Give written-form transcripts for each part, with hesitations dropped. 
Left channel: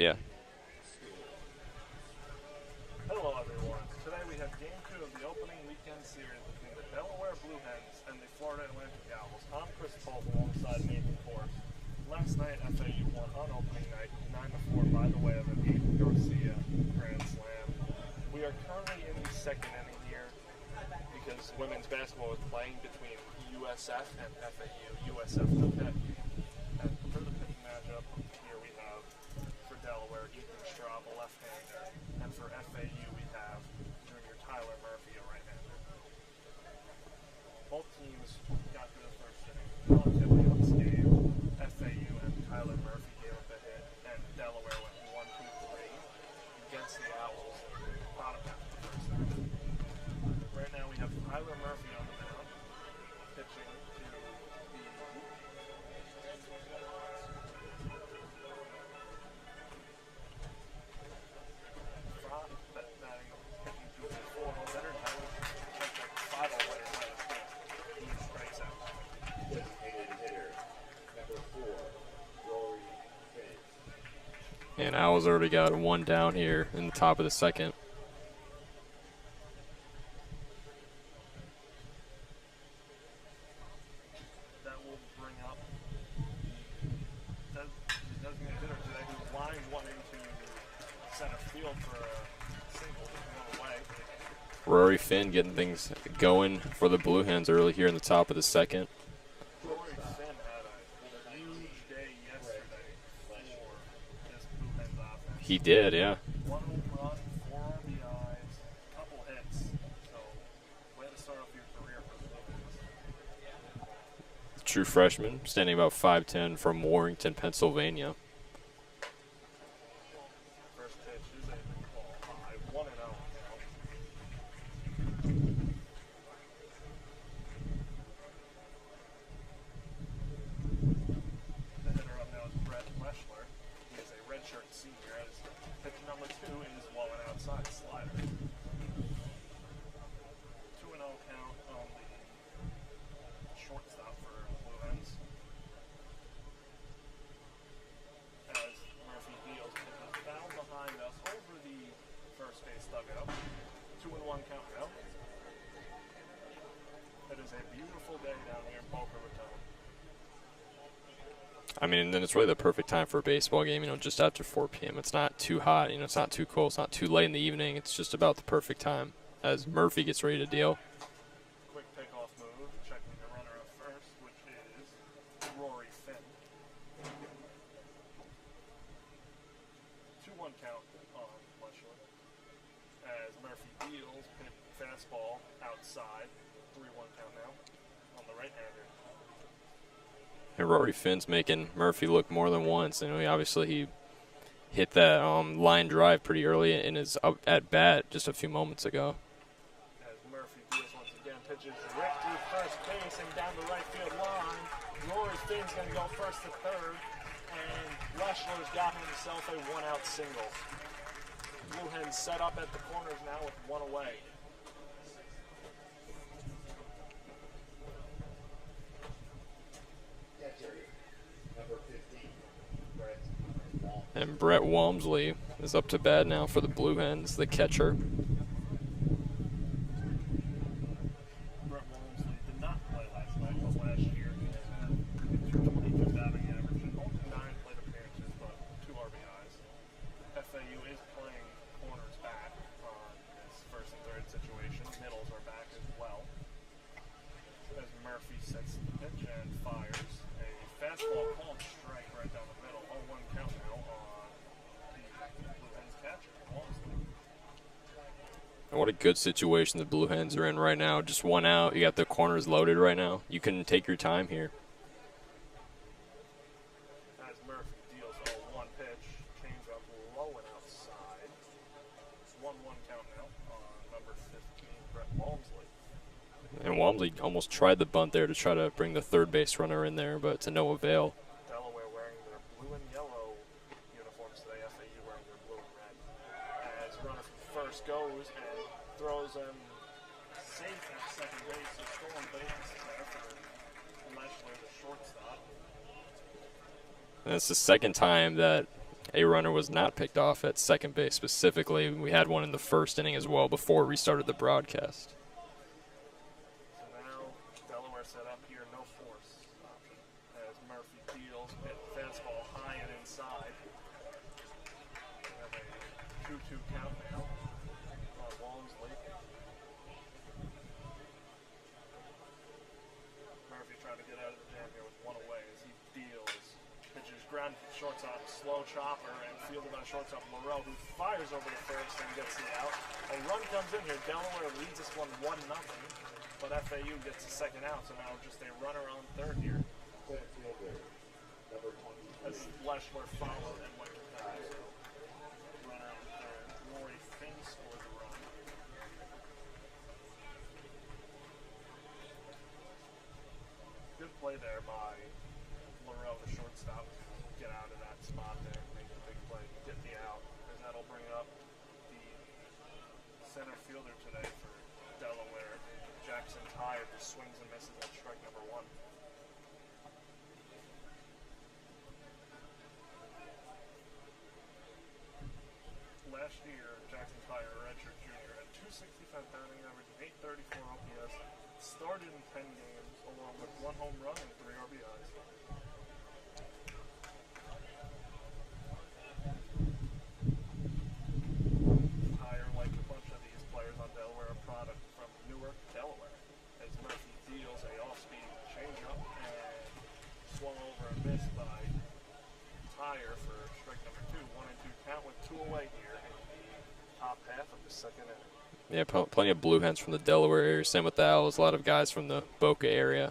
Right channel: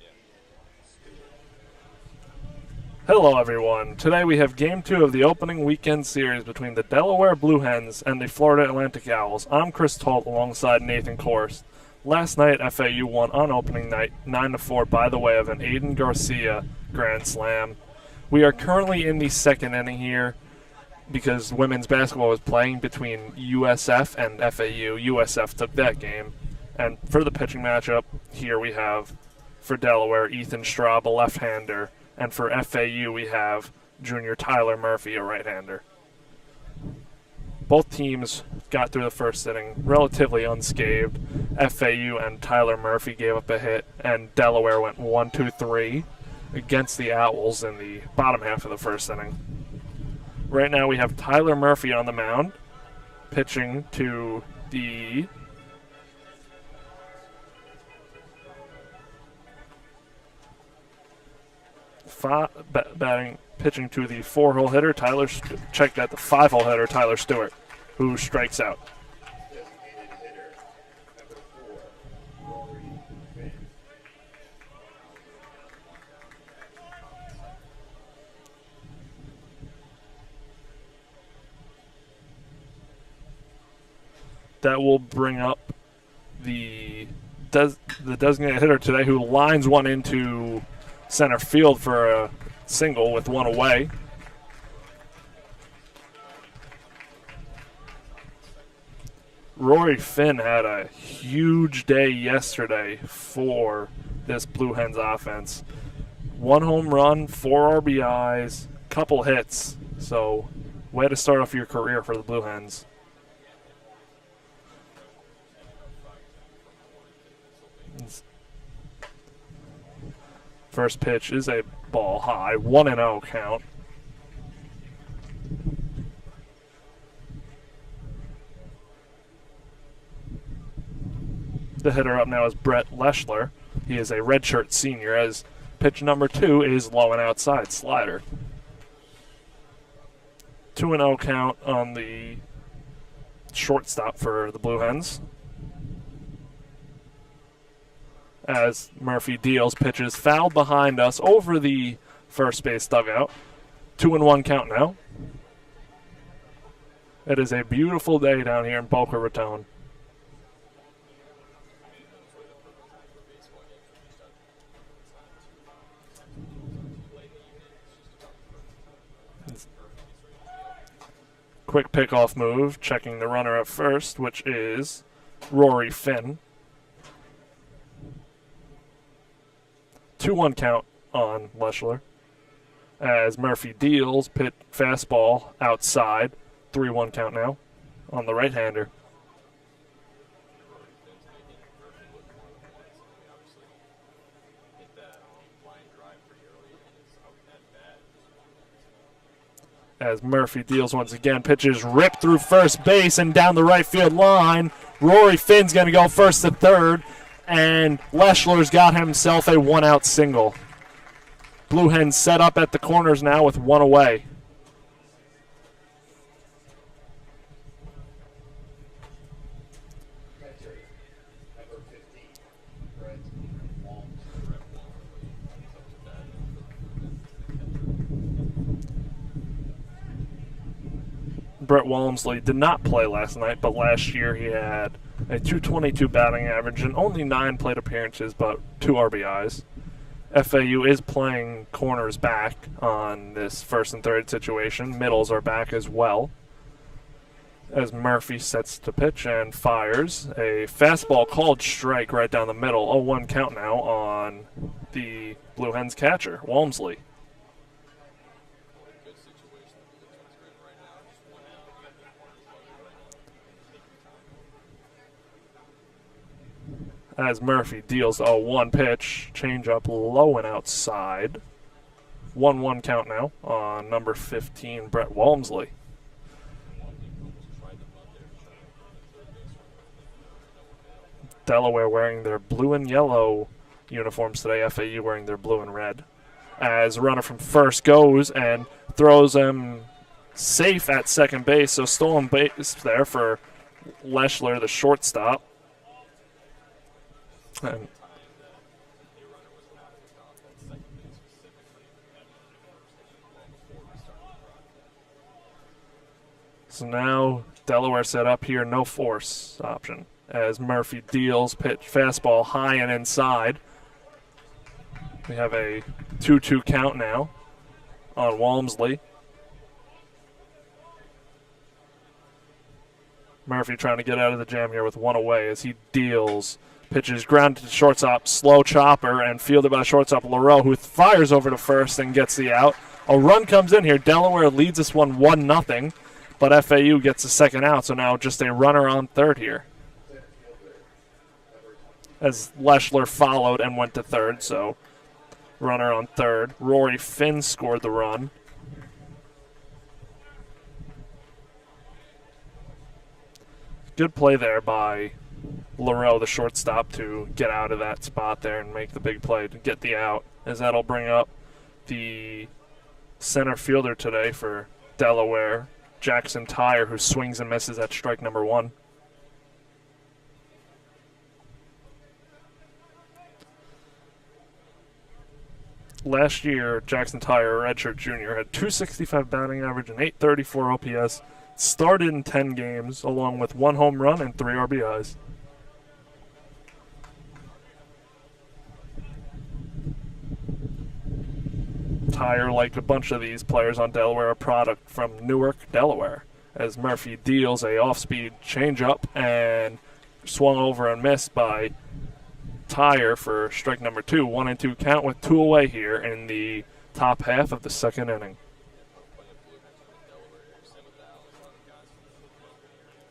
Yeah. Hello, everyone. Today we have Game 2 of the opening weekend series between the Delaware Blue Hens and the Florida Atlantic Owls. I'm Chris Talt alongside Nathan Korst. Last night, FAU won on opening night 9-4 by the way of an Aiden Garcia grand slam. We are currently in the second inning here because women's basketball was playing between USF and FAU. USF took that game. And for the pitching matchup, here we have, for Delaware, Ethan Straub, a left-hander. And for FAU, we have junior Tyler Murphy, a right-hander. Both teams got through the first inning relatively unscathed. FAU and Tyler Murphy gave up a hit, and Delaware went 1-2-3 against the Owls in the bottom half of the first inning. Right now we have Tyler Murphy on the mound, pitching to the pitching to the 4-hole hitter, checked at the 5-hole hitter, Tyler Stewart, who strikes out. And Owls already got one down here in the top of the second. That will bring up the designated hitter today, who lines one into center field for a single with one away. Rory Finn getting things going for the Blue Hens early here in the top of the second. Rory Finn had a huge day yesterday for this Blue Hens offense. He did, yeah. 1 home run, 4 RBIs, couple hits. So, way to start off your career for the Blue Hens. True freshman, standing about 5'10", from Warrington, Pennsylvania. First pitch is a ball high, 1-0 count. The hitter up now is Brett Leschler. He is a redshirt senior, as pitch number 2 is low and outside slider. 2-0 count on the shortstop for the Blue Hens. As Murphy deals, pitches fouled behind us over the first base dugout. 2-1 count now. It is a beautiful day down here in Boca Raton. I mean, then it's really the perfect time for a baseball game, just after 4 p.m. It's not too hot, it's not too cold, it's not too late in the evening. It's just about the perfect time as Murphy gets ready to deal. Quick pickoff move, checking the runner at first, which is Rory Finn. 2-1 count on Leschler. As Murphy deals, fastball outside. 3-1 count now on the right-hander. And Rory Finn's making Murphy look more than once. Obviously he hit that line drive pretty early in his at-bat just a few moments ago. As Murphy deals once again, pitches ripped through first base and down the right field line. Rory Finn's going to go first to third, and Leschler's got himself a 1-out single. Blue Hens set up at the corners now with 1 away. And Brett Walmsley is up to bat now for the Blue Hens, the catcher. Brett Walmsley did not play last night, but last year he had a .222 batting average and only 9 plate appearances, but 2 RBIs. FAU is playing corners back on this first and third situation. Middles are back as well. As Murphy sets to pitch and fires a fastball called strike right down the middle. 0-1 count now on the Blue Hens catcher, Walmsley. What a good situation the Blue Hens are in right now. Just 1 out. You got the corners loaded right now. You can take your time here. As Murphy deals 0-1 pitch, change up low and outside. 1-1 count now on number 15, Brett Walmsley. And Walmsley almost tried the bunt there to try to bring the third base runner in there, but to no avail. Delaware wearing their blue and yellow uniforms today. FAU wearing their blue and red. As runner from first goes and throws him safe at second base, so stolen base there for Leschler, the shortstop. And it's the second time that a runner was not picked off at second base specifically. We had one in the first inning as well before we started the broadcast. So now Delaware set up here, no force option, as Murphy deals pitch fastball high and inside. We have a 2-2 count now on Walmsley. Murphy trying to get out of the jam here with one away as he deals. Pitches grounded to shortstop, slow chopper, and fielded by shortstop Leroux, who fires over to first and gets the out. A run comes in here. Delaware leads this one 1-0, but FAU gets the second out, so now just a runner on third here. As Leschler followed and went to third, so runner on third. Rory Finn scored the run. Good play there by Leroux, the shortstop, to get out of that spot there and make the big play to get the out, as that'll bring up the center fielder today for Delaware, Jackson Tyre, who swings and misses at strike number one. Last year, Jackson Tyre, a redshirt junior, had .265 batting average and .834 OPS. Started in 10 games, along with 1 home run and 3 RBIs. Tyre, like a bunch of these players on Delaware, a product from Newark, Delaware, as Murphy deals a off-speed changeup and swung over and missed by Tyre for strike number 2. 1-2 count with 2 away here in the top half of the second inning. Yeah, plenty of Blue Hens from the Delaware area. Same with the Owls. A lot of guys from the Boca area.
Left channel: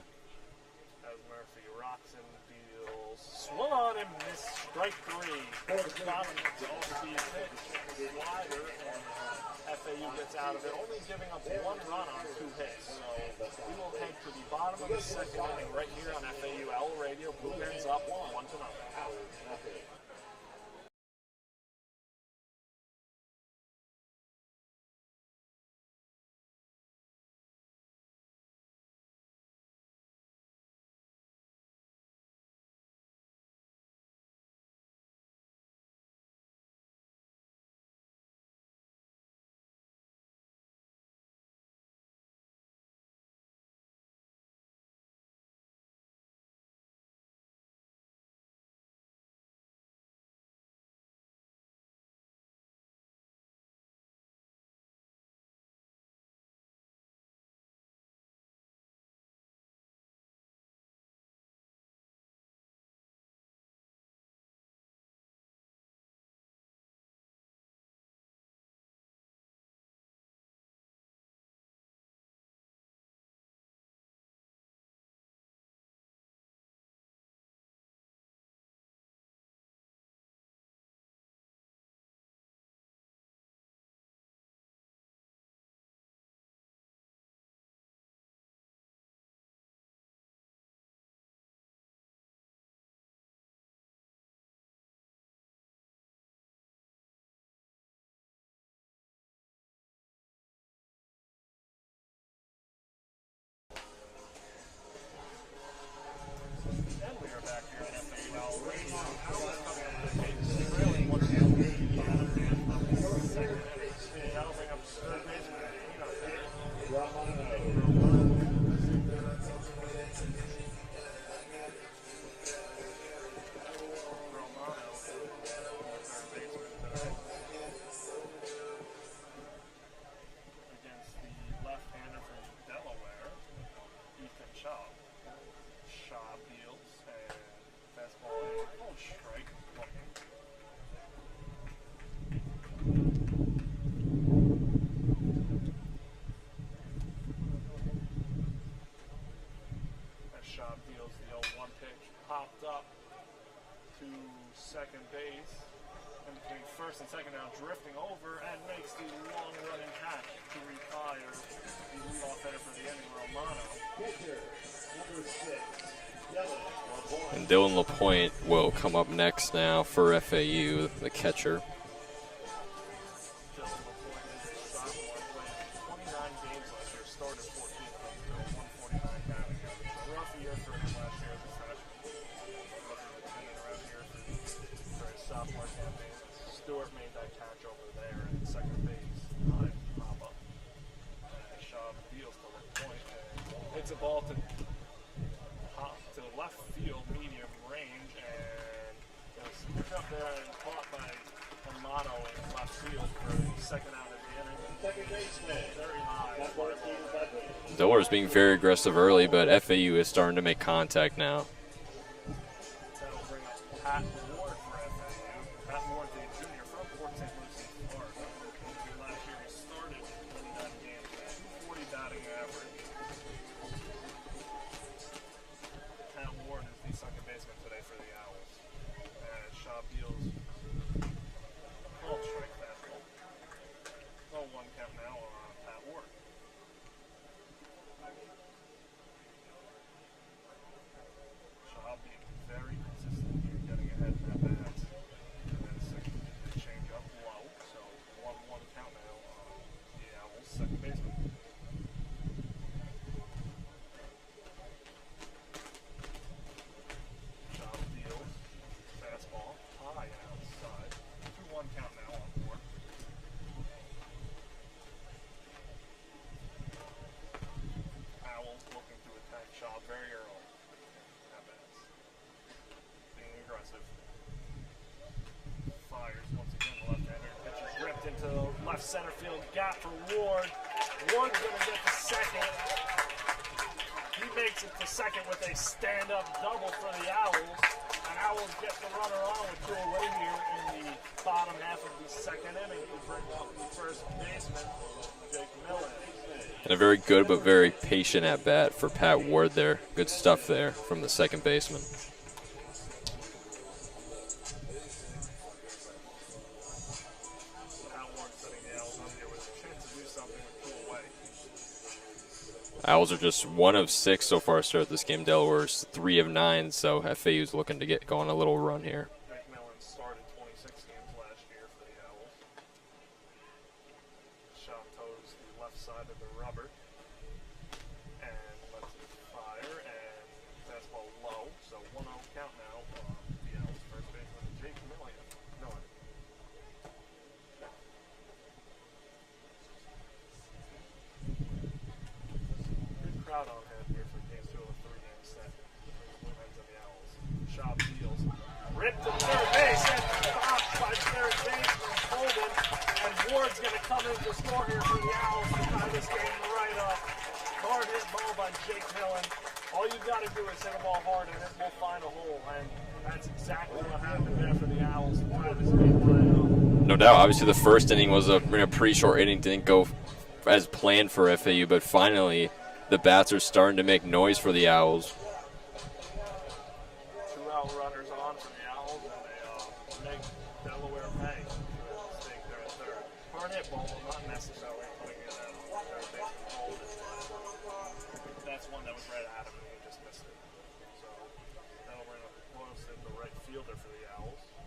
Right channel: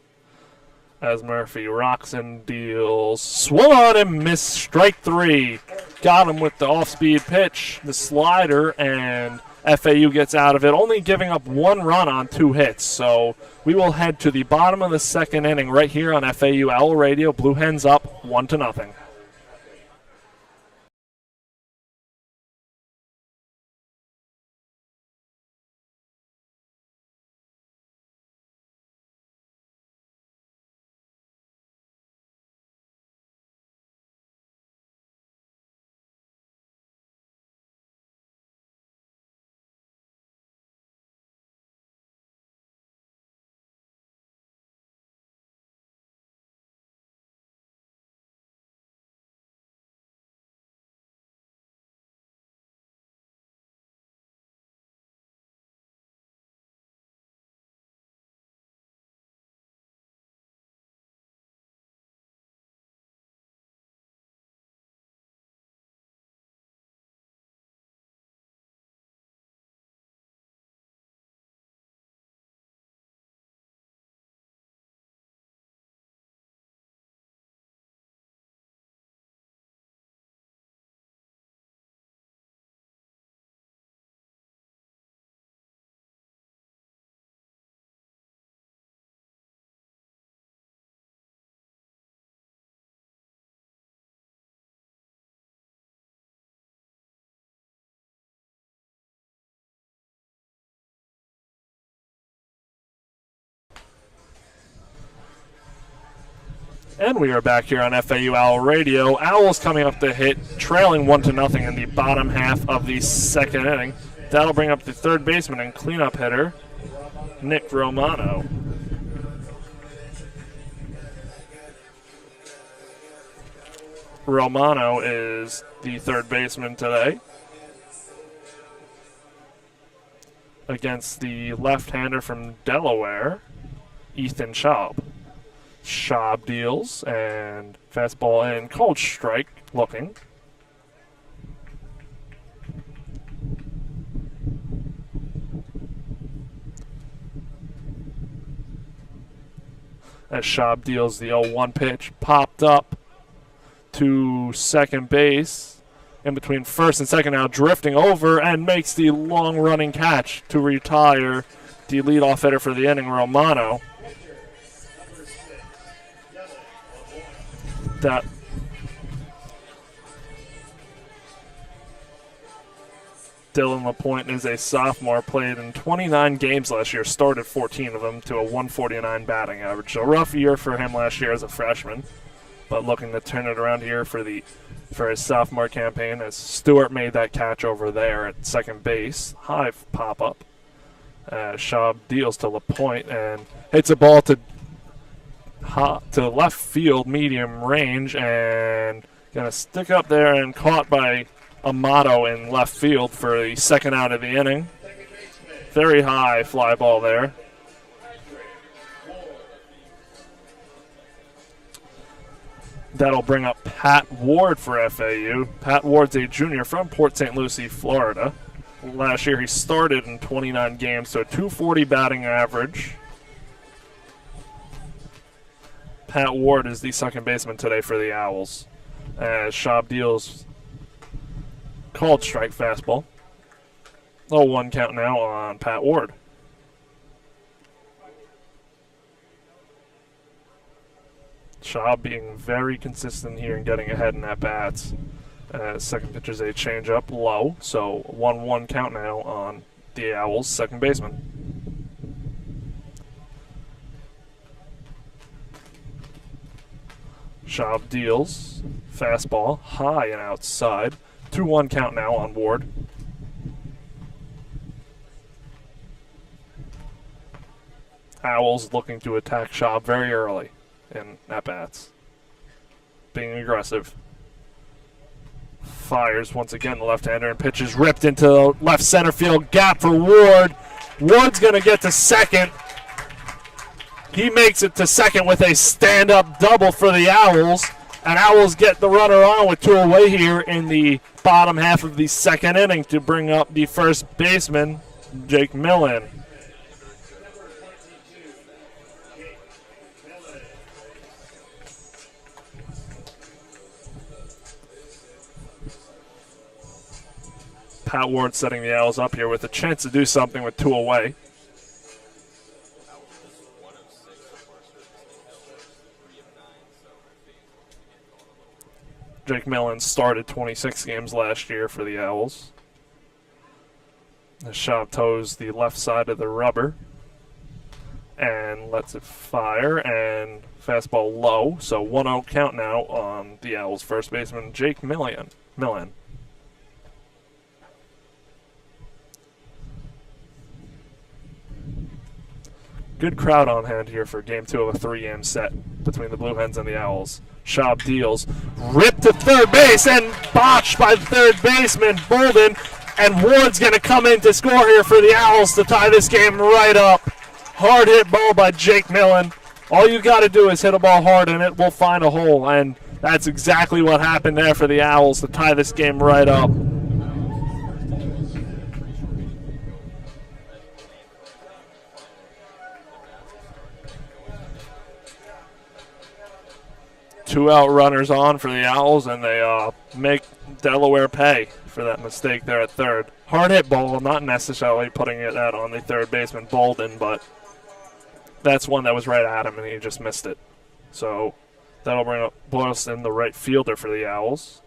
As Murphy rocks and deals. Swung on and missed strike 3. Got him with the off-speed pitch, the slider, and FAU gets out of it, only giving up 1 run on 2 hits. So we will head to the bottom of the second inning right here on FAU Owl Radio. Blue Hens up 1-0. And we are back here on FAU Owl Radio. Owls coming up to hit, trailing 1-0 in the bottom half of the second inning. That'll bring up the third baseman and cleanup hitter, Nick Romano. Romano is the third baseman today against the left-hander from Delaware, Ethan Schaub. Schaub deals, and fastball in, called strike looking. As Schaub deals the 0-1 pitch, popped up to second base, in between first and second now, drifting over, and makes the long-running catch to retire the leadoff hitter for the inning, Romano. Dylan LaPointe will come up next now for FAU, the catcher. Dylan LaPointe is a sophomore, played in 29 games last year, started 14 of them to a 149 batting average. So rough year for him last year as a freshman. but looking to turn it around here for his sophomore campaign as Stewart made that catch over there at second base. High pop-up. Schaub deals to LaPointe and hits a ball to left field, medium range, and gonna stick up there and caught by Amato in left field for the second out of the inning. Very high fly ball there. Deleware's being very aggressive early, but FAU is starting to make contact now. That'll bring up Pat Ward for FAU. Pat Ward's a junior from Port St. Lucie, Florida. Last year he started in 29 games, so a .240 batting average. Pat Ward is the second baseman today for the Owls. As Schaub deals called strike fastball. 0-1 count now on Pat Ward. Schaub being very consistent here and getting ahead in at bats. Second pitch is a changeup low, so 1-1 count now on the Owls' second baseman. Schaub deals fastball high and outside. 2-1 count now on Ward. Owls looking to attack Schaub very early in at-bats. Being aggressive. Fires once again the left-hander and pitches ripped into the left center field gap for Ward. Ward's going to get to second. He makes it to second with a stand-up double for the Owls. And Owls get the runner on with two away here in the bottom half of the second inning to bring up the first baseman, Jake Millen. And a very good but very patient at bat for Pat Ward there. Good stuff there from the second baseman. Pat Ward setting the Owls up here with a chance to do something with two away. Owls are just 1 of 6 so far to start this game. Delaware's 3 of 9, so FAU's looking to get going a little run here. Jake Millen started 26 games last year for the Owls. The Schaub toes the left side of the rubber and lets it fire, and fastball low, so 1-0 count now on the Owls' first baseman, Jake Millen. Good crowd on hand here for game 2 of a 3-game set between the Blue Hens and the Owls. Schaub deals, ripped to third base and botched by the third baseman, Bolden, and Ward's going to come in to score here for the Owls to tie this game right up. Hard hit ball by Jake Millen. All you got to do is hit a ball hard and it will find a hole, and that's exactly what happened there for the Owls to tie this game right up. No doubt. Obviously, the first inning was a pretty short inning. Didn't go as planned for FAU, but finally the bats are starting to make noise for the Owls. 2 out runners on for the Owls, and they make Delaware pay for that mistake there at third. Hard hit ball, not necessarily putting it out on the third baseman Bolden, but that's one that was right at him, and he just missed it. So that'll bring up Boylston, the right fielder for the Owls.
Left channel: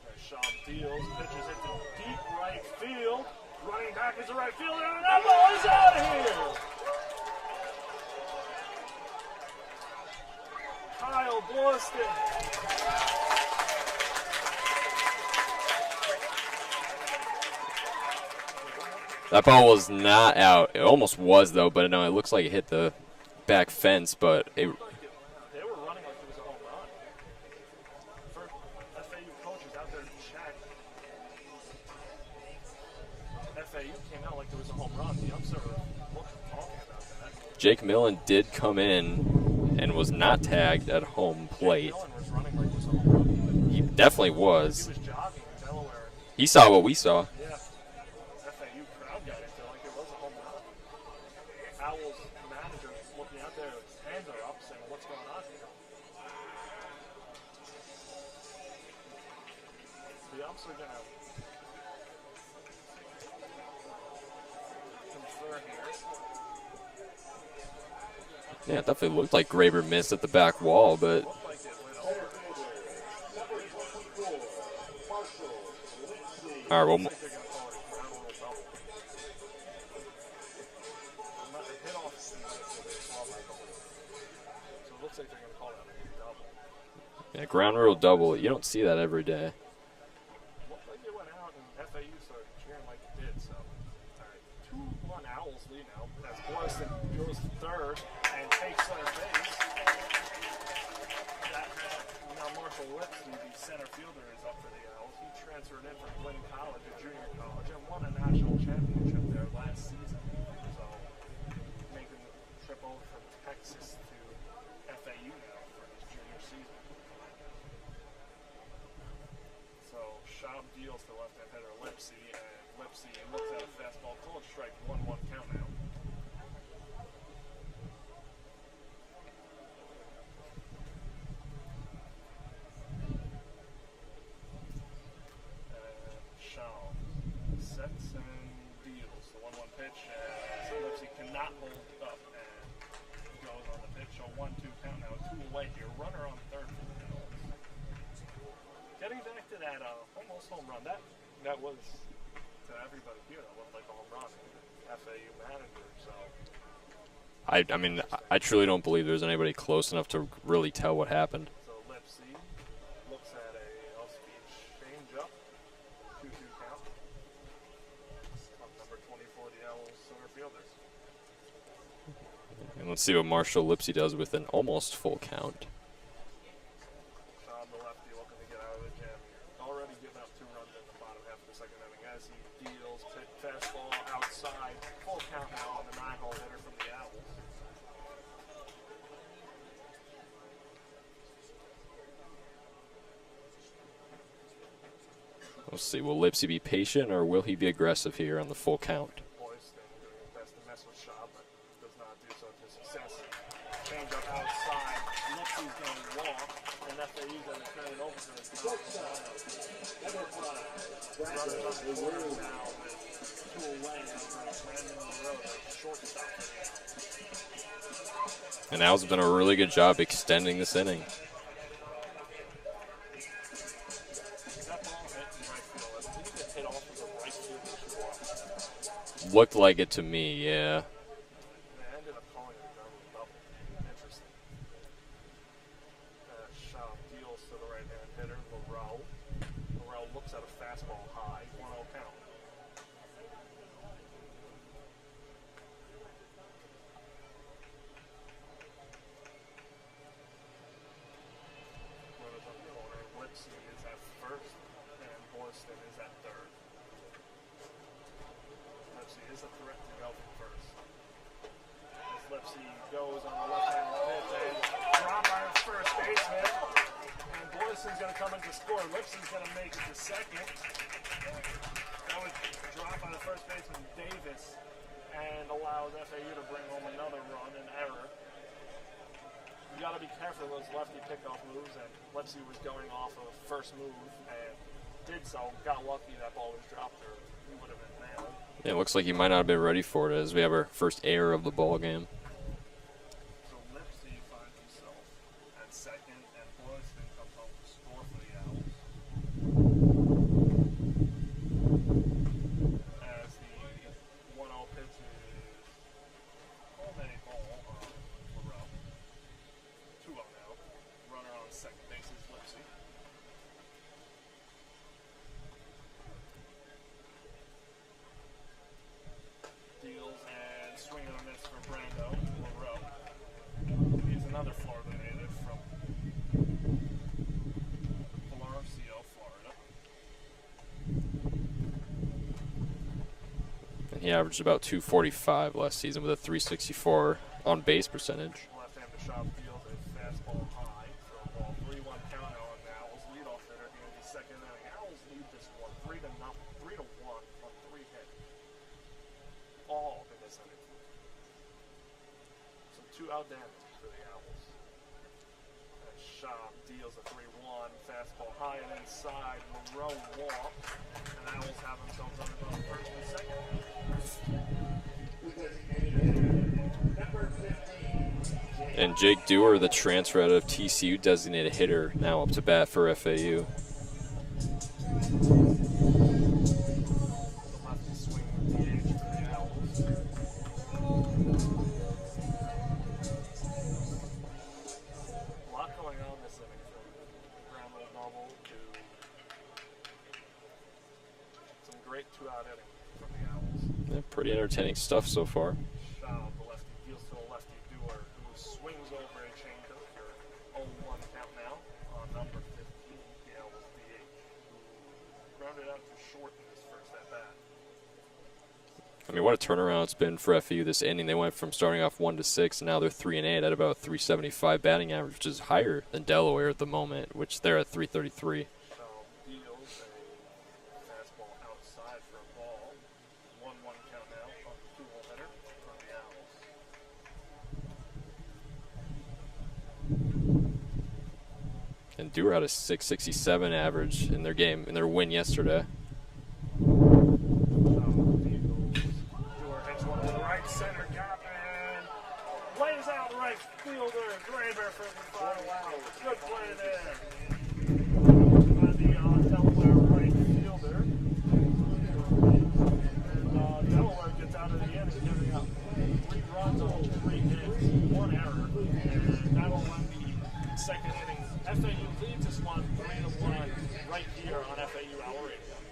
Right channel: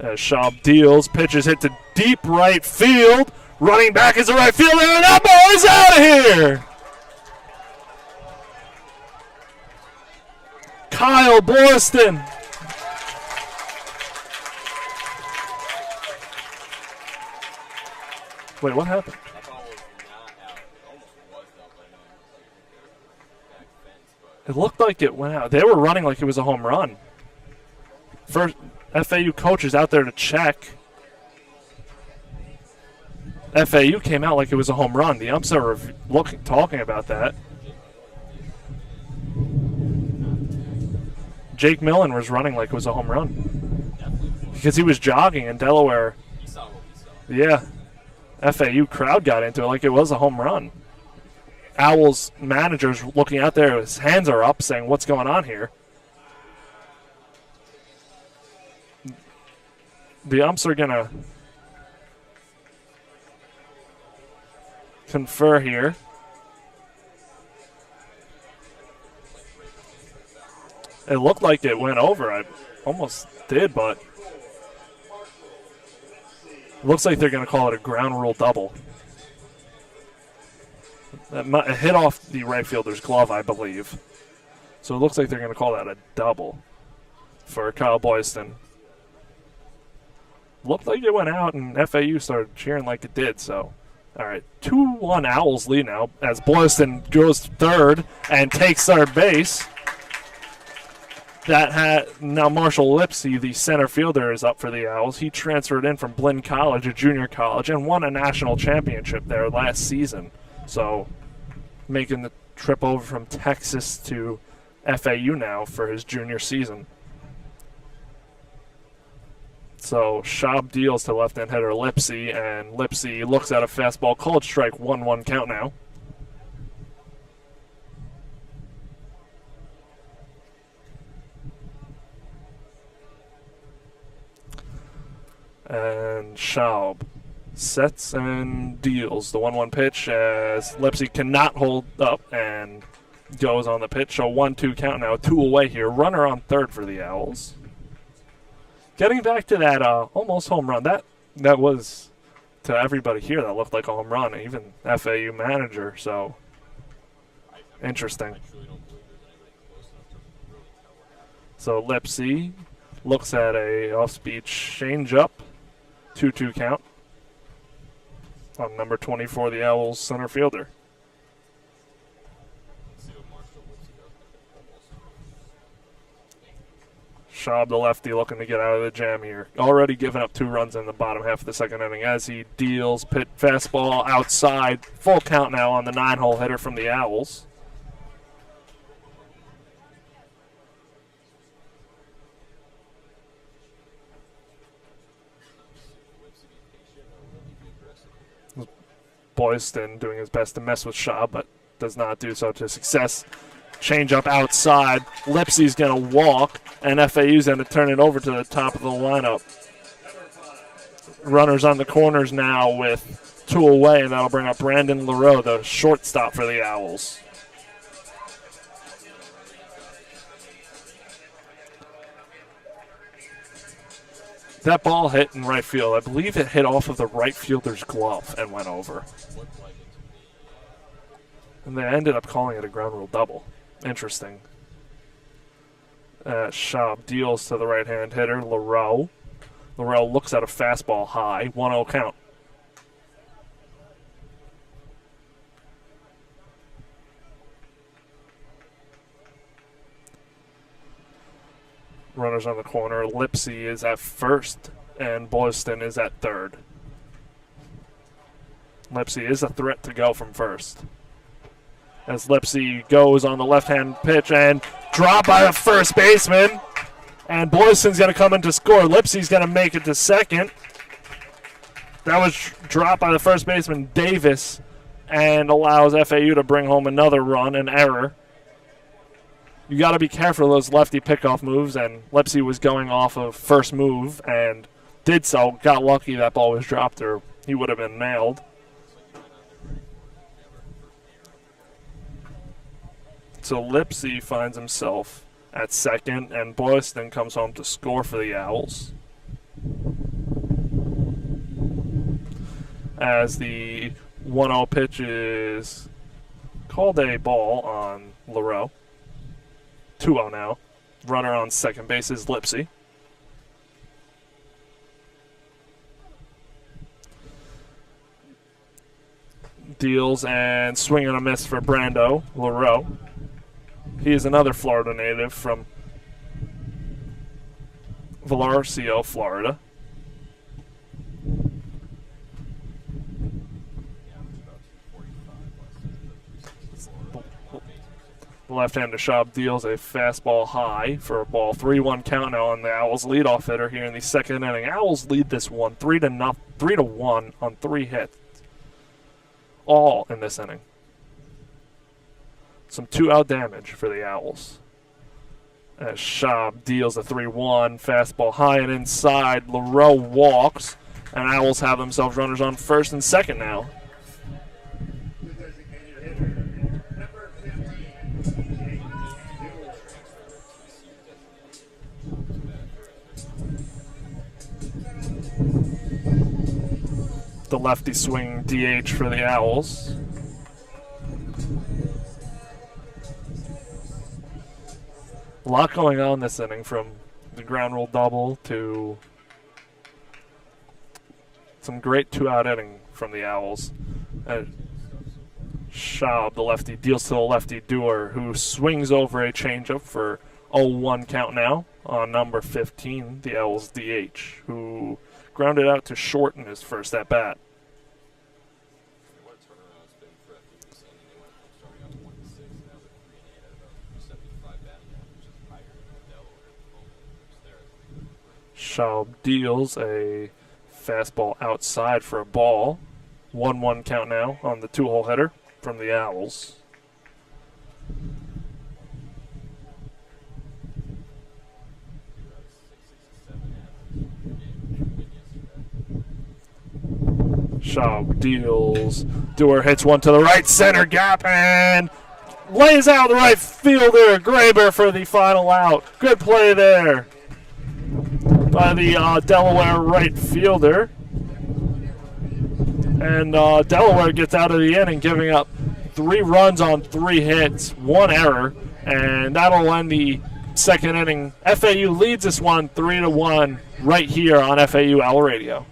As Schaub deals, pitches hit to deep right field. Running back is the right fielder, and that ball is out of here! Kyle Boylston. Wait, what happened? That ball was not out. It almost was, though, but no, it looks like it hit the back fence. But it looked like it went out. They were running like it was a home run. First, FAU coaches out there to check. FAU came out like it was a home run. The umps are talking about that. Jake Millen did come in and was not tagged at home plate. Jake Millen was running like it was a home run. He definitely was. Because he was jogging in Delaware. He saw what we saw. Yeah. FAU crowd got into it like it was a home run. Owls manager's looking out there. His hands are up saying, what's going on here? The umps are going to confer here. Yeah, it definitely looked like Graber missed at the back wall, but it looked like it went over. I almost did, but it looks like they're going to call it a ground rule double. It hit off the right fielder's glove, I believe. So it looks like they're going to call that a double. Yeah, for ground Kyle rule double. Boyston. You don't see that every day. Looked like it went out, and FAU started cheering like it did. So, all right, 2-1 Owls lead now as Boylston goes to third and takes third base. Now Marshall Lipsy, the center fielder, is up for the Owls. He transferred in from Blinn College, a junior college, and won a national championship there last season. So, making the trip over from Texas to FAU now for his junior season. So Schaub deals to left-hand hitter Lipsy, and Lipsy looks at a fastball, called strike, 1-1 count now. And Schaub sets and deals the 1-1 pitch as Lipsy cannot hold up and goes on the pitch. So 1-2 count now, 2 away here. Runner on third for the Owls. Getting back to that almost home run, that was, to everybody here, that looked like a home run, even FAU manager. So I mean, interesting. I truly don't believe there's anybody close enough to really tell what happened. So Lipsy looks at a off-speed change-up, 2-2 count on number 24, the Owls center fielder. And let's see what Marshall Lipsy does with an almost full count. Schaub, the lefty, looking to get out of the jam here. Already given up 2 runs in the bottom half of the second inning as he deals pit fastball outside. Full count now on the 9-hole hitter from the Owls. We'll see. Will Lipsy be patient or will he be aggressive here on the full count? Boyston doing his best to mess with Schaub, but does not do so to success. Change up outside. Lipsy's going to walk, and FAU's going to turn it over to the top of the lineup. Runners on the corners now with 2 away, and that'll bring up Brandon Leroux, the shortstop for the Owls. And Owls have done a really good job extending this inning. That ball hit in right field. I believe it hit off of the right fielder's glove and went over. Looked like it to me, yeah. And they ended up calling it a ground rule double. Interesting. Schaub deals to the right-hand hitter, Leroux. Leroux looks at a fastball high, 1-0 count. Runners on the corner. Lipsy is at first, and Boylston is at third. Lipsy is a threat to go from first. As Lipsy goes on the left-hand pitch and dropped by the first baseman. And Boylston's going to come in to score. Lipsy's going to make it to second. That was dropped by the first baseman, Davis, and allows FAU to bring home another run, an error. You got to be careful of those lefty pickoff moves, and Lipsy was going off of first move and did so. Got lucky that ball was dropped, or he would have been nailed. It looks like he might not have been ready for it as we have our first error of the ball game. So Lipsy finds himself at second, and Boylston comes home to score for the Owls. As the 1-0 pitch is called a ball on Leroux. 2-0 now. Runner on second base is Lipsy. Deals and swing and a miss for Brando Leroux. He is another Florida native from Vallarcio, Florida. He averaged about 245 last season with a 364 on-base percentage. Left-hander Schaub deals a fastball high for a ball. 3-1 count now on the Owls leadoff hitter here in the second inning. Owls lead this one 3-1 on 3 hits. All in this inning. Some 2-out damage for the Owls. As Schaub deals a 3-1, fastball high and inside. Leroux walks, and Owls have themselves runners on first and second now. And Jake Dewar, the transfer out of TCU designated hitter, now up to bat for FAU. The lefty swing DH for the Owls. A lot going on this inning, from the ground rule double to some great two-out inning from the Owls. Yeah, pretty entertaining stuff so far. Schaub, the lefty, deals to the lefty Dewar, who swings over a changeup for 0-1 count now on number 15, the Owls DH, who grounded out to short in his first at-bat. I mean, what a turnaround it's been for FAU this inning. They went from starting off 1-6, and now they're 3-8 at about 375 batting average, which is higher than Delaware at the moment, which they're at 333. Schaub deals a fastball outside for a ball. 1-1 count now on the two-hole hitter from the Owls. And Dewar had a 667 average in their game, in their win yesterday. Schaub deals. Dewar hits one to the right center gap and lays out the right fielder, Graber, for the final out. Good play there by the Delaware right fielder. And Delaware gets out of the inning, giving up 3 runs on 3 hits, 1 error, and that'll end the second inning. FAU leads this one 3-1 right here on FAU Owl Radio.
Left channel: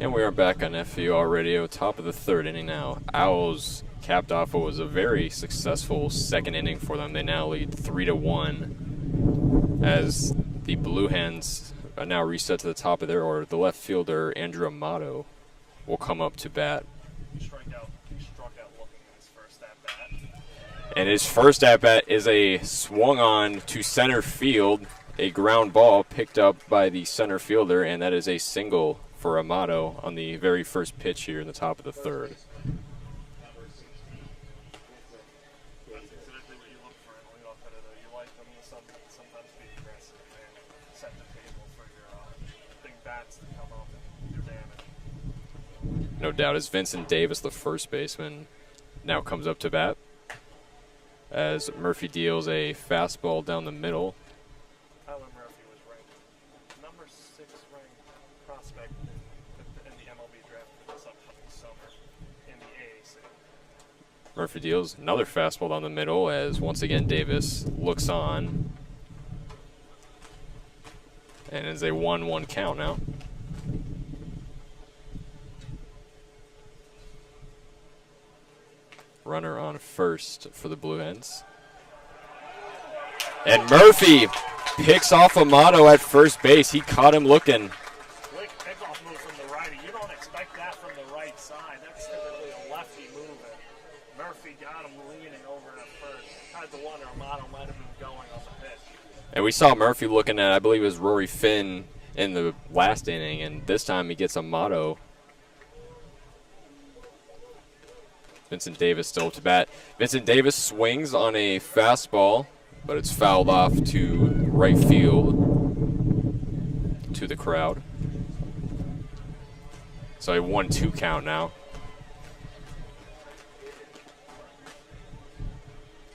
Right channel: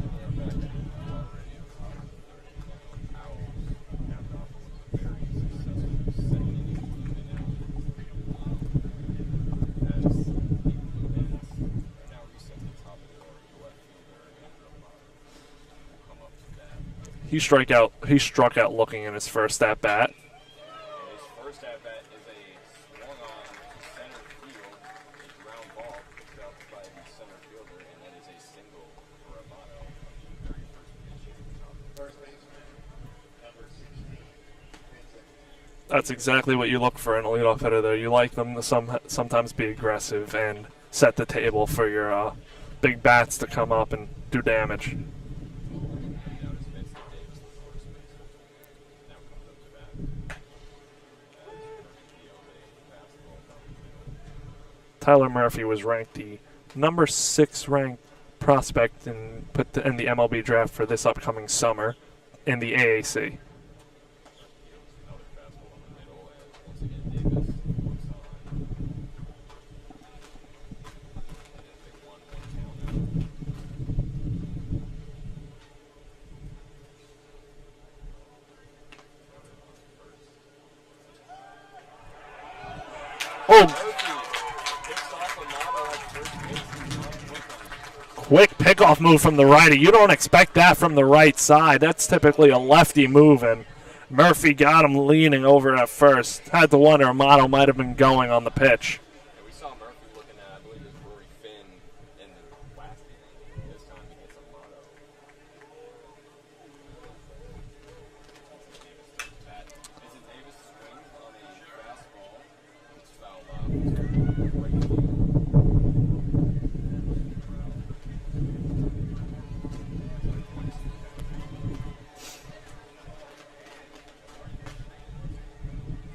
And we are back on FAU Radio, top of the third inning now. Owls capped off what was a very successful second inning for them. They now lead 3-1 as the Blue Hens are now reset to the top of their order. The left fielder, Andrew Amato, will come up to bat. He struck out looking in his first at-bat. And his first at-bat is a swung on to center field, a ground ball picked up by the center fielder, and that is a single for Amato on the very first pitch here in the top of the third. That's exactly what you look for in a leadoff hitter there. You like them to sometimes be aggressive and set the table for your big bats to come up and do damage. No doubt. As Vincent Davis, the first baseman, now comes up to bat as Murphy deals a fastball down the middle. Tyler Murphy was ranked the number 6 ranked prospect in the MLB draft for this upcoming summer in the AAC. Murphy deals another fastball down the middle as once again Davis looks on. And it's a 1-1 count now. Runner on first for the Blue Hens. And Murphy picks off Amato at first base. He caught him looking. Quick pickoff move from the righty. You don't expect that from the right side. That's typically a lefty move, and Murphy got him leaning over at first. Had to wonder Amato might have been going on the pitch. And we saw Murphy looking at, I believe it was Rory Finn in the last inning, and this time he gets Amato. Vincent Davis still to bat. Vincent Davis swings on a fastball, but it's fouled off to right field to the crowd. So a 1-2 count now.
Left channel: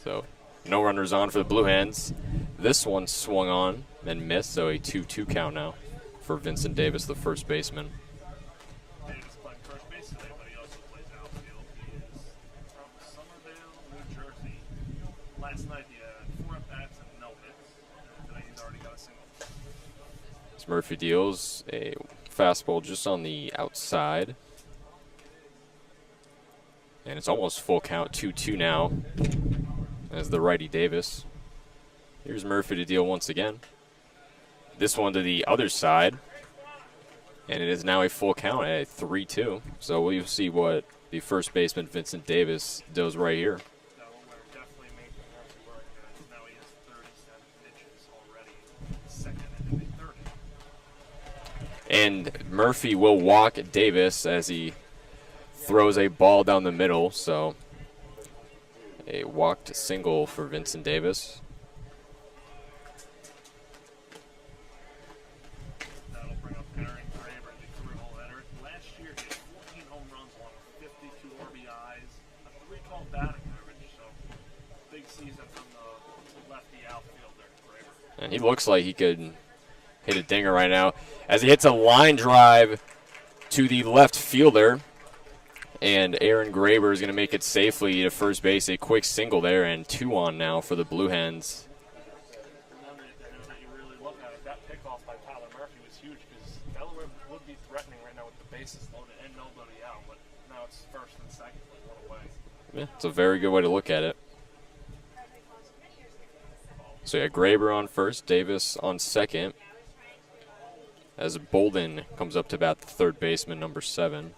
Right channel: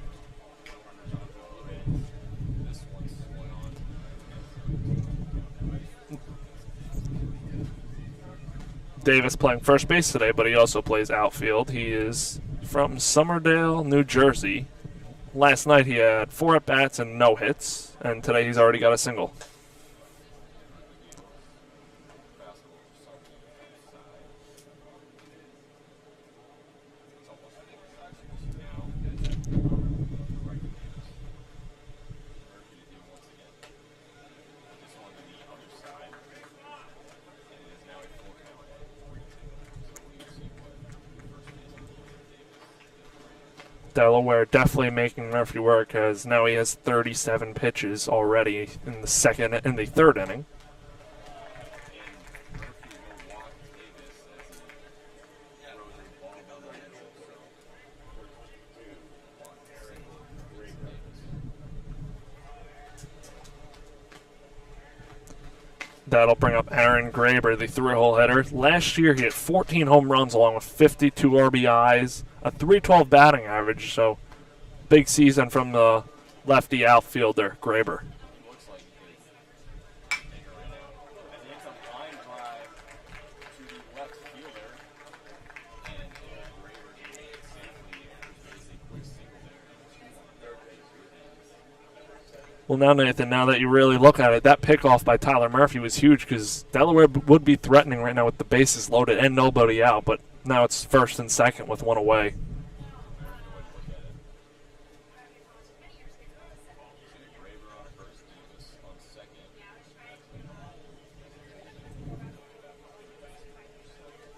So No runners on for the Blue Hens. This one swung on and missed, so a 2-2 count now for Vincent Davis, the first baseman. Davis playing first base today, but he also plays outfield. He is from Somerdale, New Jersey. Last night he had 4 at-bats and no hits, and today he's already got a single. As Murphy deals a fastball just on the outside. And it's almost full count, 2-2 now, as the righty Davis. Here's Murphy to deal once again. This one to the other side. And it is now a full count at 3-2. So we'll see what the first baseman, Vincent Davis, does right here. Delaware definitely making Murphy work, as now he has 37 pitches already in the third inning. And Murphy will walk Davis as he throws a ball down the middle. So a walked single for Vincent Davis. That'll bring up Aaron Graber, the 3-hole hitter. Last year he had 14 home runs along with 52 RBIs, a .312 batting average, so big season from the lefty outfielder, Graber. And he looks like he could hit a dinger right now as he hits a line drive to the left fielder. And Aaron Graber is going to make it safely to first base. A quick single there, and 2 on now for the Blue Hens. Well, now, Nathan, now that you really look at it, that pickoff by Tyler Murphy was huge because Delaware would be threatening right now with the bases loaded and nobody out, but now it's first and second with 1 away. Yeah, it's a very good way to look at it. So, yeah, Graber on first, Davis on second, as Bolden comes up to bat, the third baseman, number 7.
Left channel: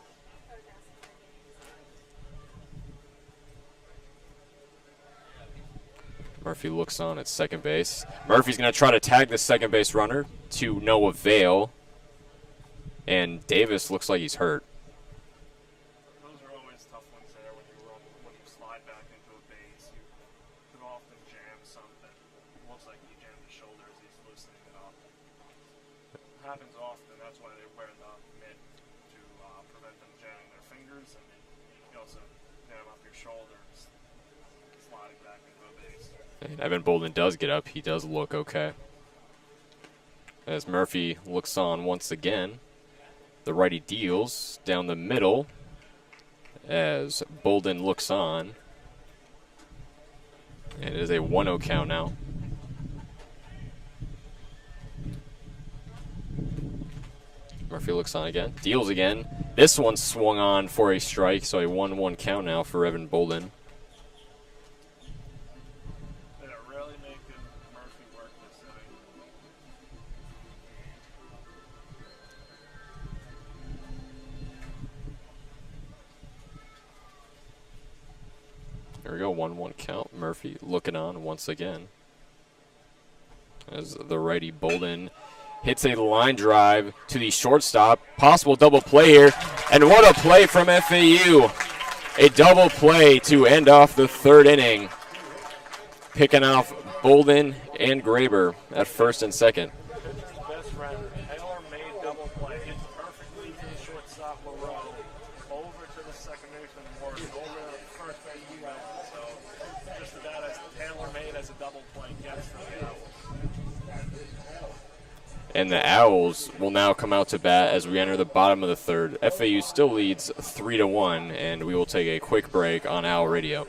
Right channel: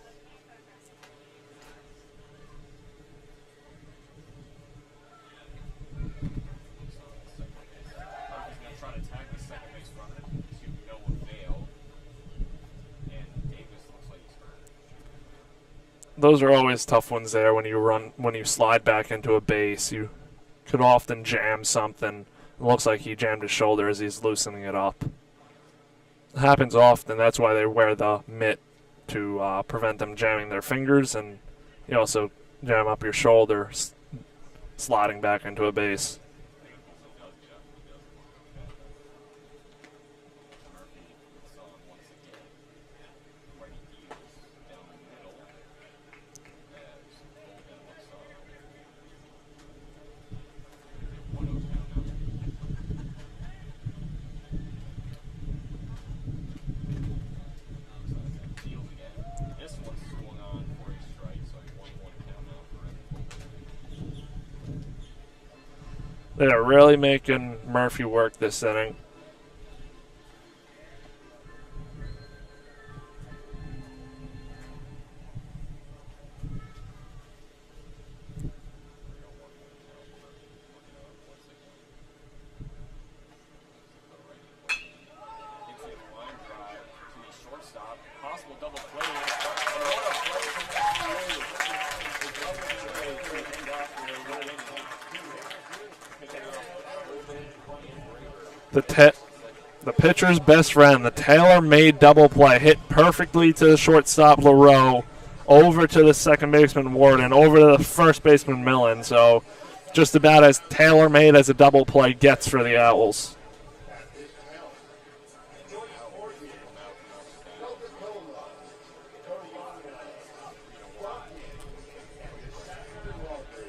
Murphy looks on at second base. Murphy's going to try to tag the second base runner to no avail. And Davis looks like he's hurt. Those are always tough ones there when you slide back into a base. You could often jam something. It looks like he jammed his shoulder as he's loosening it up. It happens often. That's why they wear the mitt to prevent them jamming their fingers. And you also jam up your shoulder sliding back into a base. Evan Bolden does get up. He does look okay. As Murphy looks on once again, the righty deals down the middle as Bolden looks on. And it is a 1-0 count now. Murphy looks on again, deals again. This one swung on for a strike, so a 1-1 count now for Evan Bolden. They are really making Murphy work this inning. There we go, 1-1 count. Murphy looking on once again. As the righty Bolden hits a line drive to the shortstop. Possible double play here. And what a play from FAU. A double play to end off the third inning. Picking off Bolden and Graber at first and second. The pitcher's best friend, the tailor-made double play, hit perfectly to the shortstop LaRoe, over to the second baseman Warden, over to the first baseman Millen. So just about as tailor-made as a double play gets for the Owls. And the Owls will now come out to bat as we enter the bottom of the third. FAU still leads 3-1, and we will take a quick break on Owl Radio.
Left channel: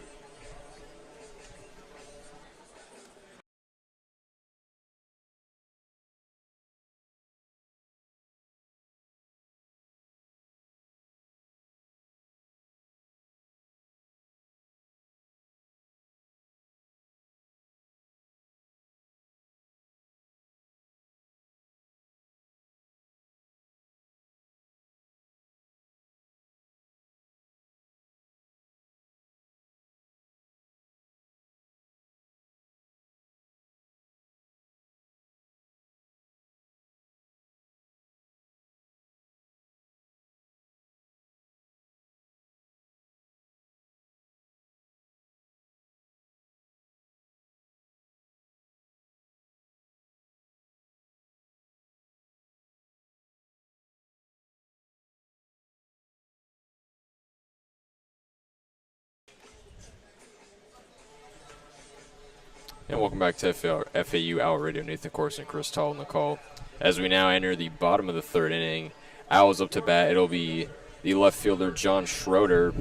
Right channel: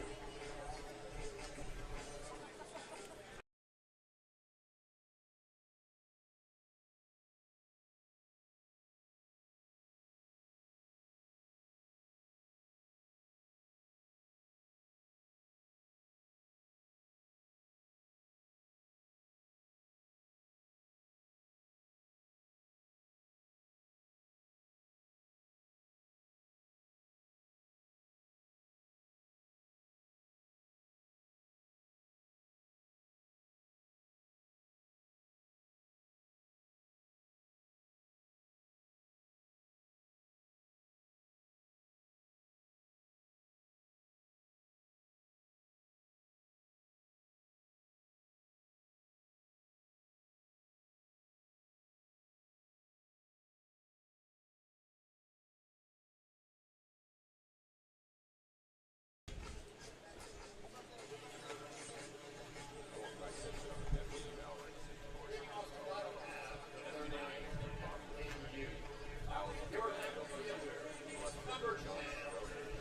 And welcome back to FAU Owl Radio. Nathan Korst and Chris Talt on the call. As we now enter the bottom of the third inning, Owls up to bat. It'll be the left fielder John Schroeder,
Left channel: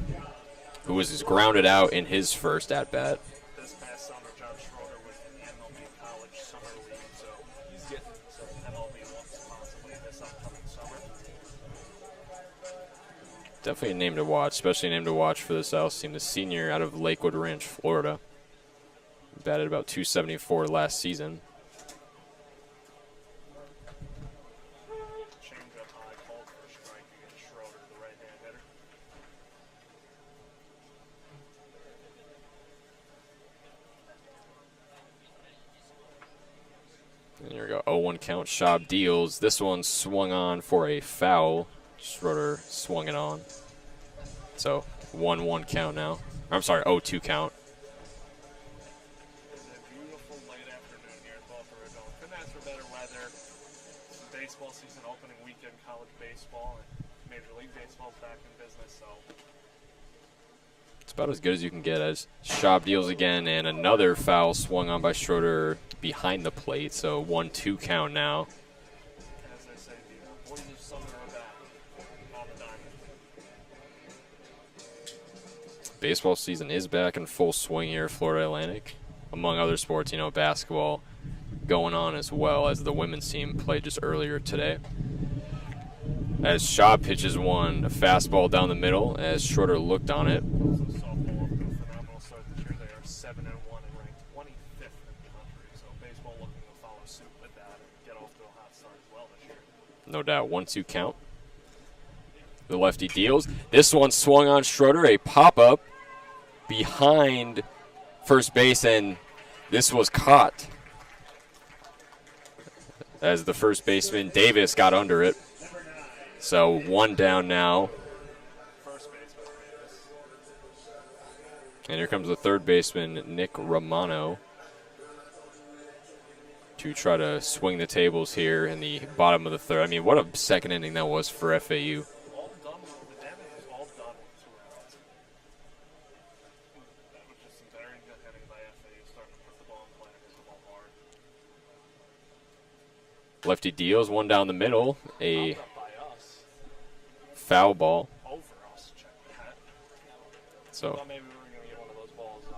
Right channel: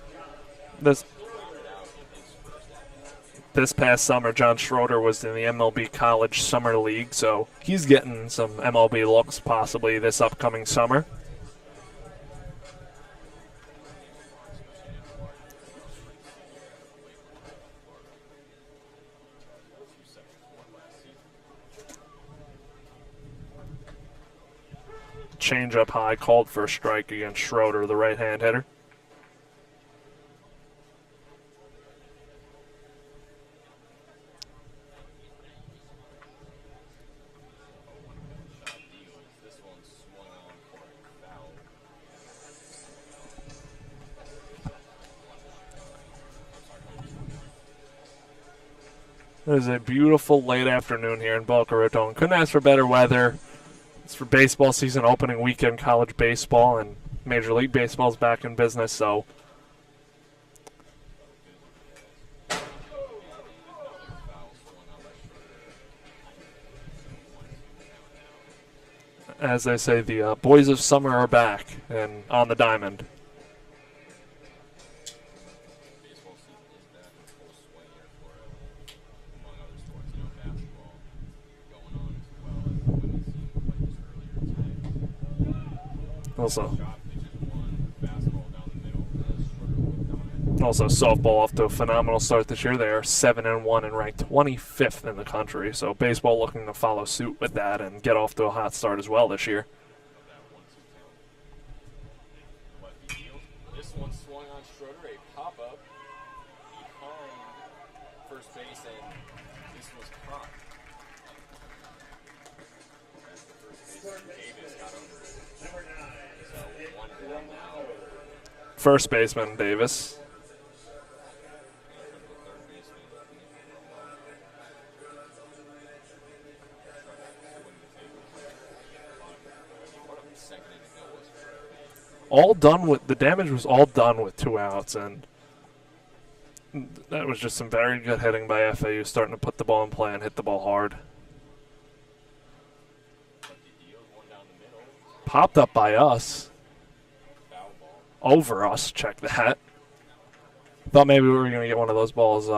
who was grounded out in his first at-bat. This past summer, John Schroeder was in the MLB College Summer League, so he's getting some MLB looks possibly this upcoming summer. Definitely a name to watch, especially a name to watch for this Owls team. The senior out of Lakewood Ranch, Florida. Batted about .274 last season. Change up high, called for a strike against Schroeder, the right-hand hitter. And here we go, 0-1 count. Schaub deals. This one swung on for a foul. Schroeder swung it on. So 1-1 count now. I'm sorry, 0-2 count. It is a beautiful late afternoon here in Boca Raton. Couldn't ask for better weather. It's for baseball season opening weekend, college baseball, and Major League Baseball's back in business, so. It's about as good as you can get as Schaub deals again, and another foul swung on by Schroeder behind the plate, so 1-2 count now. As they say, the boys of summer are back and on the diamond. Baseball season is back in full swing here at Florida Atlantic. Among other sports, you know, basketball going on as well, as the women's team played just earlier today. Also, as Schaub pitches one, a fastball down the middle, as Schroeder looked on it. Also, softball off to a phenomenal start this year. They are 7-1 and ranked 25th in the country. So baseball looking to follow suit with that and get off to a hot start as well this year. No doubt, 1-2 count. The lefty deals. This one swung on Schroeder, a pop-up behind first base, and this was caught as the first baseman Davis got under it. So one down now. First baseman Davis. And here comes the third baseman Nick Romano to try to swing the tables here in the bottom of the third. I mean, what a second inning that was for FAU. All done with, the damage was all done with 2 outs, and that was just some very good hitting by FAU, starting to put the ball in play and hit the ball hard. Lefty deals, one down the middle. Popped up by us. Foul ball. Over us, check that. So thought maybe we were going to get one of those balls,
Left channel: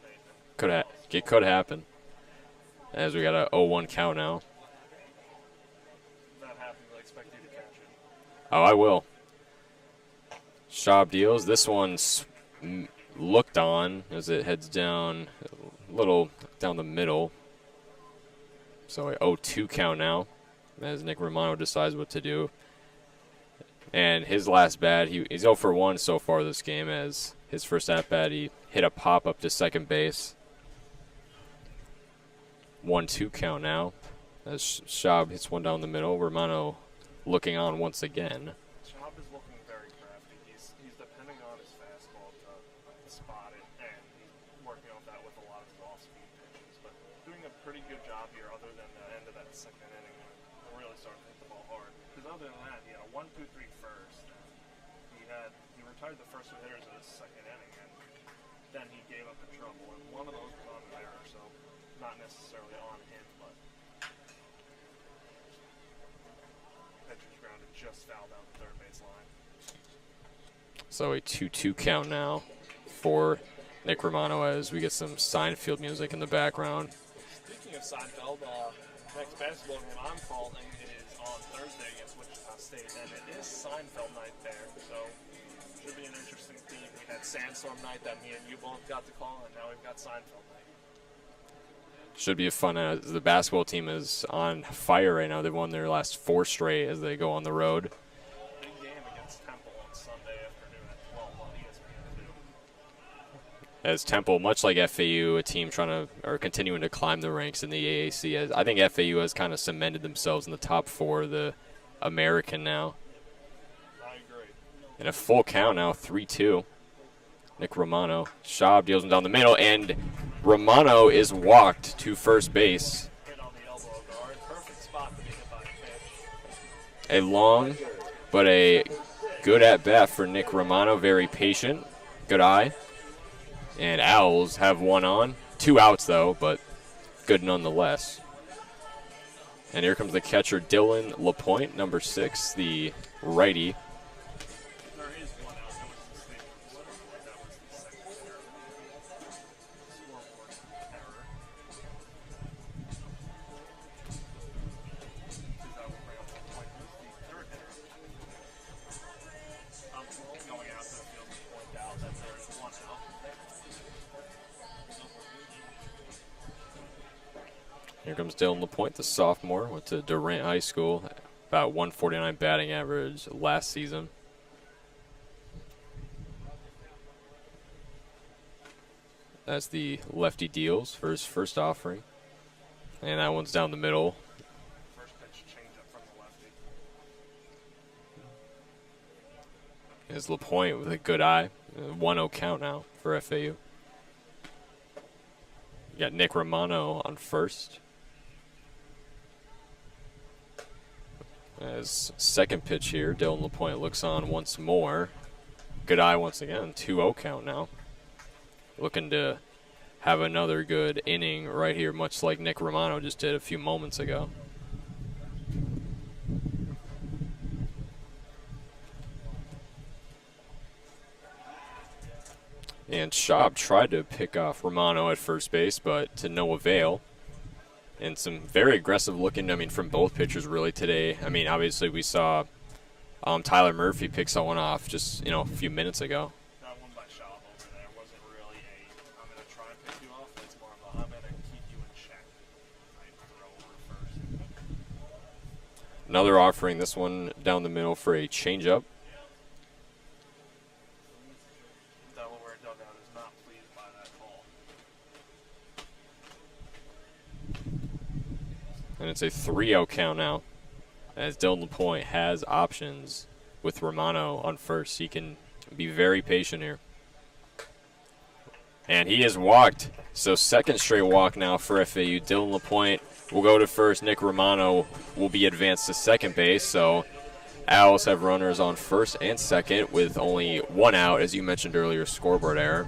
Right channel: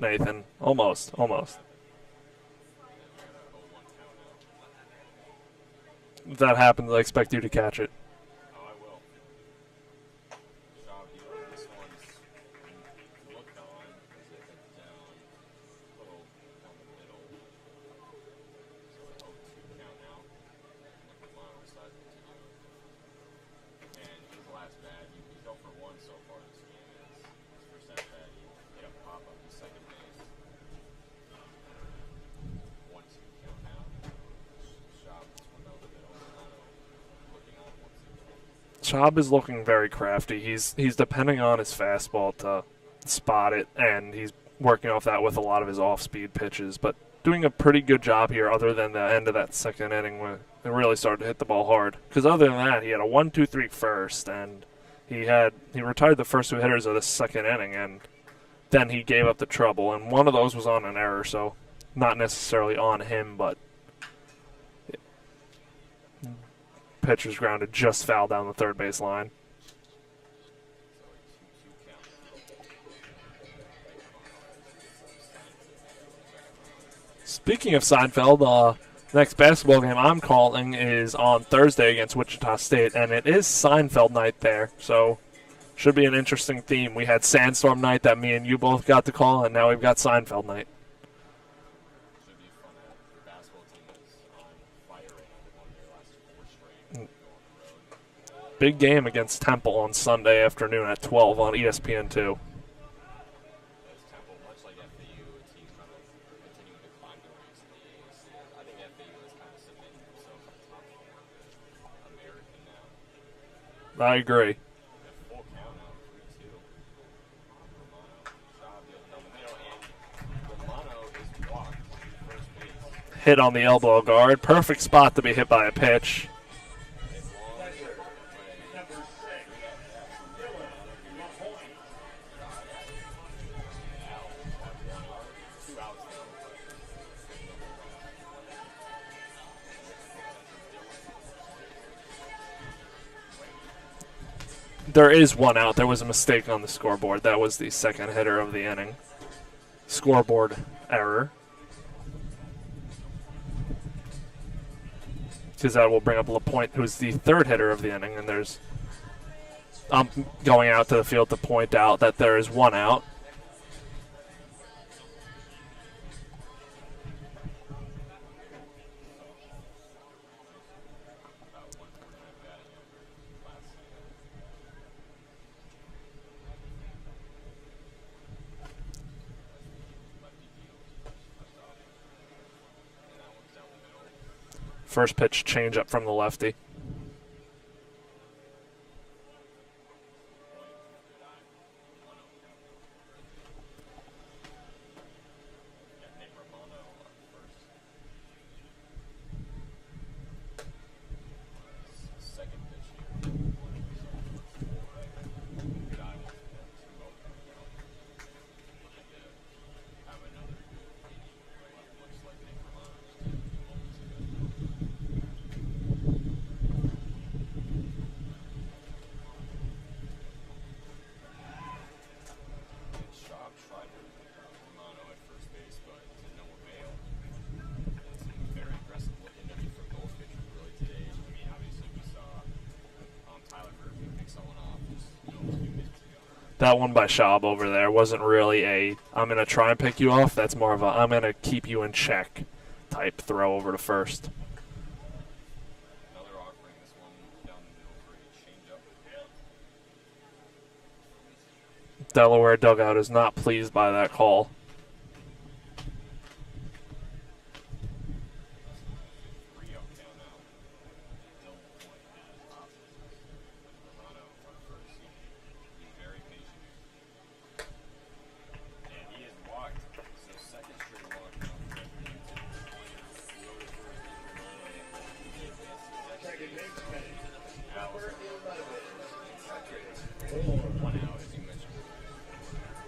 Nathan. Almost. It could happen. As we got a 0-1 count now. If that happens, I expect you to catch it. Oh, I will. Schaub deals. This one's looked on as it heads down a little down the middle. So a 0-2 count now as Nick Romano decides what to do. And his last bat, he's 0 for 1 so far this game. As his first at bat, he hit a pop up to second base. 1-2 count now as Schaub hits one down the middle. Romano looking on once again. Schaub is looking very crafty. He's depending on his fastball to spot it, and he's working off that with a lot of his off-speed pitches, but doing a pretty good job here other than the end of that second inning when it really started to hit the ball hard. Because other than that, he had a 1-2-3 first, and he retired the first 2 hitters of the second inning, and then he gave up the trouble, and one of those was on an error, so not necessarily on him, but pitcher's grounded just foul down the third base line. So a 2-2 count now for Nick Romano as we get some Seinfeld music in the background. Speaking of Seinfeld, next basketball game I'm calling is on Thursday against Wichita State, and it is Seinfeld night there, so should be an interesting theme. We had Sandstorm night that me and you both got to call, and now we've got Seinfeld night. Should be a fun. The basketball team is on fire right now. They've won their last 4 straight as they go on the road. Big game against Temple on Sunday afternoon at 12 on ESPN2. As Temple, much like FAU, a team continuing to climb the ranks in the AAC. As I think FAU has kind of cemented themselves in the top 4 of the American now. I agree. And a full count now, 3-2. Nick Romano. Schaub deals him down the middle, and Romano is walked to first base. Hit on the elbow guard. Perfect spot to be hit by a pitch. A long, but a good at-bat for Nick Romano. Very patient. Good eye. And Owls have one on. 2 outs, though, but good nonetheless. And here comes the catcher, Dylan LaPointe, number 6, the righty. There is one out. There was a mistake on the scoreboard. That was the second hitter of the inning. Scoreboard error. Because that will bring up LaPointe, who's the third hitter of the inning. And I'm going out to the field to point out that there is one out. Here comes Dylan LaPointe, the sophomore. Went to Durant High School. About 149 batting average last season. As the lefty deals for his first offering. And that one's down the middle. First pitch change up from the lefty. Is LaPointe with a good eye. 1-0 count now for FAU. You got Nick Romano on first. As second pitch here, Dylan LaPointe looks on once more. Good eye once again. 2-0 count now. Looking to have another good inning right here, much like Nick Romano just did a few moments ago. And Schaub tried to pick off Romano at first base, but to no avail. And some very aggressive looking, from both pitchers really today. Obviously we saw Tyler Murphy pick someone off just, a few minutes ago. That one by Schaub over there wasn't really a, I'm going to try and pick you off. That's more of a, I'm going to keep you in check type throw over to first. Another offering, this one down the middle for a changeup. Delaware dugout is not pleased by that call. And it's a 3-0 count now, as Dylan LaPointe has options with Romano on first. He can be very patient here. And he is walked. So second straight walk now for FAU. Dylan LaPointe will go to first. Nick Romano will be advanced to second base. So Owls have runners on first and second with only one out, as you mentioned earlier, scoreboard error.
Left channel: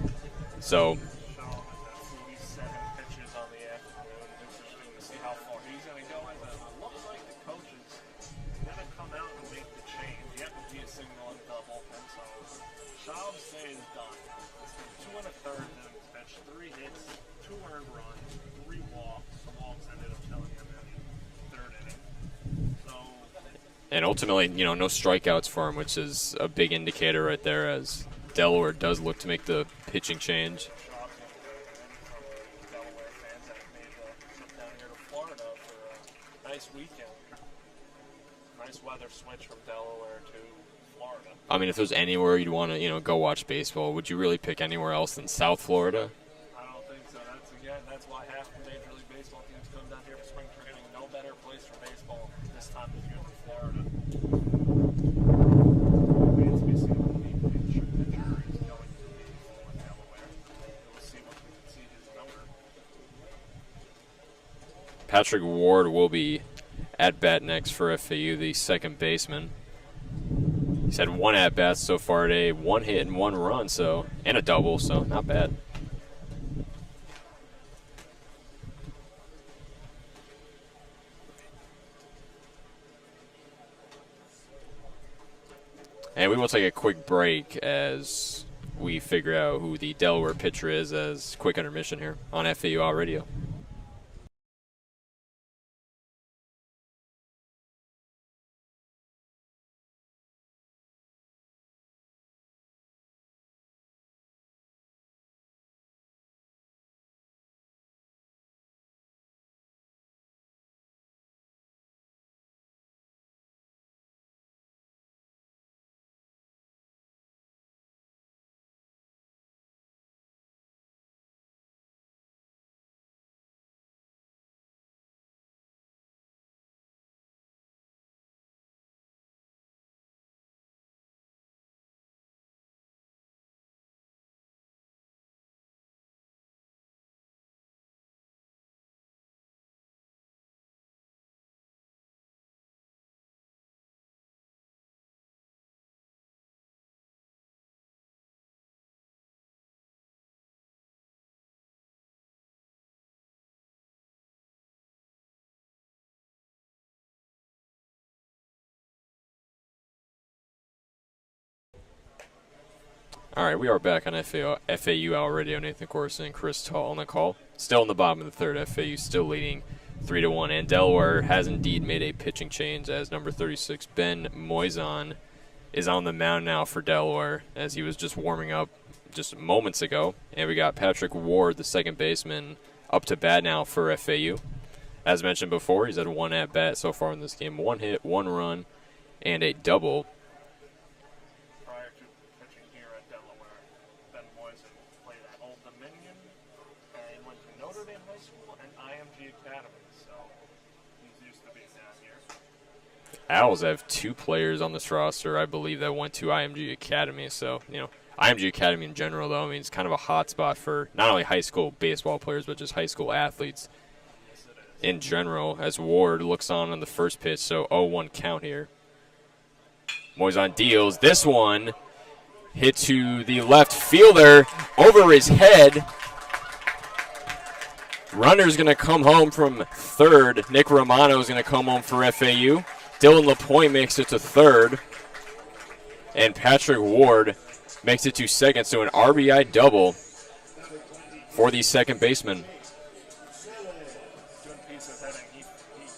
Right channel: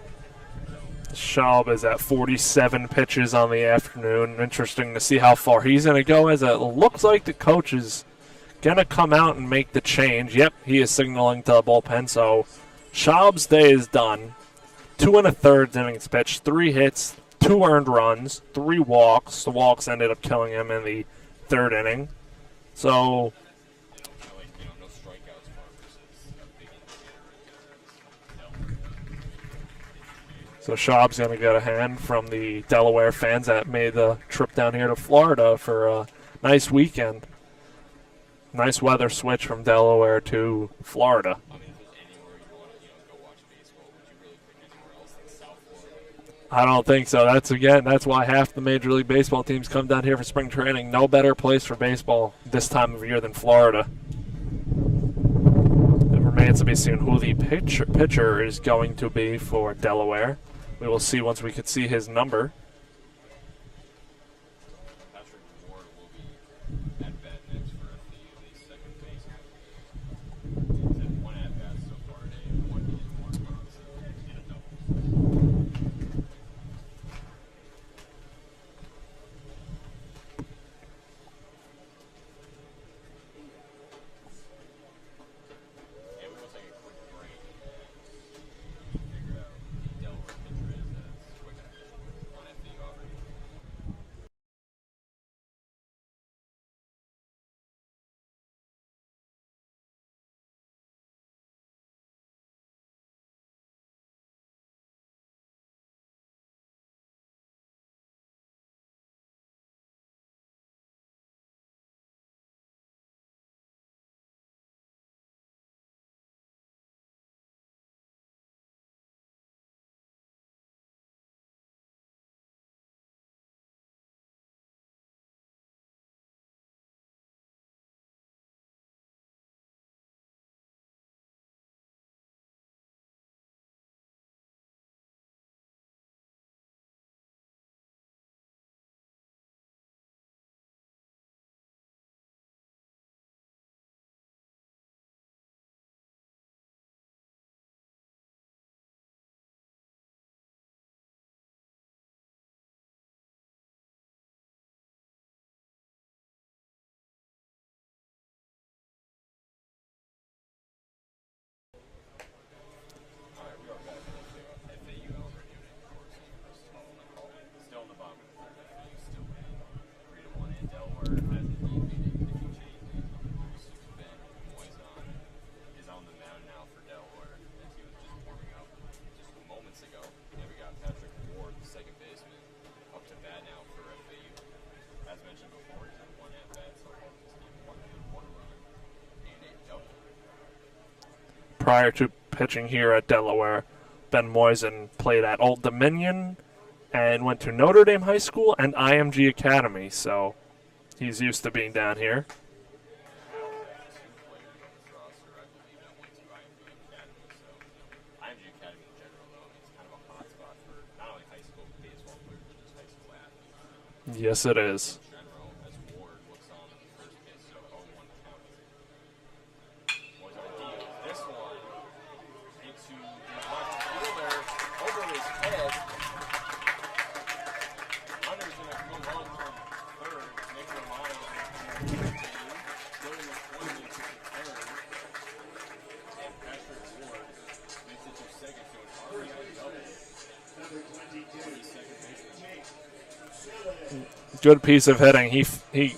So Schaub is at 47 pitches on the afternoon. Interesting to see how far he's going to go, as it looks like the coach is going to come out and make the change. Yep, he is signaling to the bullpen. So Schaub's day is done. 2 1/3 innings pitched, 3 hits, 2 earned runs, 3 walks. The walks ended up killing him in the third inning. So, and ultimately, no strikeouts for him, which is a big indicator right there, as Delaware does look to make the pitching change. So Schaub's going to get a hand from the Delaware fans that made the trip down here to Florida for a nice weekend. Nice weather switch from Delaware to Florida. If there's anywhere you'd want to, go watch baseball, would you really pick anywhere else than South Florida? I don't think so. That's why half the Major League Baseball teams come down here for spring training. No better place for baseball this time of year than Florida. It remains to be seen who the pitcher is going to be for Delaware. We will see once we can see his number. Patrick Ward will be at bat next for FAU, the second baseman. He's had 1 at bat so far today, 1 hit and 1 run, and a double, so not bad. And we will take a quick break as we figure out who the Delaware pitcher is, as quick intermission here on FAU Radio. All right, we are back on FAU Hour Radio. Nathan Korst and Chris Talt on the call. Still in the bottom of the third. FAU still leading 3-1. And Delaware has indeed made a pitching change as number 36, Ben Moisan, is on the mound now for Delaware as he was just warming up just moments ago. And we got Patrick Ward, the second baseman, up to bat now for FAU. As mentioned before, he's had one at-bat so far in this game. 1 hit, 1 run, and a double. Prior to pitching here at Delaware, Ben Moisan played at Old Dominion and went to Notre Dame High School and IMG Academy, so he's used to being down here. Owls have 2 players on this roster, I believe, that went to IMG Academy. So, IMG Academy in general, though, I mean, it's kind of a hot spot for not only high school baseball players, but just high school athletes. Yes, it is. In general, as Ward looks on the first pitch, so 0-1 count here. Moisan deals. This one hit to the left fielder over his head. Runner's going to come home from third. Nick Romano is going to come home for FAU. Dylan LaPointe makes it to third. And Patrick Ward makes it to second. So an RBI double for the second baseman. Good piece of hitting. He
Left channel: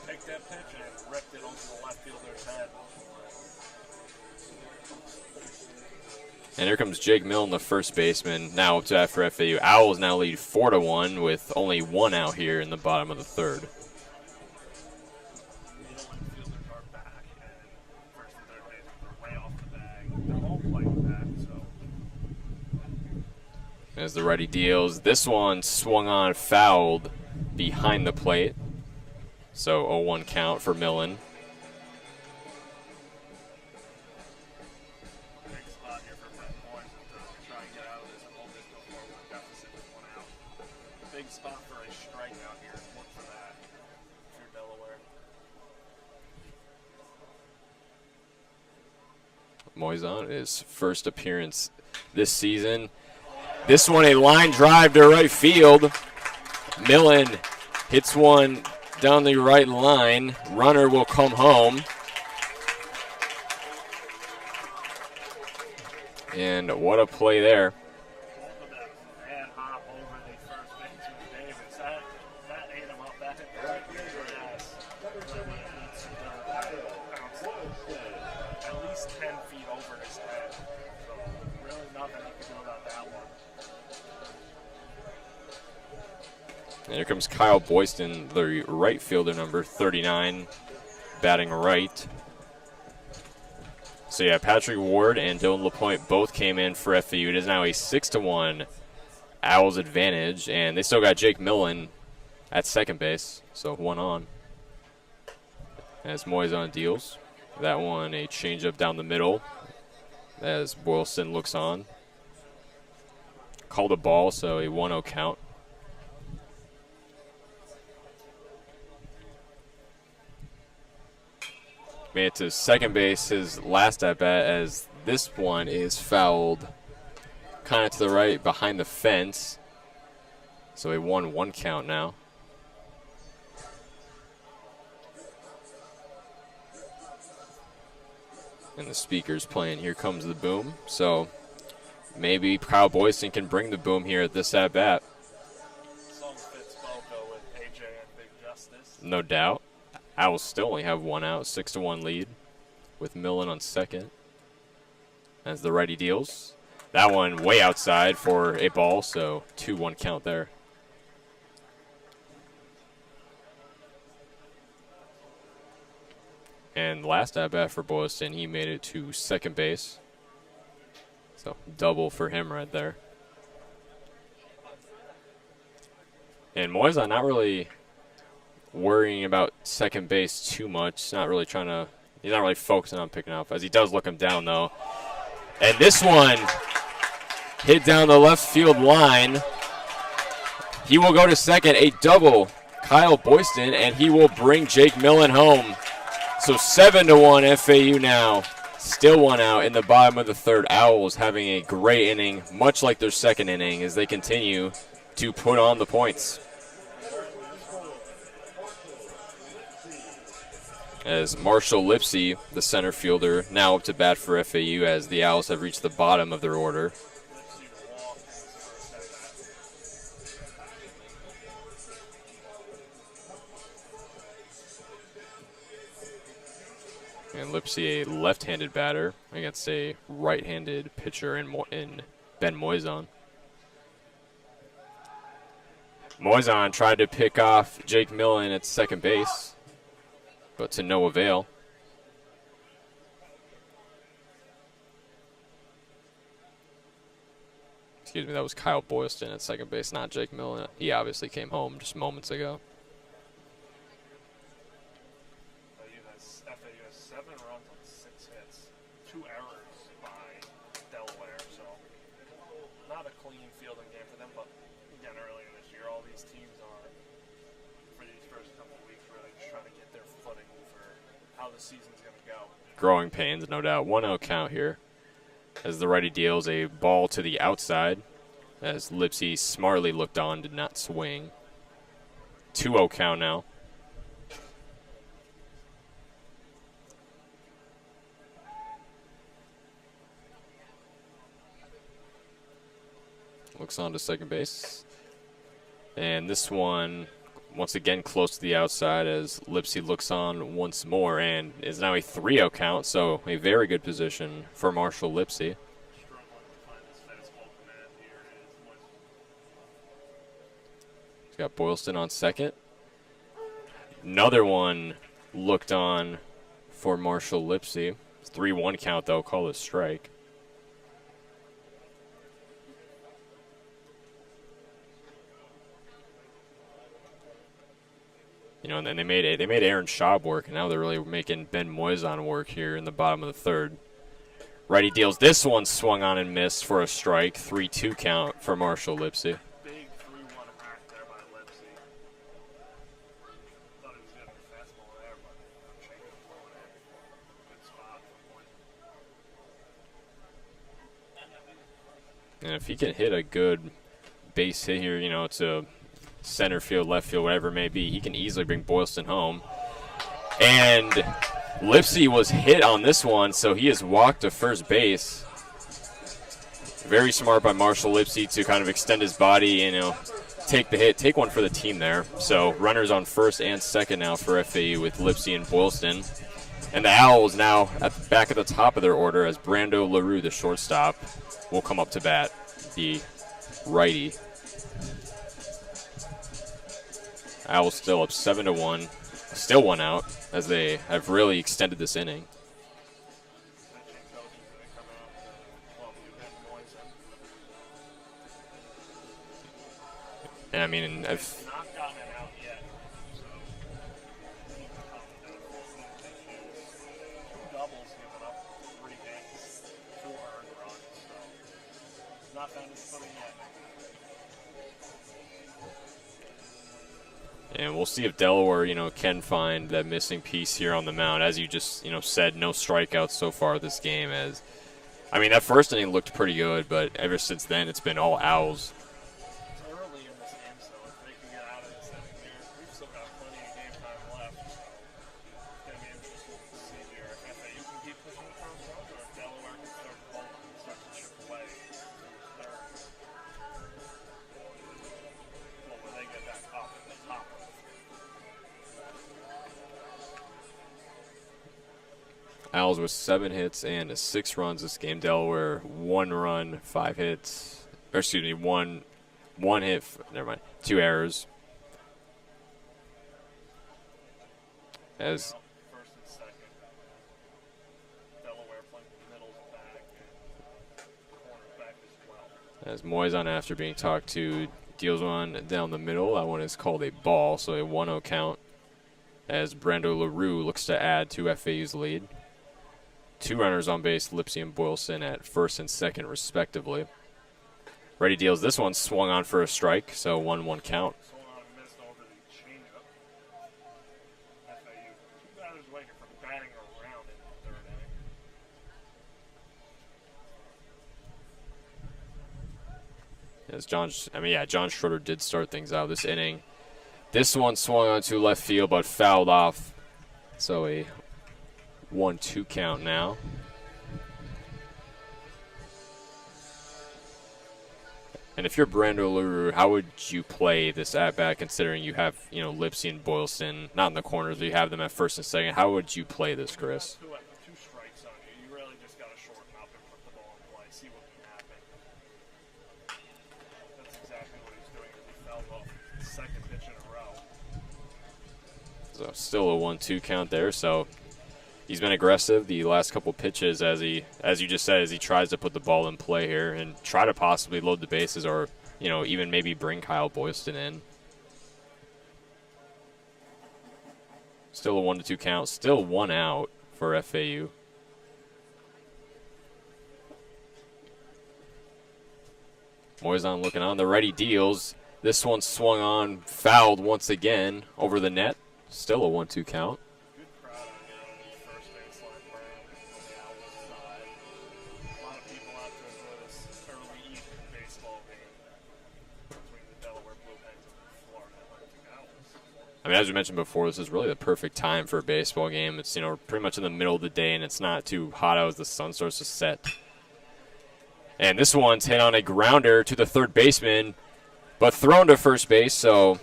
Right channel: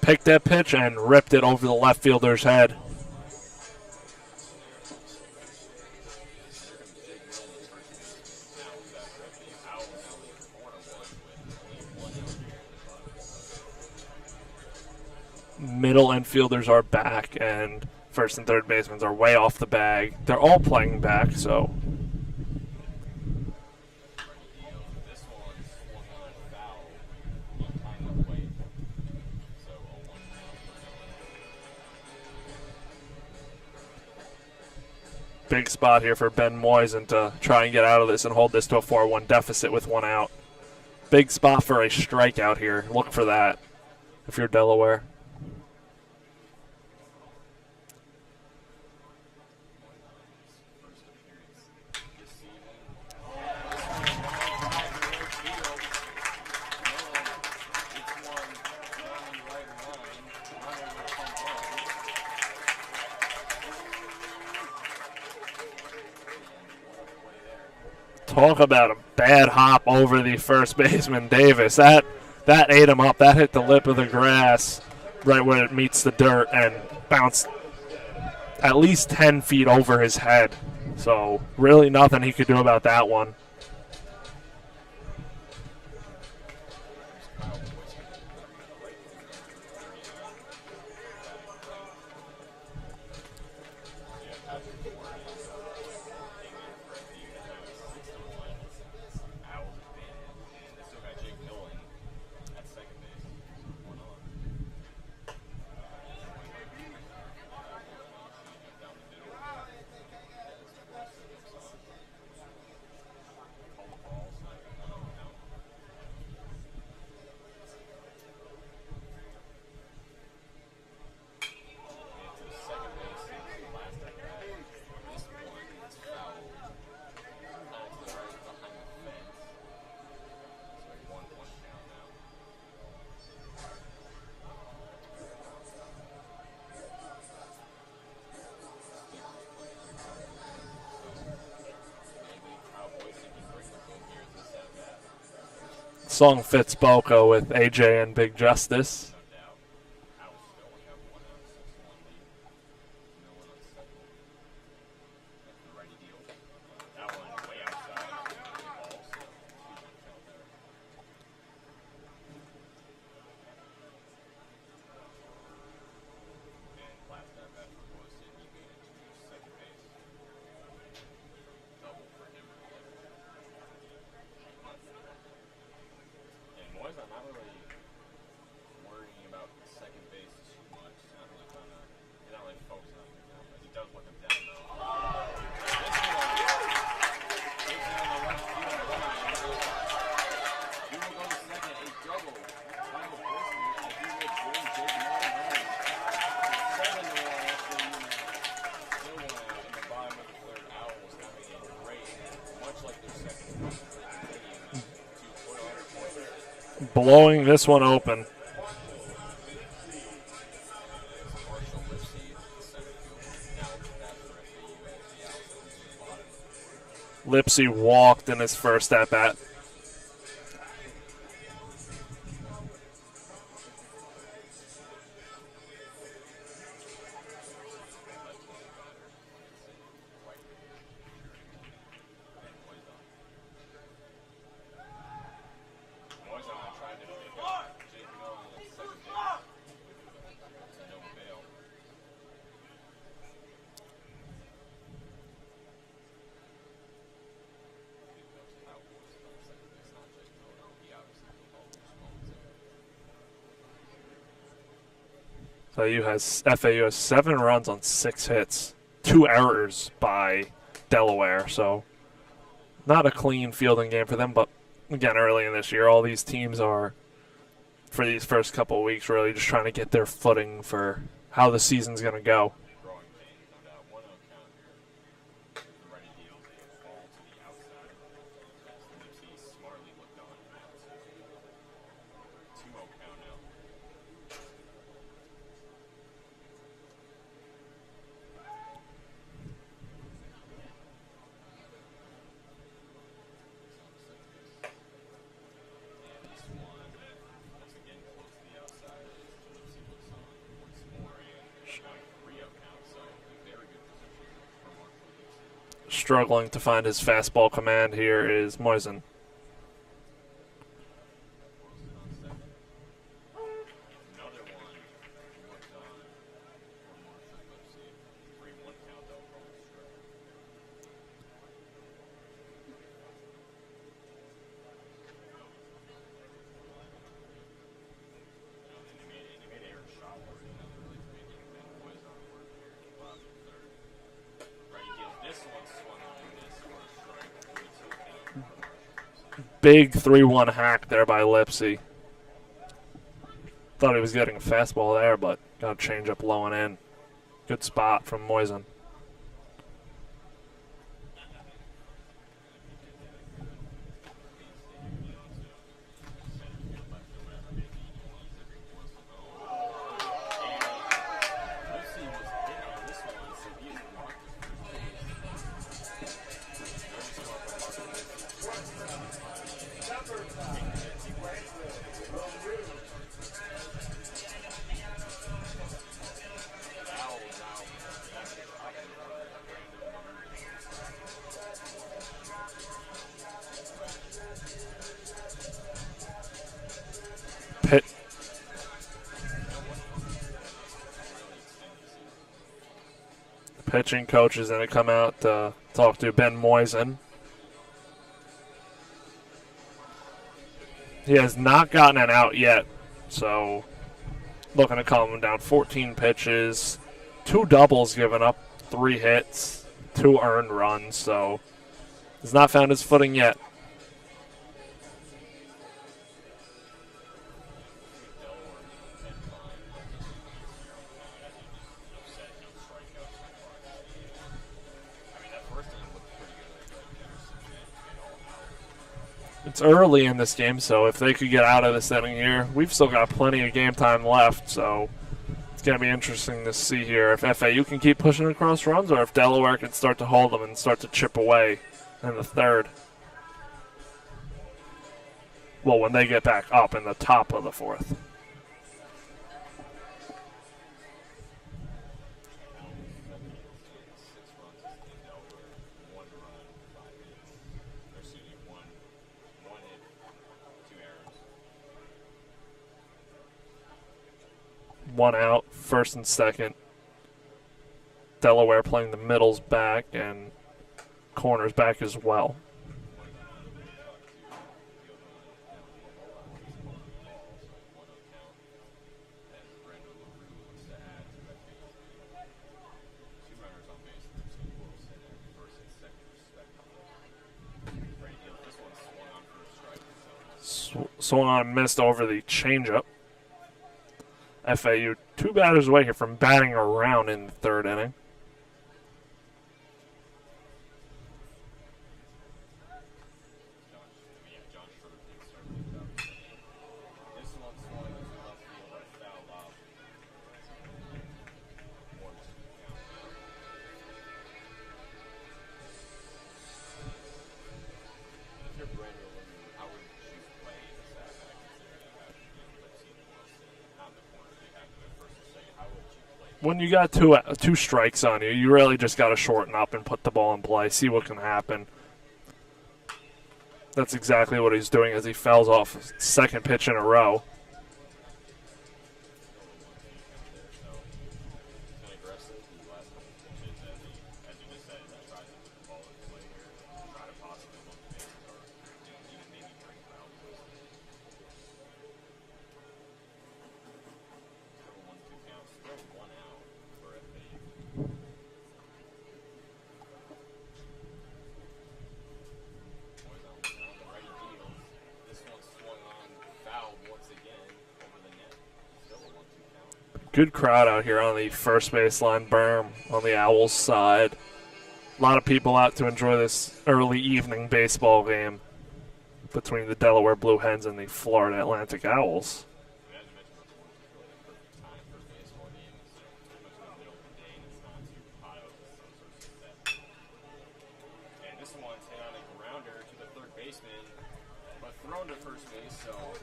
picked that pitch and ripped it over the left fielder's head. And here comes Jake Millen, the first baseman, now up to bat for FAU. Owls now lead 4-1 with only 1 out here in the bottom of the third. Middle infielders are back, and first and third basemen are way off the bag. They're all playing back, so. As the righty deals, this one swung on, fouled behind the plate. So 0-1 count for Millen. Big spot here for Ben Moisan to try and get out of this and hold this to a 4-1 deficit with 1 out. Big spot for a strikeout here. Look for that if you're Delaware. Moisan, his first appearance this season. This one a line drive to right field. Millen hits one down the right line. Runner will come home. And what a play there. Talk about a bad hop over the first baseman, Davis. That ate him up. That hit the lip of the grass right where it meets the dirt and bounced at least 10 feet over his head. So really nothing he could do about that one. And here comes Kyle Boyston, the right fielder, number 39, batting right. So yeah, Patrick Ward and Dylan LaPointe both came in for FAU. It is now a 6-1 Owls advantage, and they still got Jake Millen at second base, so 1 on. As Moisan deals, that one a changeup down the middle as Boylston looks on. Called a ball, so a 1-0 count. Made it to second base, his last at-bat, as this one is fouled kind of to the right behind the fence. So a 1-1 count now. And the speaker's playing Here Comes the Boom. So maybe Kyle Boyston can bring the boom here at this at-bat. Song fits Boca with AJ and Big Justice. No doubt. Owls still only have 1 out, 6-1 lead with Millen on second. As the righty deals. That one way outside for a ball, so 2-1 count there. And last at-bat for Boylston, he made it to second base. So double for him right there. And Moisan not really worrying about second base too much. He's not really focusing on picking up, as he does look him down though. And this one hit down the left field line. He will go to second, a double, Kyle Boyston, and he will bring Jake Millen home. So 7-1 FAU now. Still 1 out in the bottom of the third. Owls having a great inning, much like their second inning, as they continue to put on the points. Blowing this one open. As Marshall Lipsy, the center fielder, now up to bat for FAU as the Owls have reached the bottom of their order. Lipsy walked in his first at-bat. And Lipsy, a left-handed batter against a right-handed pitcher in Ben Moisan. Moisan tried to pick off Jake Millen at second base, but to no avail. Excuse me, that was Kyle Boylston at second base, not Jake Millen. He obviously came home just moments ago. FAU has 7 runs on 6 hits, 2 errors by Delaware, so not a clean fielding game for them, but again, early in this year, all these teams are, for these first couple of weeks, really just trying to get their footing for how the season's going to go. Growing pains, no doubt. 1-0 count here as the righty deals a ball to the outside as Lipsy smartly looked on, did not swing. 2-0 count now. Looks on to second base. And this one, once again, close to the outside as Lipsy looks on once more and is now a 3-0 count, so a very good position for Marshall Lipsy. Struggling to find his fastball command here is Moisan. He's got Boylston on second. Another one looked on for Marshall Lipsy. 3-1 count, though, call it strike. You know, and then they made Aaron Schaub work, and now they're really making Ben Moisan work here in the bottom of the third. Righty deals this one, swung on and missed for a strike. 3-2 count for Marshall Lipsy. Big 3-1 hack there by Lipsy. Thought he was getting a fastball there, but got a change up low and in. Good spot from Moisan. And if he can hit a good base hit here, you know, to center field, left field, whatever it may be, he can easily bring Boylston home. And Lipsy was hit on this one, so he has walked to first base. Very smart by Marshall Lipsy to kind of extend his body and, you know, take the hit, take one for the team there. So runners on first and second now for FAU with Lipsy and Boylston. And the Owls now back at the top of their order as Brando LaRue, the shortstop, will come up to bat, the righty. Owls still up 7-1, still 1 out as they have really extended this inning. Pitching coach is going to come out to talk to Ben Moisan. And I mean, he has not gotten an out yet, so looking to calm him down. 14 pitches, 2 doubles given up, 3 hits, 2 earned runs, so he's not found his footing yet. And we'll see if Delaware, you know, can find that missing piece here on the mound. As you just, you know, said, no strikeouts so far this game. As, I mean, that first inning looked pretty good, but ever since then, it's been all Owls. It's early in this game, so if they could get out of this inning here, we've still got plenty of game time left, so it's going to be interesting to see here if FAU can keep pushing across runs or if Delaware can start to hold them and start to chip away in the third. Well, when they get back up in the top of the fourth. Owls with 7 hits and 6 runs this game. Delaware 1 run, 5 hits. Or excuse me, one hit. Never mind. 2 errors. 1 out, first and second. Delaware playing the middles back and corners back as well. As Moisan, after being talked to, deals one down the middle. That one is called a ball, so a 1-0 count as Brando LaRue looks to add to FAU's lead. 2 runners on base, Lipsy and Boylston at first and second respectively. Ready deals this one, swung on for a strike, so 1-1 count. Swung on and missed over the changeup. FAU 2 batters away here from batting around in the third inning. As John Schroeder did start things out this inning. This one swung onto left field but fouled off So a 1-2 count now. And if you're Brando LaRue, how would you play this at-bat considering you have, Lipsy and Boylston not in the corners, but you have them at first and second? How would you play this, When you Chris? got two strikes on you, you really just got to shorten up and put the ball in play, see what can happen. That's exactly what he's doing as he fouls off second pitch in a row. So still a 1-2 count there, so he's been aggressive the last couple pitches as you just said, as he tries to put the ball in play here and try to possibly load the bases or, even maybe bring Kyle Boylston in. Still a 1-2 count, still 1 out for FAU. Moisan looking on, the righty deals. This one swung on, fouled once again over the net. Still a 1-2 count. Good crowd out here on the first baseline berm on the Owls side. A lot of people out to enjoy this early evening baseball game between the Delaware Blue Hens and the Florida Atlantic Owls. I mean, as we mentioned before, this is really the perfect time for a baseball game. It's, pretty much in the middle of the day, and it's not too hot out as the sun starts to set. And this one's hit on a grounder to the third baseman, but thrown to first base, so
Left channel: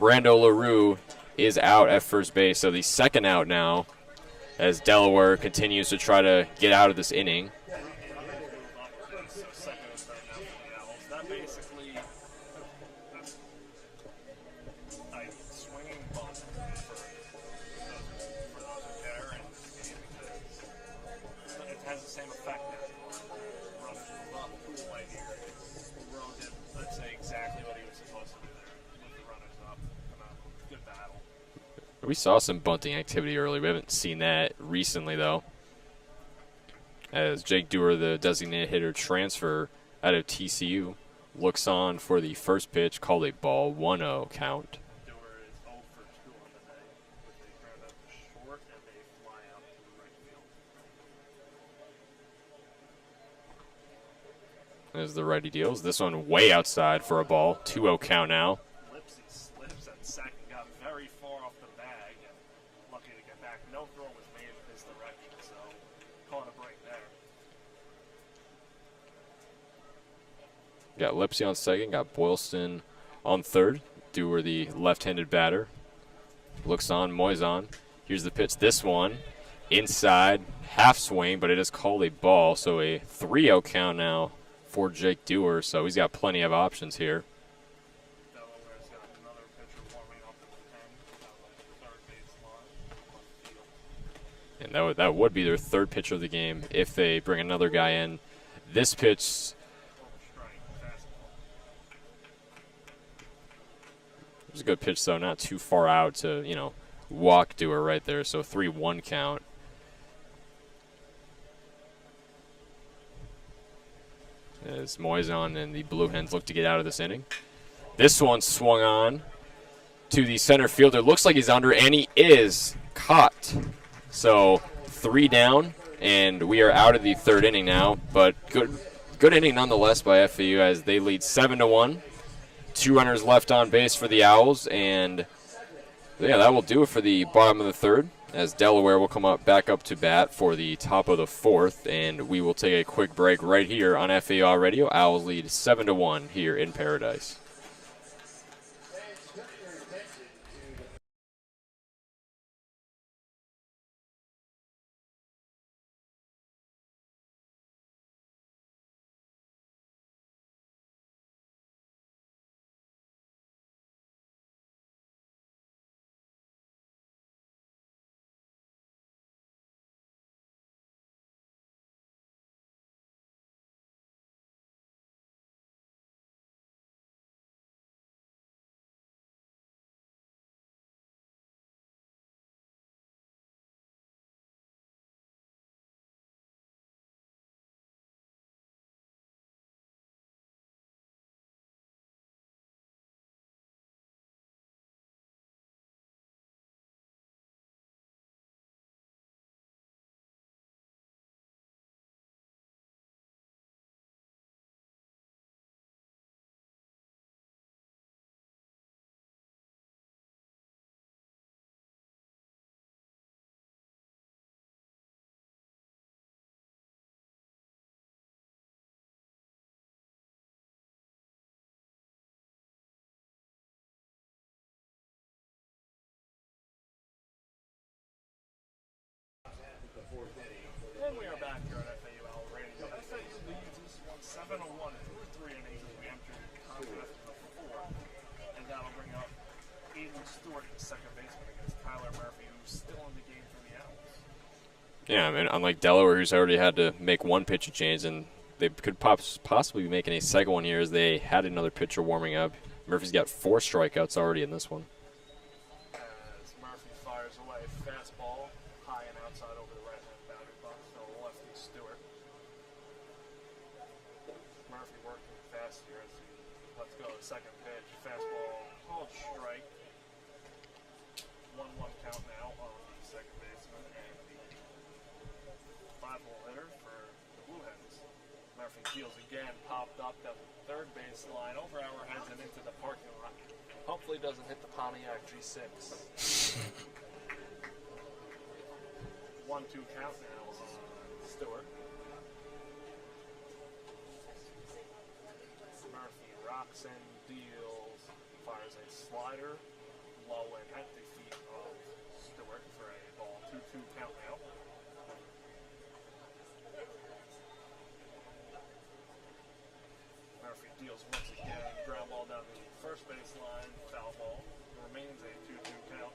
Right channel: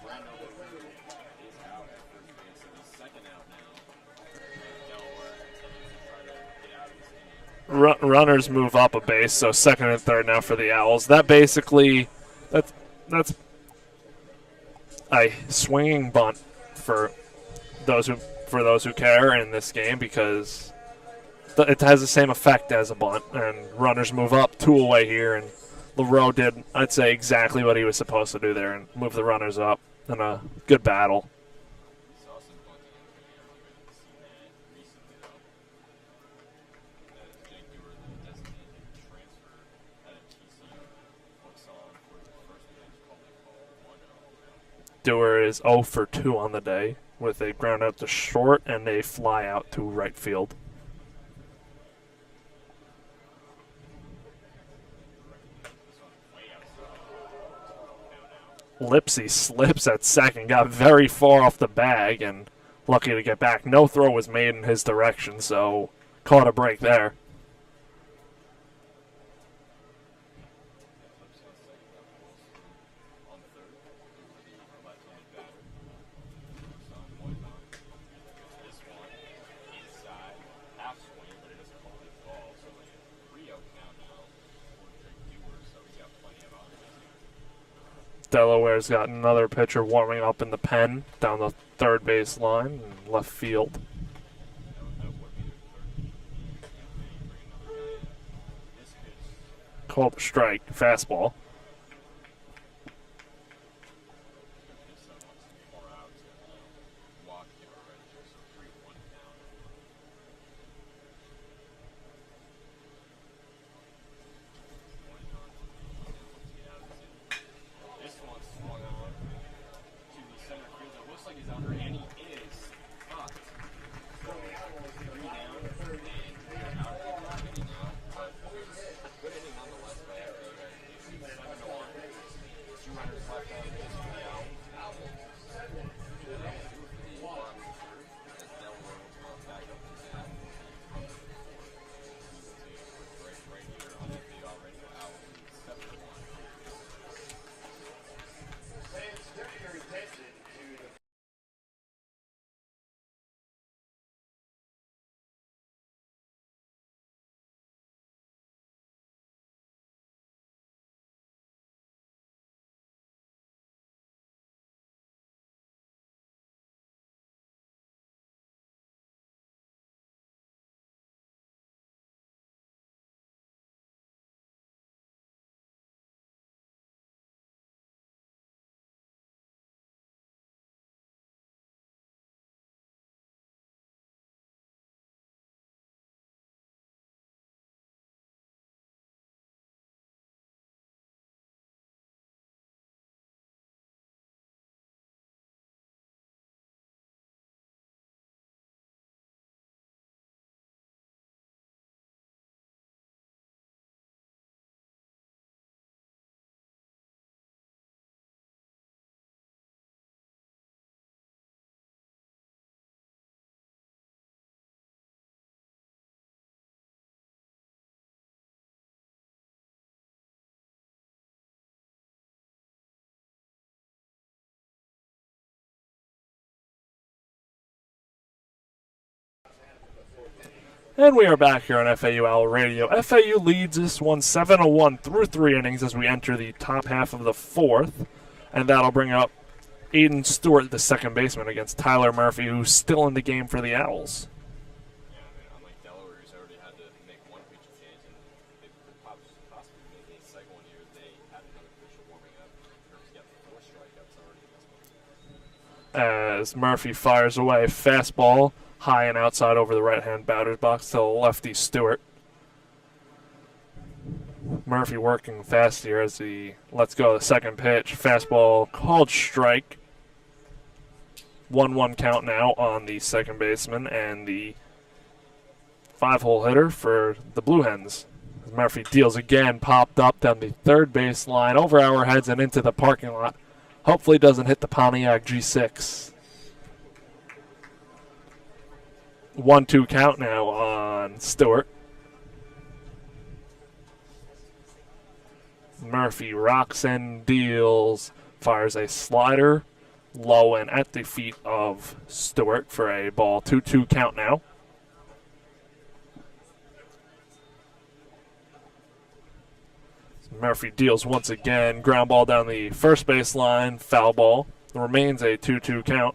Brando LaRue is out at first base. So the second out now as Delaware continues to try to get out of this inning. Runners move up a base, so second and third now for the Owls. That basically, that's a swinging bunt for those who care in this game because it has the same effect as a bunt. And runners move up 2 away here, and LaRue did, I'd say, exactly what he was supposed to do there and move the runners up in a good battle. We saw some bunting activity early. We haven't seen that recently, though. As Jake Dewar, the designated hitter transfer out of TCU, looks on for the first pitch, called a ball, 1-0 count. Dewar is 0 for 2 on the day with a ground out to short and a fly out to right field. As the righty deals. This one way outside for a ball. 2-0 count now. Lipsy slips at second, got very far off the bag, and lucky to get back. No throw was made in his direction, so caught a break there. Got Lipsy on second, got Boylston on third. Dewar, the left-handed batter. Looks on, Moisan. Here's the pitch. This one inside, half swing, but it is called a ball, so a 3-0 count now for Jake Dewar, so he's got plenty of options here. Delaware's got another pitcher warming up in the pen down the third base line and left field. And that would be their third pitcher of the game if they bring another guy in. This pitch called a strike, fastball. It was a good pitch, though, not too far out to, walk Dewar right there, so 3-1 count. As Moisan and the Blue Hens look to get out of this inning. This one swung on to the center fielder. Looks like he's under, and he is caught. So 3 down, and we are out of the third inning now. But good inning nonetheless by FAU as they lead 7-1. 2 runners left on base for the Owls, and yeah, that will do it for the bottom of the third, as Delaware will come back up to bat for the top of the fourth, and we will take a quick break right here on FAU Radio. Owls lead 7-1 here in Paradise. And we are back here on FAU Owl Radio. FAU leads this one 7-1 through 3 innings as we enter the top half of the 4th. And that'll bring up Aiden Stewart, the second baseman, against Tyler Murphy, who's still in the game for the Owls. Yeah, I mean, unlike Delaware, who's already had to make one pitcher change, and they could possibly be making a second one here as they had another pitcher warming up. Murphy's got 4 strikeouts already in this one. As Murphy fires away, fastball high and outside over the right-hand batter's box to lefty Stewart. Murphy working fast here as he lets go of the second pitch. Fastball called strike. 1-1 count now on the second baseman and the 5-hole hitter for the Blue Hens. Murphy deals again, popped up down the third base line, over our heads and into the parking lot. Hopefully doesn't hit the Pontiac G6. 1-2 count now on Stewart. Murphy rocks and deals, fires a slider low and at the feet of Stewart for a ball. 2-2 count now. Murphy deals once again, ground ball down the first base line, foul ball. It remains a 2-2 count.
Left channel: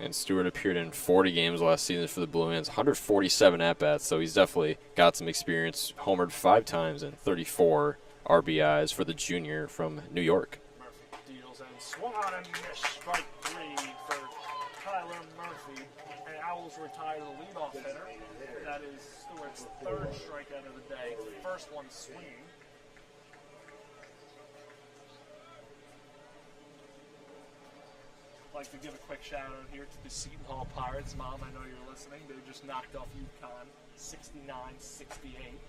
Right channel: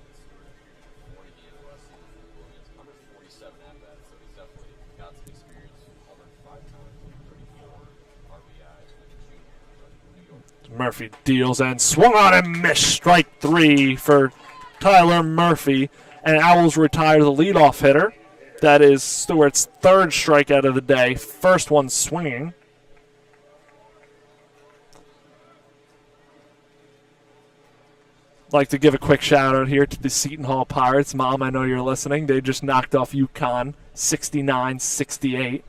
And Stewart appeared in 40 games last season for the Blue Hens, 147 at-bats, so he's definitely got some experience. Homered 5 times and 34 RBIs for the junior from New York. Murphy deals and swung on and missed. Strike 3 for Tyler Murphy. And Owls retire the leadoff hitter. That is Stewart's 3rd strikeout of the day, first one swinging. Like to give a quick shout out here to the Seton Hall Pirates. Mom, I know you're listening. They just knocked off UConn 69-68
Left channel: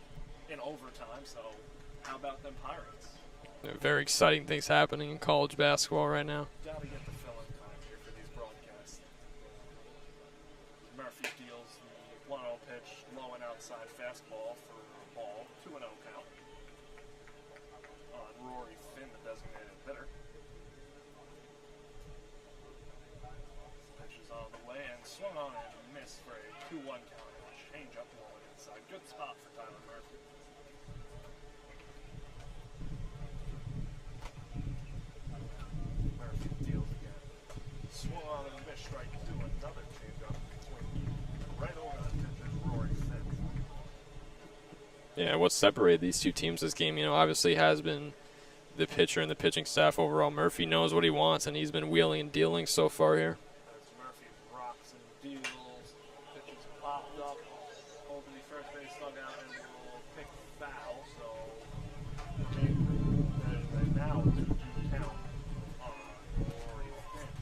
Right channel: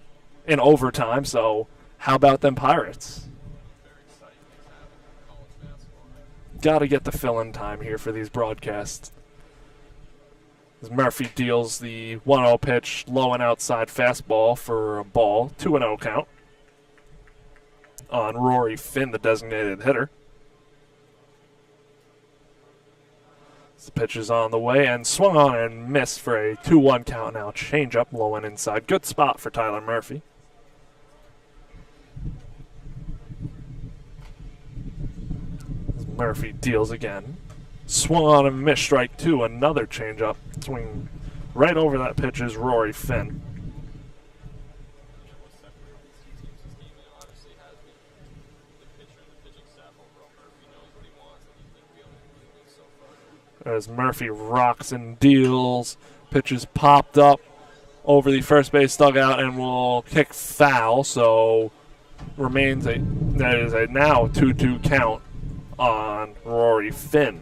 in overtime. So how about them Pirates? Very exciting things happening in college basketball right now. Got to get the fill-in time here for these broadcasts. As Murphy deals the 1-0 pitch, low and outside fastball for a ball. 2-0 count on Rory Finn, the designated hitter. The pitch is on the way and swung on and missed for a 2-1 count now. Change up low and inside. Good spot for Tyler Murphy. Murphy deals again. Swung on and missed, strike 2. Another change up. Swing right over that pitch is Rory Finn. Yeah, what separated these two teams this game, obviously has been the pitcher and the pitching staff overall. Murphy knows what he wants, and he's been wheeling and dealing so far here. As Murphy rocks and deals, pitches popped up over the first base dugout and will kick foul, so remains that is a now 2-2 count on Rory Finn.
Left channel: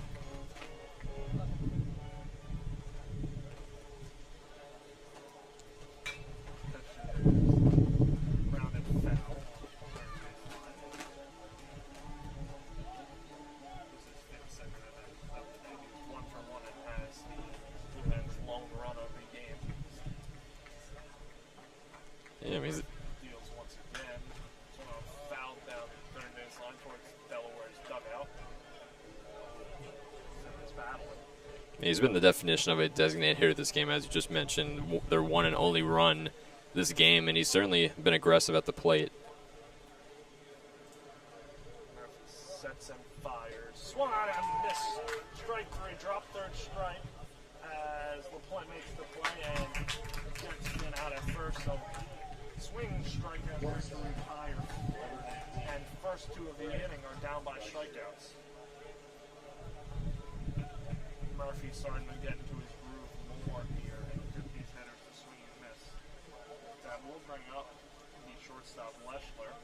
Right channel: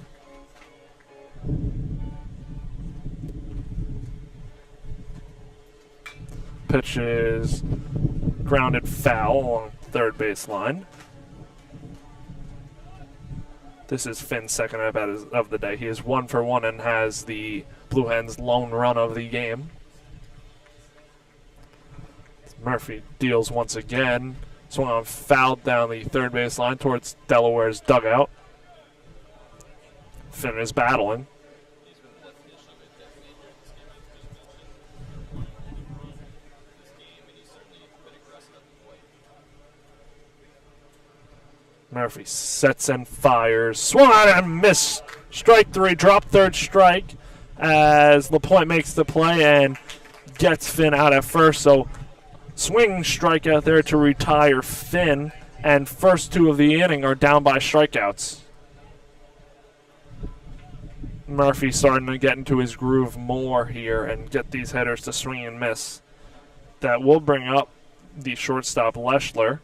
Pitch is grounded foul along third base line. This is Finn's second at-bat of the day. He is 1 for 1 and has the Blue Hens' lone run of the game. Yeah, Murphy deals once again. Swung on, fouled down the third base line towards Delaware's dugout. Finn is battling. He's been the definition of a designated hitter this game, as you just mentioned. Their one and only run this game, and he's certainly been aggressive at the plate. Murphy sets and fires. Swung on and missed. Strike 3, drop third strike as LaPointe makes the play and gets Finn out at first. So swing strike out there to retire Finn, and first 2 of the inning are down by strikeouts. Murphy starting to get into his groove more here and get these hitters to swing and miss. That will bring up the shortstop Leschler.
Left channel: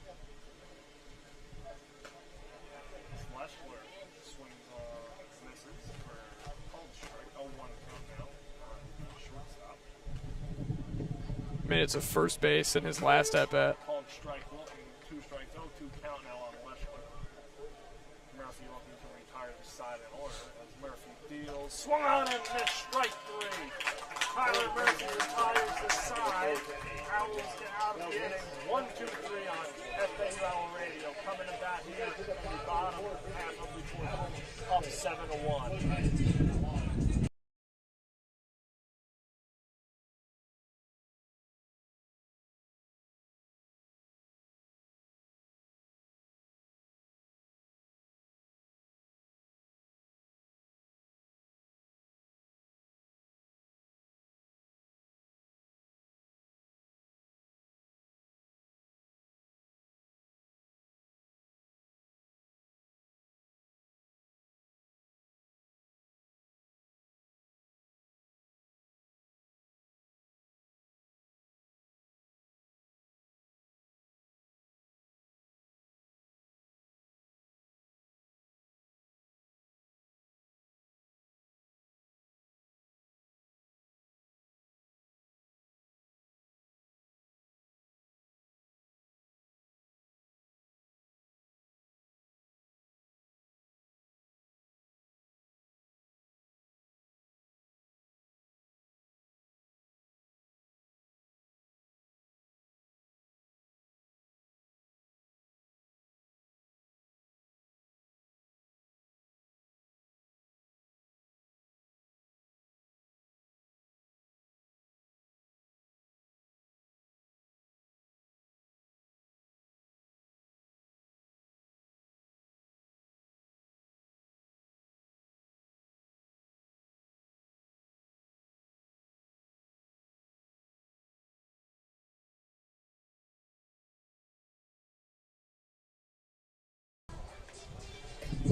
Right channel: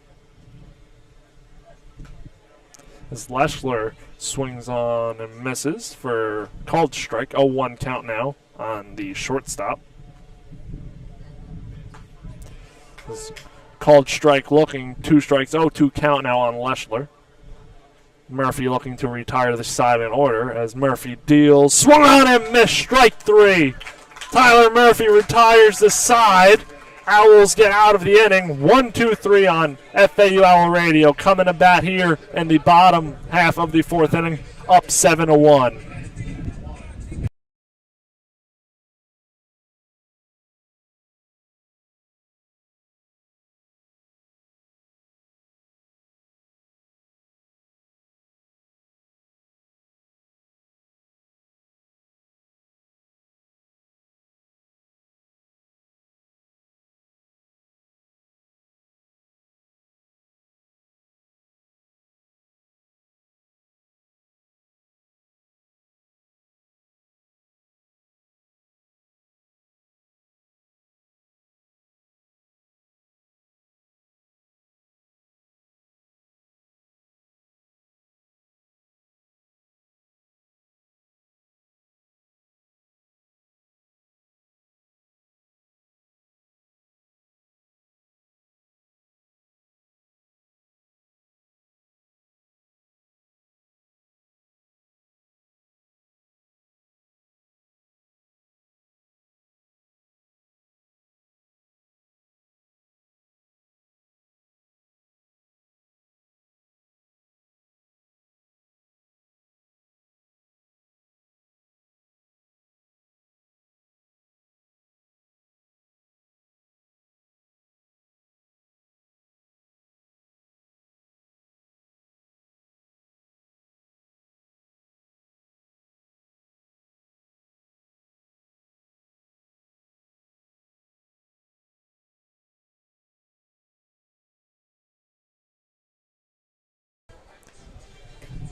As Leschler swings on and misses for called strike. 0-1 count now on the shortstop. Made it to first base in his last at-bat. Called strike looking, 2 strikes, 0-2 count now on Leschler. Murphy looking to retire the side in order as Murphy deals. Swung on and missed, strike 3. Tyler Murphy retires the side. Owls get out of the inning. 1-2-3 on FAU Owl Radio. Coming to bat here in the bottom half of the 4th inning, up 7-1.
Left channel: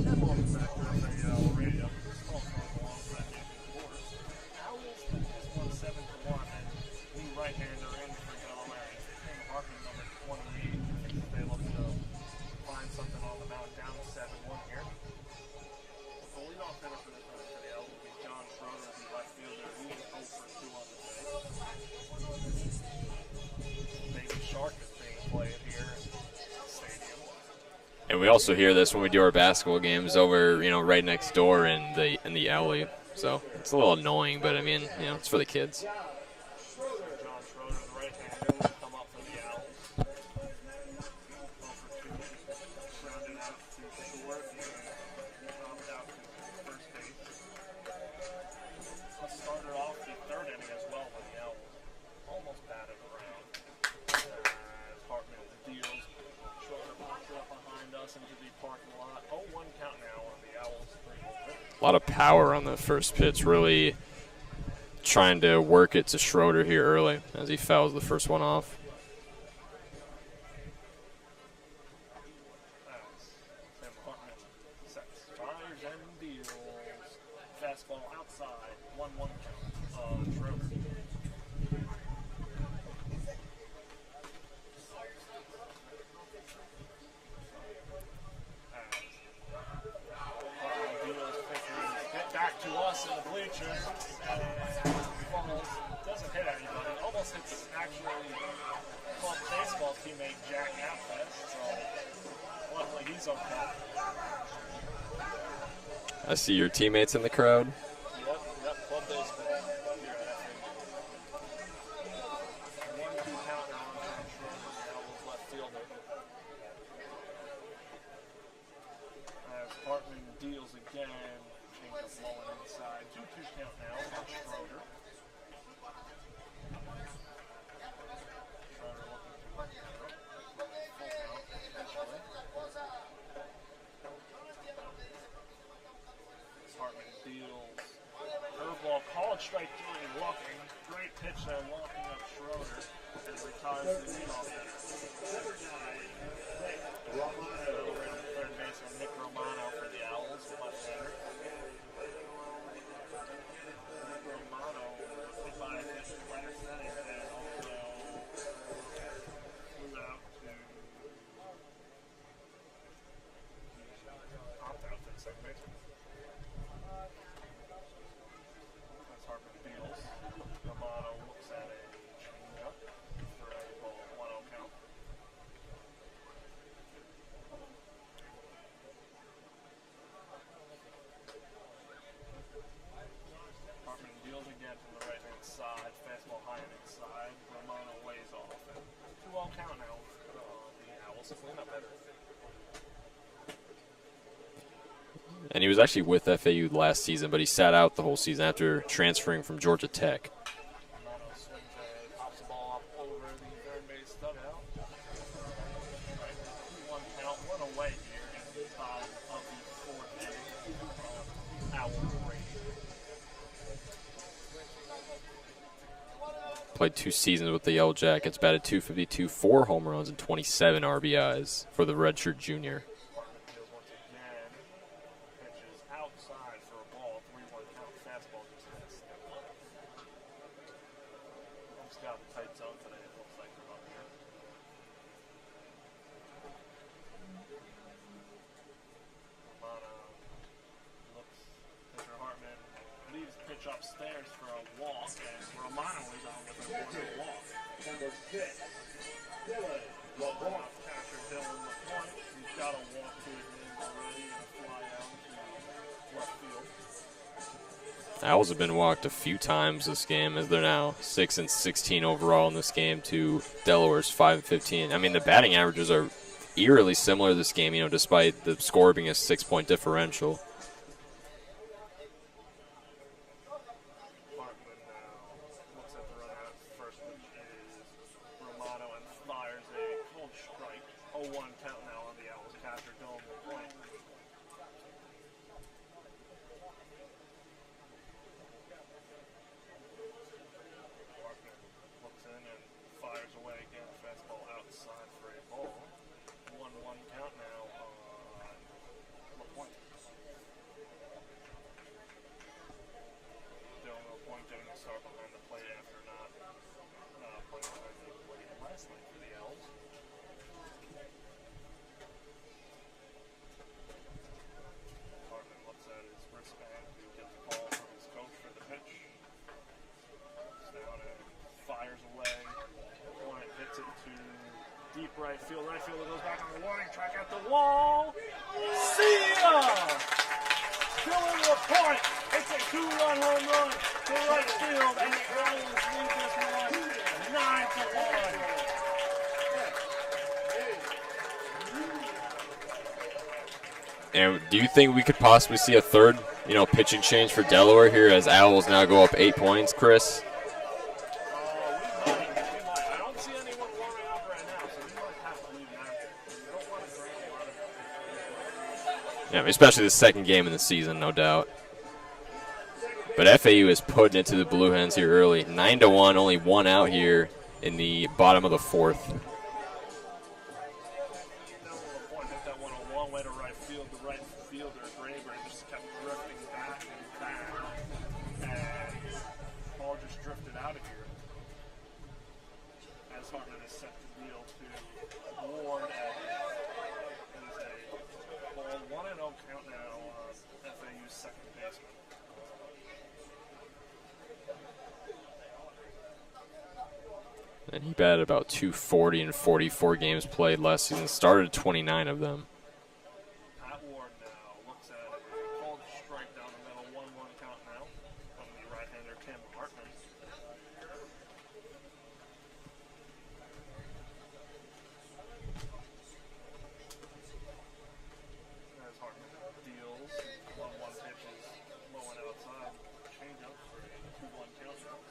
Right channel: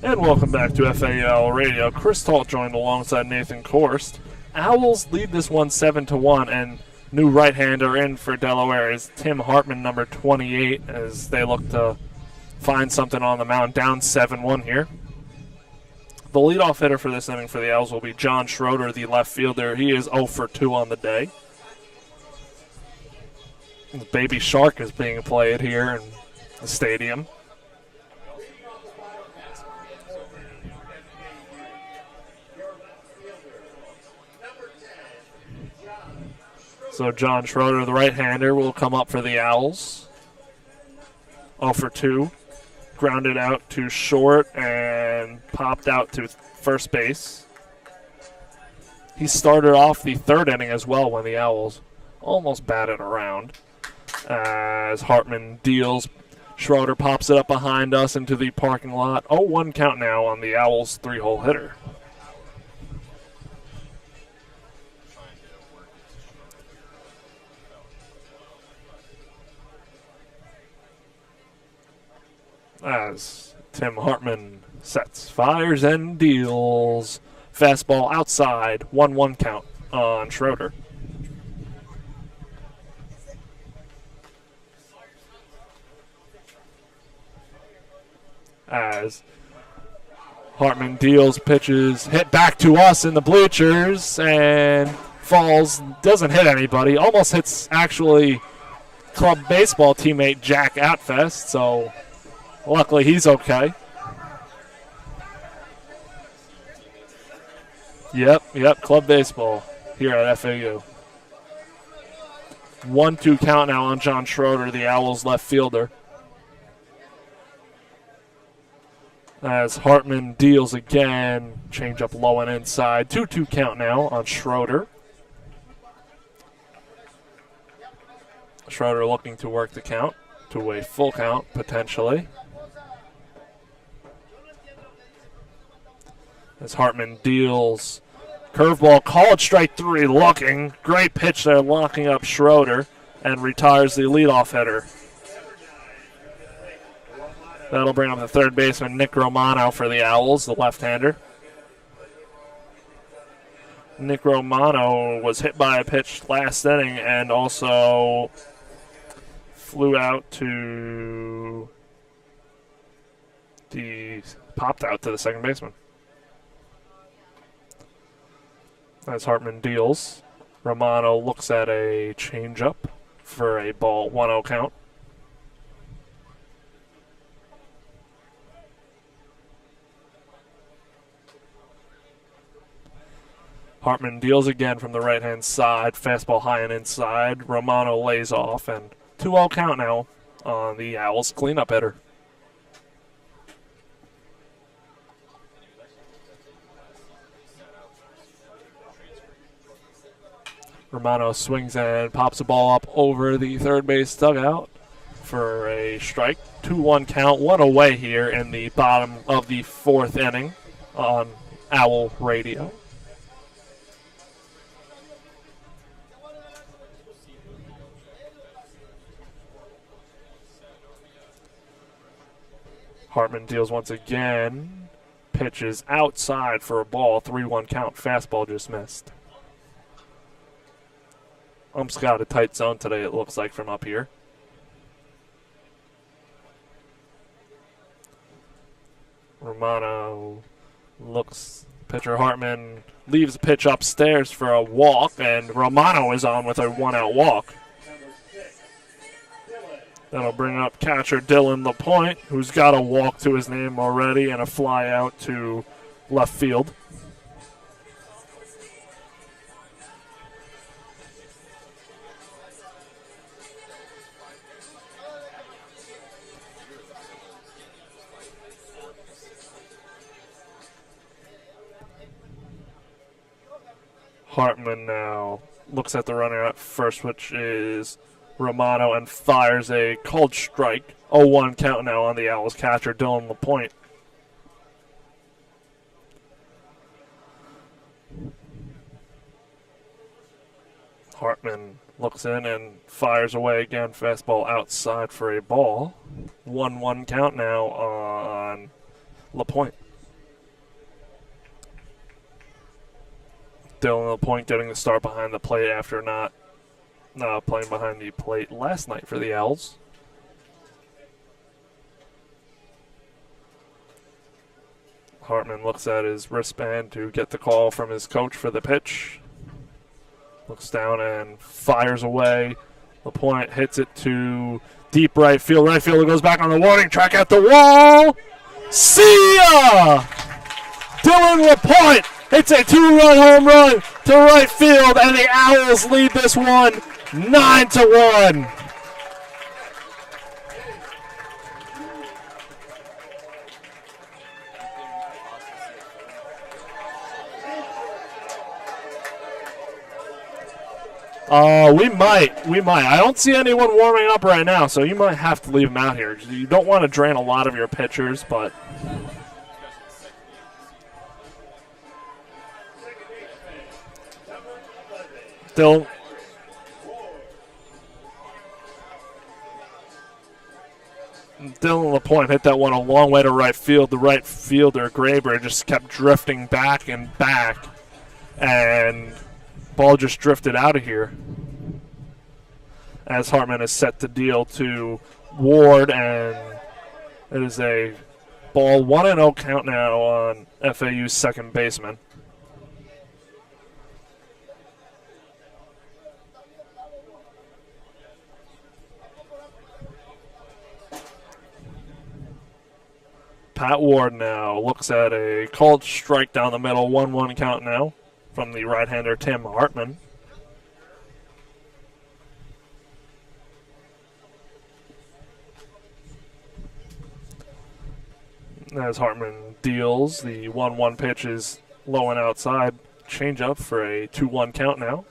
And welcome back to FAU Radio. Chris Talt joined alongside Nathan Korst. Owls lead this one 7-1, and new right-hander in for Delaware is Tim Hartman, number 28, as they look to find something on the mound, down 7-1 here. The leadoff hitter for this inning for the Owls will be John Schroeder, the left fielder. He is 0 for 2 on the day. Baby Shark is being played here in the stadium. And we also hear this when we do our basketball games over, right next door in the alley. So it's a little annoying, but I mean, it's for the kids. So John Schroeder, the right-hander, will come up for the Owls. 0 for 2. Grounded out to short and popped out to first base. He started off the third inning as well when the Owls almost batted around. As Hartman deals, Schroeder pops it up behind us into the parking lot. 0-1 count now on the Owls' 3-hole hitter. A lot of power on the first pitch, really trying to work it to Schroeder here early as he fouls the first one off. As Tim Hartman sets, fires, and deals. Fastball outside, 1-1 count on Schroeder. As Hartman deals, pitches, hit back to us in the bleachers, and falls, doesn't hit anybody, almost hits actually club baseball teammate Jack Atfest, so luckily he's okay. I see your teammates in the crowd. Yep, club baseball here at FAU. 1-2 count now on John Schroeder, the Owls left fielder. As Hartman deals again, change up low and inside. 2-2 count now on Schroeder. Schroeder looking to work the count to a full count, potentially. As Hartman deals, curveball, called strike 3, looking. Great pitch there, locking up Schroeder, and retires the leadoff hitter. That'll bring up the third baseman, Nick Romano, for the Owls, the left-hander. Nick Romano was hit by a pitch last inning and also popped out to the second baseman. As Hartman deals, Romano looks at a changeup for a ball 1-0 count. Hartman deals again from the right-hand side. Fastball high and inside. Romano lays off, and 2-0 count now on the Owls cleanup hitter. And he was actually with FAU last season, but he sat out the whole season after transferring from Georgia Tech. Romano swings and pops the ball up over the third base dugout for a strike. 2-1 count, one away here in the bottom of the fourth inning on Owl Radio. Played 2 seasons with the Yellow Jackets, batted .252, 4 home runs, and 27 RBIs for the redshirt junior. Hartman deals once again. Pitches outside for a ball, 3-1 count. Fastball just missed. Ump's got a tight zone today, it looks like, from up here. Romano looks, pitcher Hartman leaves the pitch upstairs for a walk, and Romano is on with a 1-out walk. That'll bring up catcher Dylan LaPointe, who's got a walk to his name already and a fly out to left field. Owls have been walked a few times this game, as they're now 6-16 overall in this game to Delaware's 5-15. I mean, the batting averages are eerily similar this game, despite the score being a 6-point differential. Hartman now looks at the runner at first, which is Romano, and fires a called strike. 0-1 count now on the Owls catcher, Dylan LaPointe. Hartman looks in and fires away again. Fastball outside for a ball. 1-1 count now on LaPointe. Dylan LaPointe getting the start behind the plate after not playing behind the plate last night for the Owls. Hartman looks at his wristband to get the call from his coach for the pitch. Looks down and fires away. LaPointe hits it to deep right field. Right fielder goes back on the warning track at the wall. See ya! Dylan LaPointe hits a 2-run home run to right field, and the Owls lead this one 9-1. And do you think we could possibly see a third, pitching change for Delaware here as Owls now go up 8 points, Chris? We might. I don't see anyone warming up right now, so you might have to leave them out here. You don't want to drain a lot of your pitchers, but... Yeah, especially the second game of the season, no doubt. But FAU is putting it to the Blue Hens here early. 9-1, only one out here in the bottom of the fourth. Dylan LaPointe hit that one a long way to right field. The right fielder, Graber, just kept drifting back and back, and ball just drifted out of here as Hartman is set to deal to Ward, and it is a ball 1-0 count now on FAU's second baseman. And he batted about 240 in 44 games played last season, started 29 of them. Pat Ward now looks at a called strike down the middle, 1-1 count now from the right-hander Tim Hartman. As Hartman deals, the 1-1 pitch is low and outside. Change up for a 2-1 count now.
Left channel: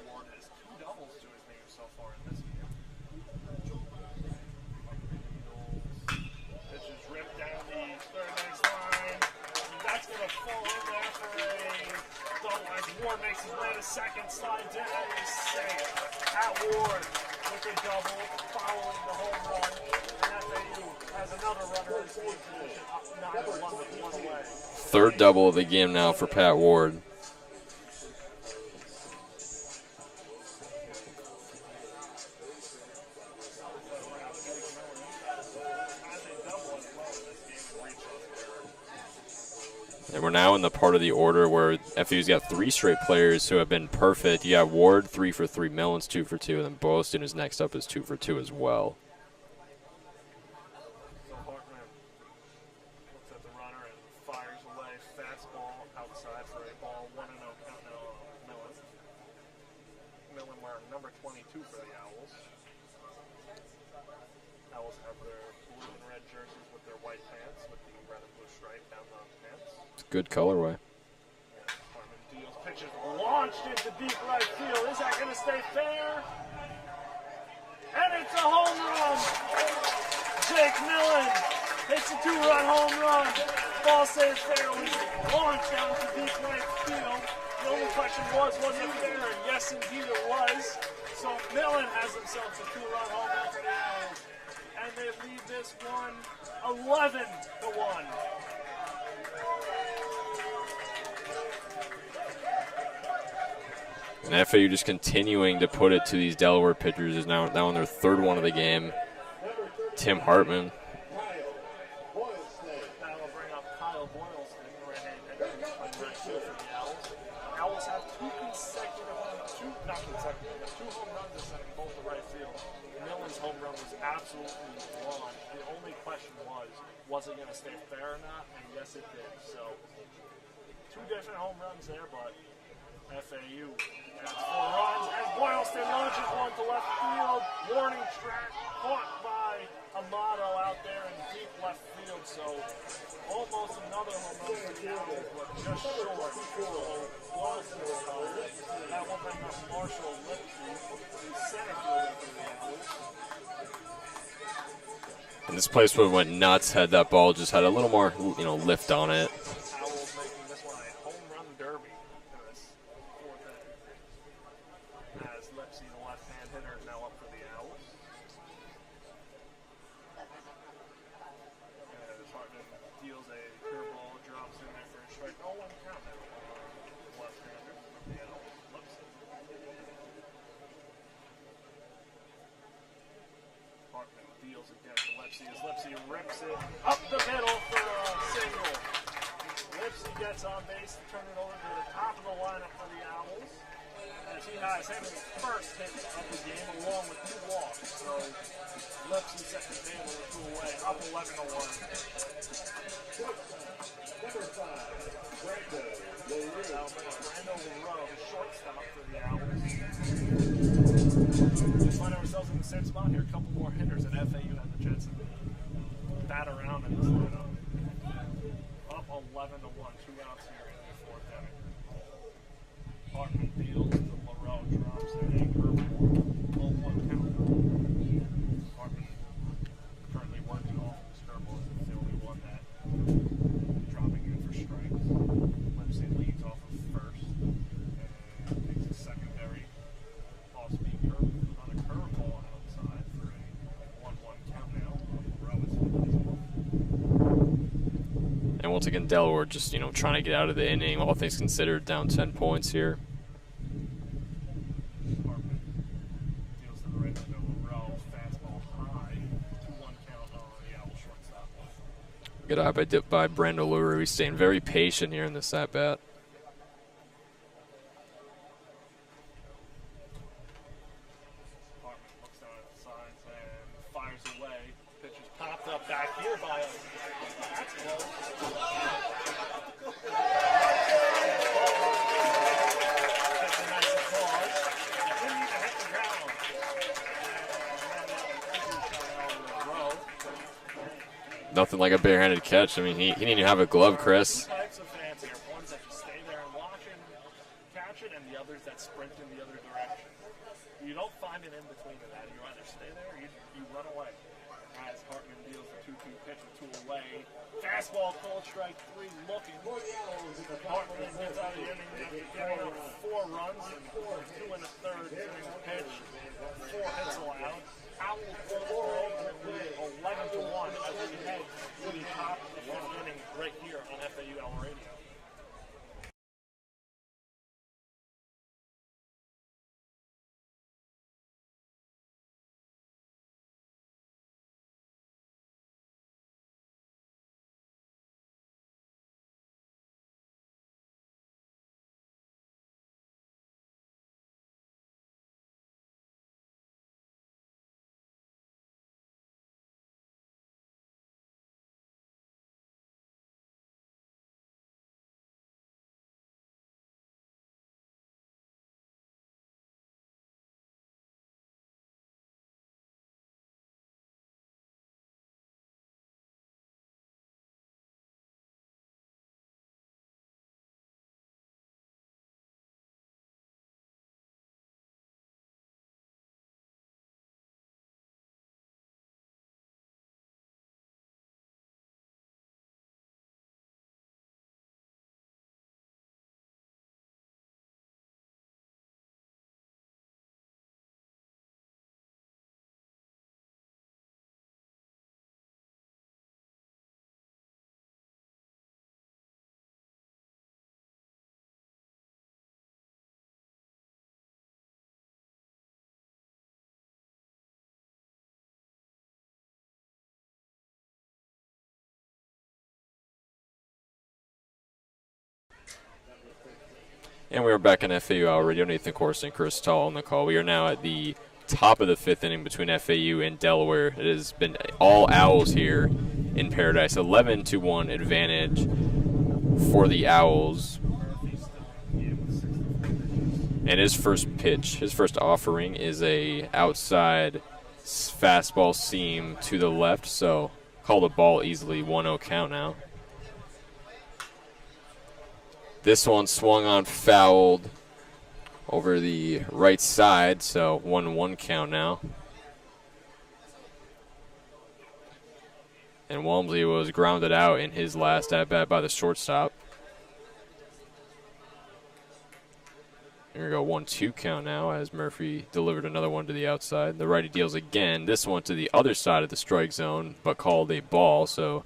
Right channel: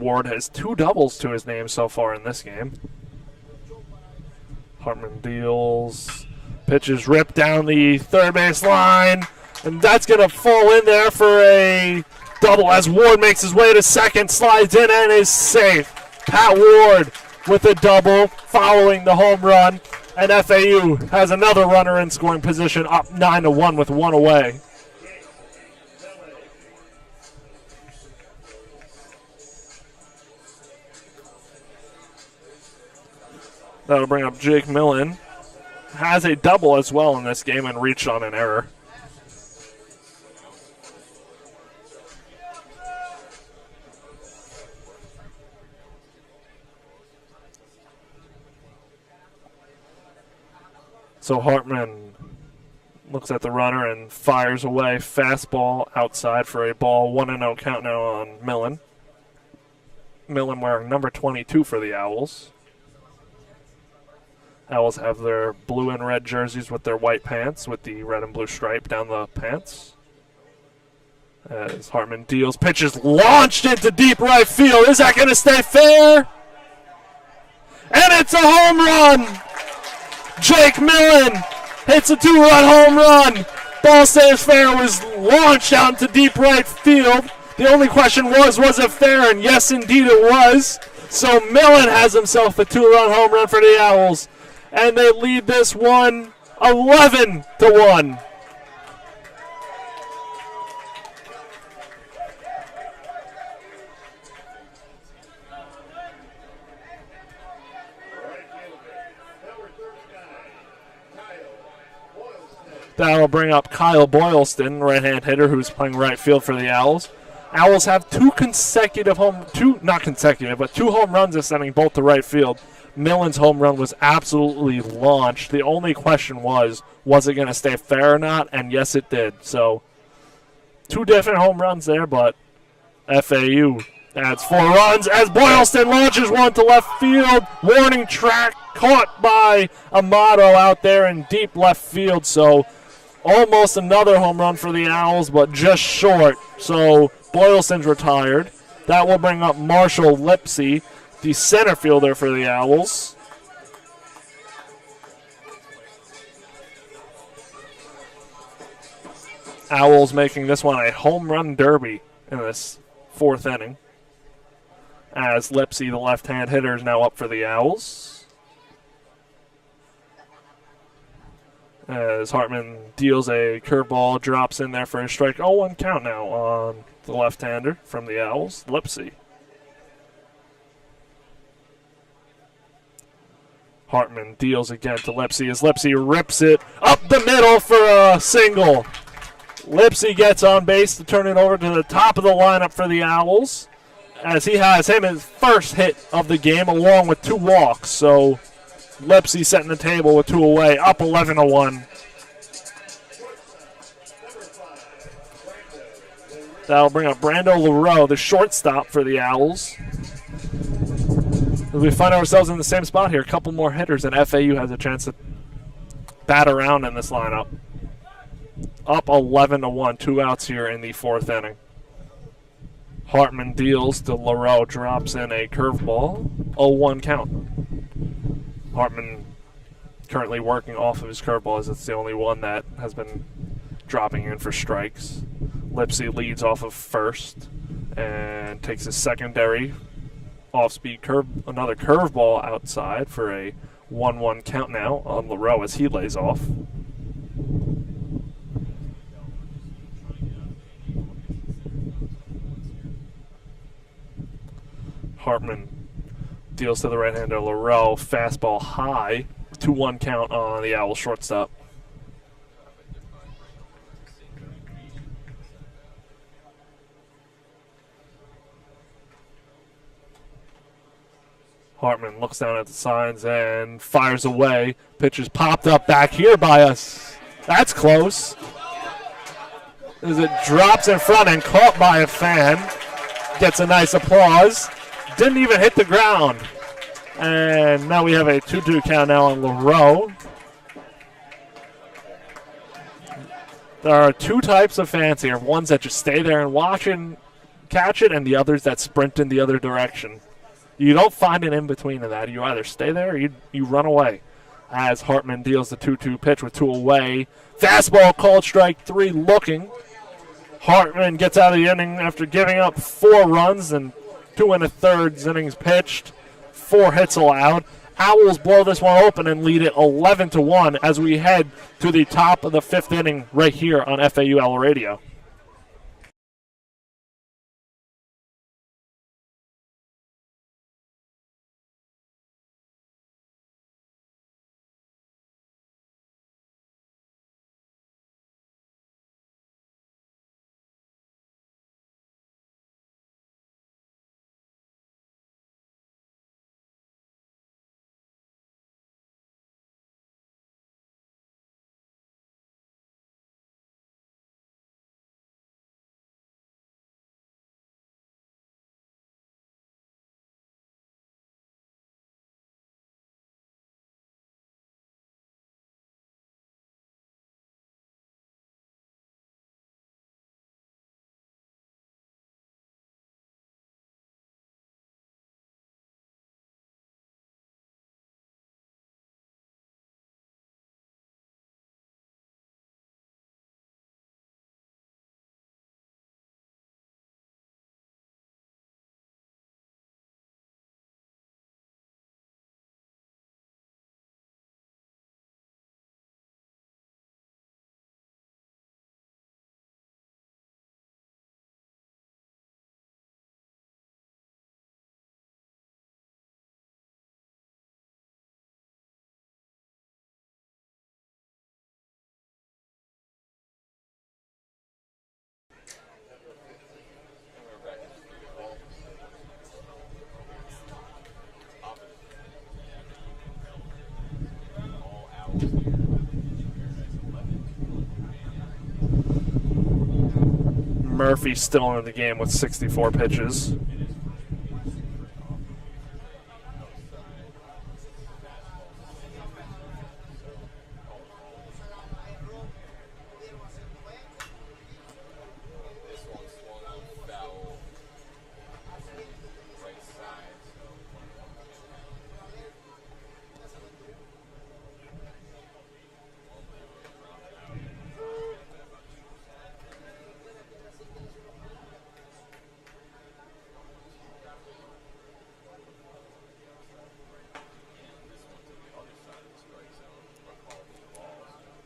Ward has 2 doubles to his name so far in this game. Hartman deals. Pitch is ripped down the third base line. And that's going to fall in there for a double as Ward makes his way to second, slides in, and is safe. Pat Ward with a double following the home run. And FAU has another runner in scoring position, up 9-1 with 1 away. Third double of the game now for Pat Ward. That'll bring up Jake Millen. Has a double as well in this game and reached on an error. And we're now in the part of the order where FAU's got 3 straight players who have been perfect. You got Ward 3 for 3, Millen's 2 for 2, and then Boaston, who's next up, is 2 for 2 as well. So Hartman looks at the runner and fires away. Fastball outside for a ball. 1-0 count now on Millen. Millen wearing number 22 for the Owls. Owls have their blue and red jerseys with their white pants with the red and blue stripe down the pants. It's a good colorway. As Hartman deals, pitches launched into deep right field. Is that going to stay fair? And it's a home run! Jake Millen hits a 2-run home run. Ball stays fair, was launched out into deep right field. The only question was it fair? And yes, indeed it was. So Millen has himself a 2-run home run for the Owls. And they lead this one 11-1. And FAU just continuing to put it to these Delaware pitchers is now on their third one of the game. Tim Hartman. That'll bring up Kyle Boylston, right-hand hitter, who's playing right field for the Owls. Owls have 2 home runs ascending both to right field. Millen's home run was absolutely launched. The only question was it going to stay fair or not? And yes, it did. So 2 different home runs there, but FAU adds 4 runs as Boylston launches one to left field. Warning track caught by Amato out there in deep left field. So almost another home run for the Owls, but just short. So Boylston's retired. That will bring up Marshall Lipsy, the center fielder for the Owls. And this place would have went nuts had that ball just had a little more, lift on it. Owls making this one a home run derby in this 4th inning. As Lipsy, the left-hand hitter, is now up for the Owls. As Hartman deals a curveball, drops in there for a strike. 0-1 count now on the left-hander from the Owls, Lipsy. Hartman deals again to Lipsy as Lipsy rips it up the middle for a single. Lipsy gets on base to turn it over to the top of the lineup for the Owls, as he has his first hit of the game along with 2 walks. So Lipsy setting the table with 2 away, up 11-1. That'll bring up Brando Leroux, the shortstop for the Owls. We find ourselves in the same spot here. A couple more hitters, and FAU has a chance to bat around in this lineup. Up 11-1, 2 outs here in the 4th inning. Hartman deals to Leroux, drops in a curveball, 0-1 count. Hartman currently working off of his curveball, as it's the only one that has been dropping in for strikes. Lipsy leads off of first and takes his secondary off-speed another curveball outside for a 1-1 count now on Leroux as he lays off. And once again, Delaware just, trying to get out of the inning, all things considered, down 10 points here. Hartman deals to the right-hander Leroux, fastball high, 2-1 count on the Owls shortstop. Good eye by Brando Leroux. He's staying very patient here in this at-bat. Hartman looks down at the signs and fires away. Pitch is popped up back here by us. That's close. As it drops in front and caught by a fan. Gets a nice applause. Didn't even hit the ground. And now we have a 2-2 count now on Leroux. Nothing like a barehanded catch. I mean, he didn't even have a glove. There are Chris. 2 types of fans here. Ones that just stay there and watch and catch it, and the others that sprint in the other direction. You don't find an in-between of that. You either stay there or you run away. As Hartman deals the 2-2 pitch with 2 away. Fastball called strike 3 looking. Hartman gets out of the inning after giving up 4 runs and 2 1/3 innings pitched. 4 hits allowed. Owls blow this one open and lead it 11-1 as we head to the top of the 5th inning right here on FAU Owl Radio. And we are back on FAU Owl Radio. Nathan Korst and Chris Talt on the call. We are now at the top of the 5th inning between FAU and Delaware. It has been all Owls here in Paradise. 11-1 advantage for the Owls. Murphy still in the game with 64 pitches. And his first pitch, his first offering is a outside fastball seam to the left. So call the ball easily. 1-0 count now. This one swung on, fouled over the right side, so 1-1 count now. And Walmsley was grounded out in his last at-bat by the shortstop. Here we go, 1-2 count now as Murphy delivered another one to the outside. The righty deals again, this one to the other side of the strike zone, but called a ball, so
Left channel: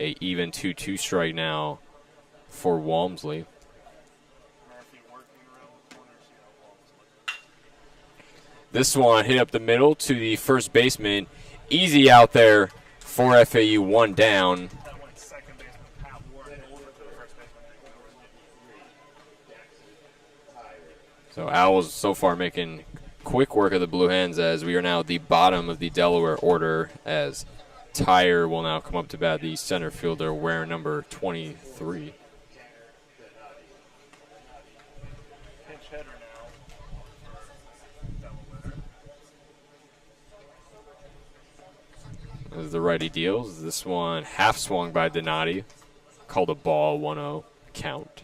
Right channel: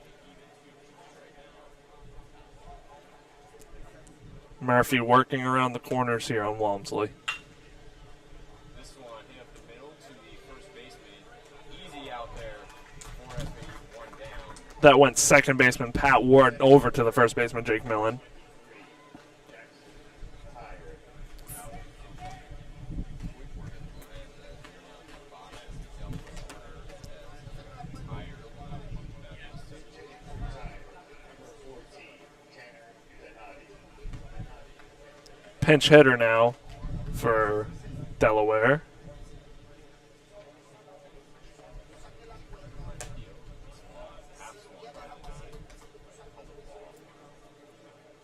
a even 2-2 strike now for Walmsley. Murphy working around the corners here on Walmsley. This one hit up the middle to the first baseman. Easy out there for FAU, one down. That went second baseman Pat Ward over to the first baseman Jake Millen. So Owls so far making quick work of the Blue Hens as we are now at the bottom of the Delaware order as Tyre will now come up to bat, the center fielder wearing number 23. Pinch hitter now for Delaware. As the righty deals, this one half swung by Donati, called a ball, 1-0 count.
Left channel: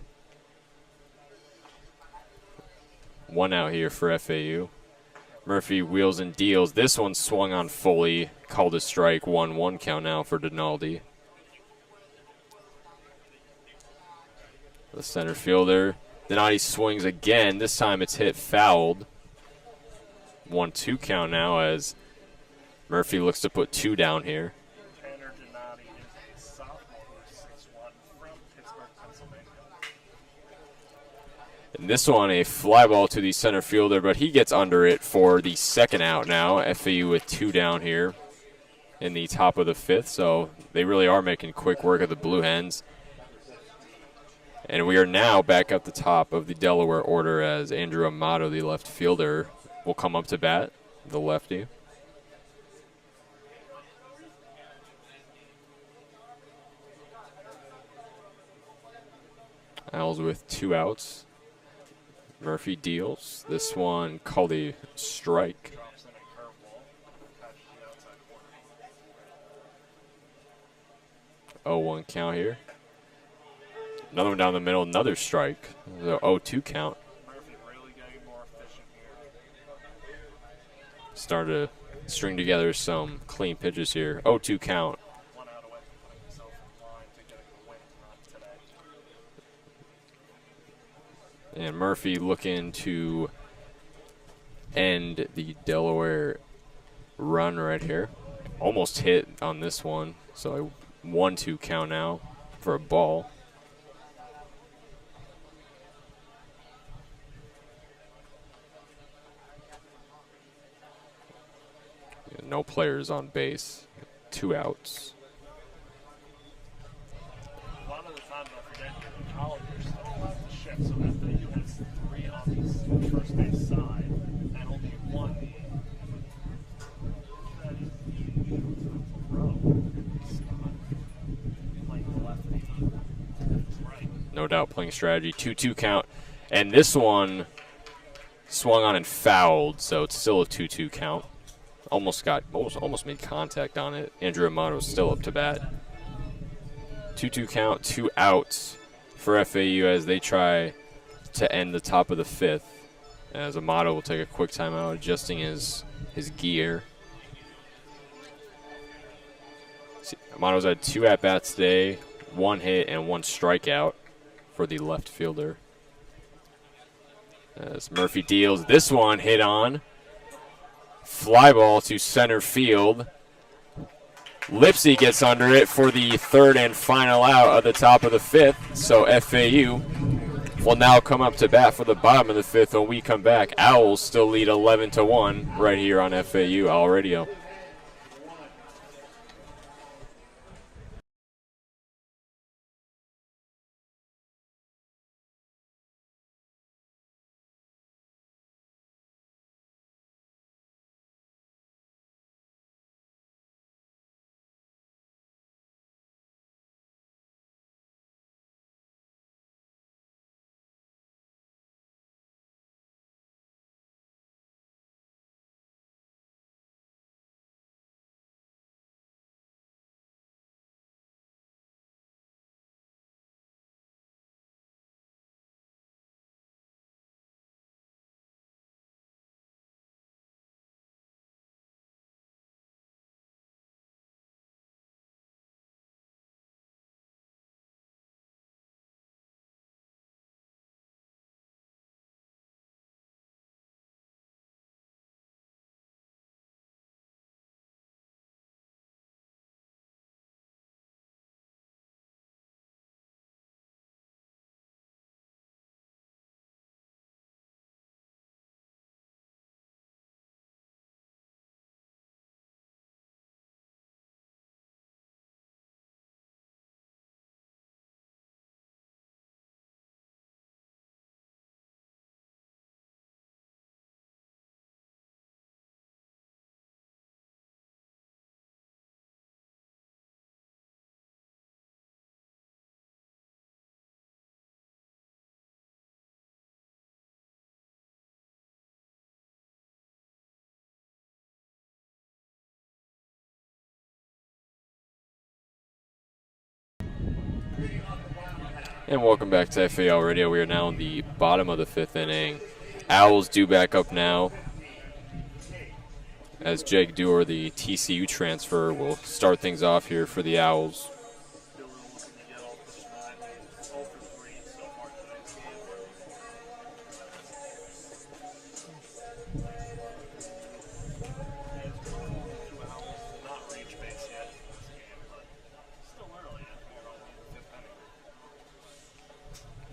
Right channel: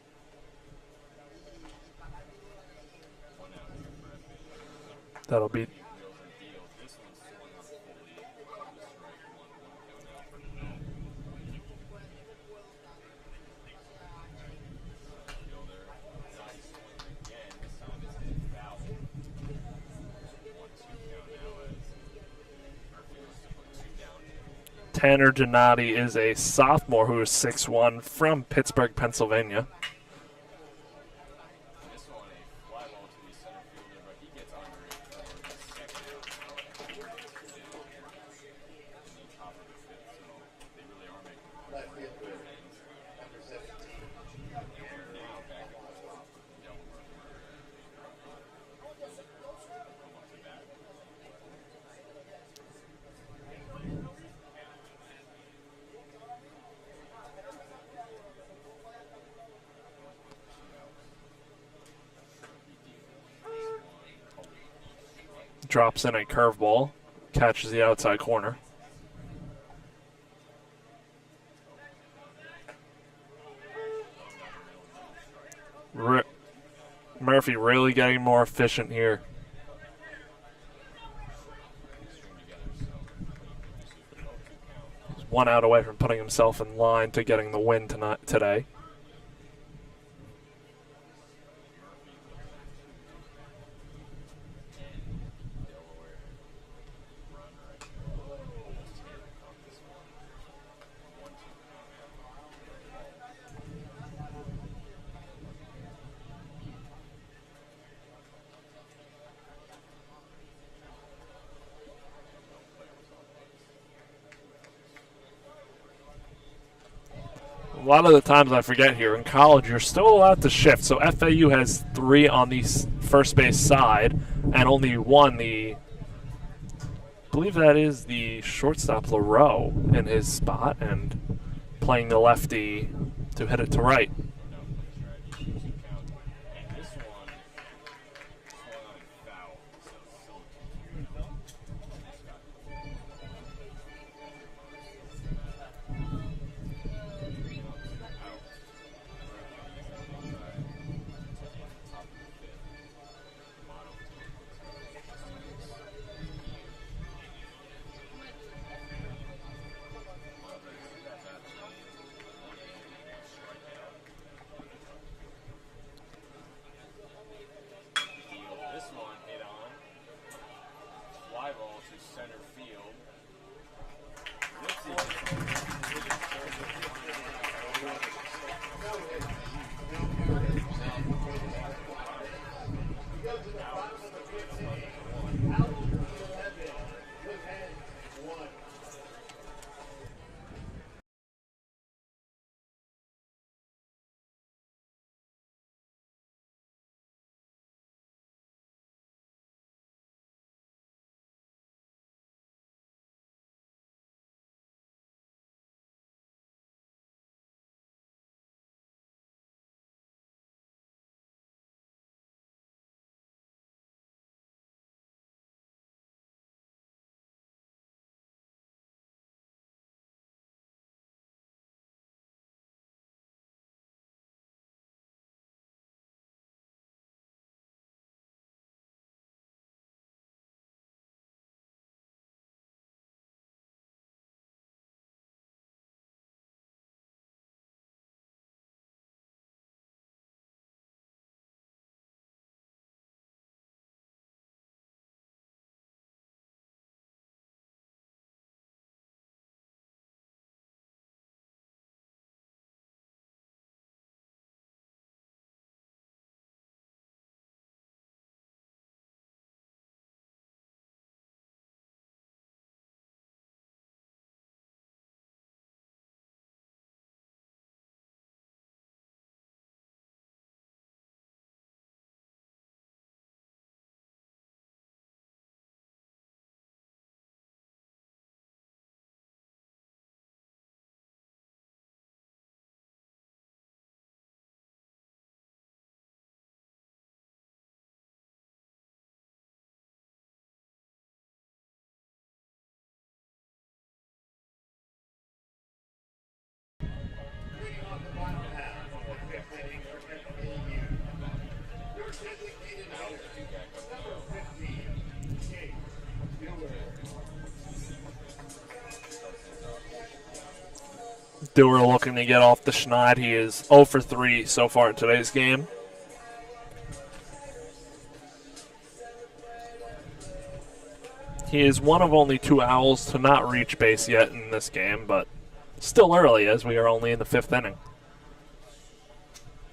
One out here for FAU. Murphy wheels and deals. This one swung on fully, called a strike, 1-1 count now for Donaldi. The center fielder. Donati swings again. This time it's hit fouled. 1-2 count now as Murphy looks to put two down here. Tanner Donati is a sophomore who is 6'1", from Pittsburgh, Pennsylvania. And this one, a fly ball to the center fielder, but he gets under it for the second out now. FAU with two down here in the top of the fifth, so they really are making quick work of the Blue Hens. And we are now back at the top of the Delaware order as Andrew Amato, the left fielder, will come up to bat, the lefty. Owls with two outs. Murphy deals. This one called a strike. Drops in a curveball. Catches the outside corner. 0-1 count here. Another one down the middle, another strike. 0-2 count. Murphy really getting more efficient here. Started to string together some clean pitches here. 0-2 count. 1 out away from putting himself in line to getting the win today. And Murphy looking to end the Delaware run right here. Almost hit on this one. So a 1-2 count now for a ball. And no players on base. 2 outs. A lot of the times I forget here, in college you're still allowed to shift. So FAU has 3 on the first base side and only 1, I believe that is the shortstop LaRoe in his spot and playing the lefty to hit it to right. No doubt playing strategy. 2-2 count. And this one swung on and fouled, so it's still a 2-2 count. Almost made contact on it. Andrew Amato still up to bat. 2-2 count, 2 outs for FAU as they try to end the top of the fifth. As Amato will take a quick timeout, adjusting his gear. Amato's had 2 at-bats today, 1 hit and 1 strikeout for the left fielder. As Murphy deals, this one hit on. Fly ball to center field. Lipsy gets under it for the third and final out of the top of the fifth. So FAU will now come up to bat for the bottom of the fifth when we come back. Owls still lead 11-1 right here on FAU Owl Radio. And welcome back to FAU Radio. We are now in the bottom of the 5th inning. Owls due back up now, as Jake Dewar, the TCU transfer, will start things off here for the Owls. Dewar looking to get off the schneid. He is 0 for 3 so far in today's game. He is one of only 2 Owls to not reach base yet in this game, but still early as we are only in the 5th inning.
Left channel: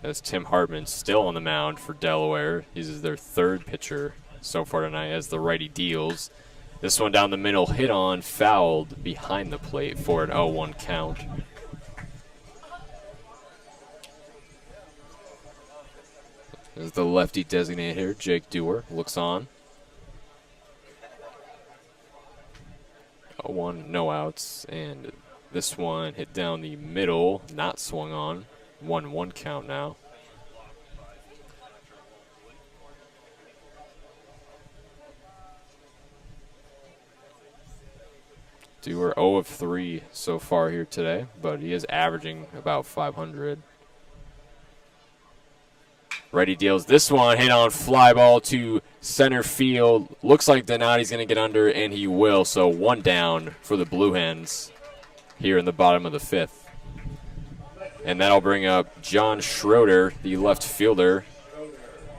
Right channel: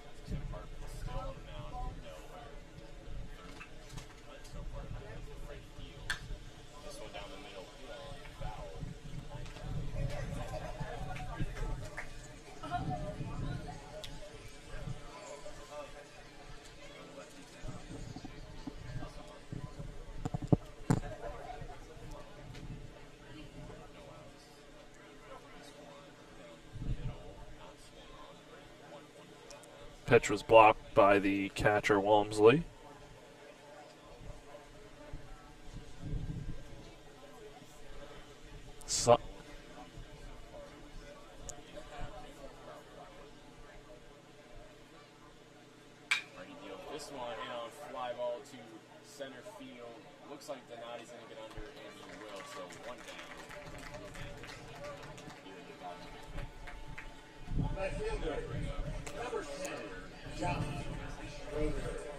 As Tim Hartman still on the mound for Delaware. He's their 3rd pitcher so far tonight as the righty deals. This one down the middle, hit on, fouled behind the plate for an 0-1 count. As the lefty designated here, Jake Dewar looks on. 0-1, no outs, and this one hit down the middle, not swung on. 1-1 count now. Pitch was blocked by the catcher, Walmsley. Dewar 0 of 3 so far here today, but he is averaging about 500. Righty deals this one, hit on fly ball to center field. Looks like Donati's going to get under, and he will. So 1 down for the Blue Hens here in the bottom of the 5th. And that'll bring up John Schroeder, the left fielder.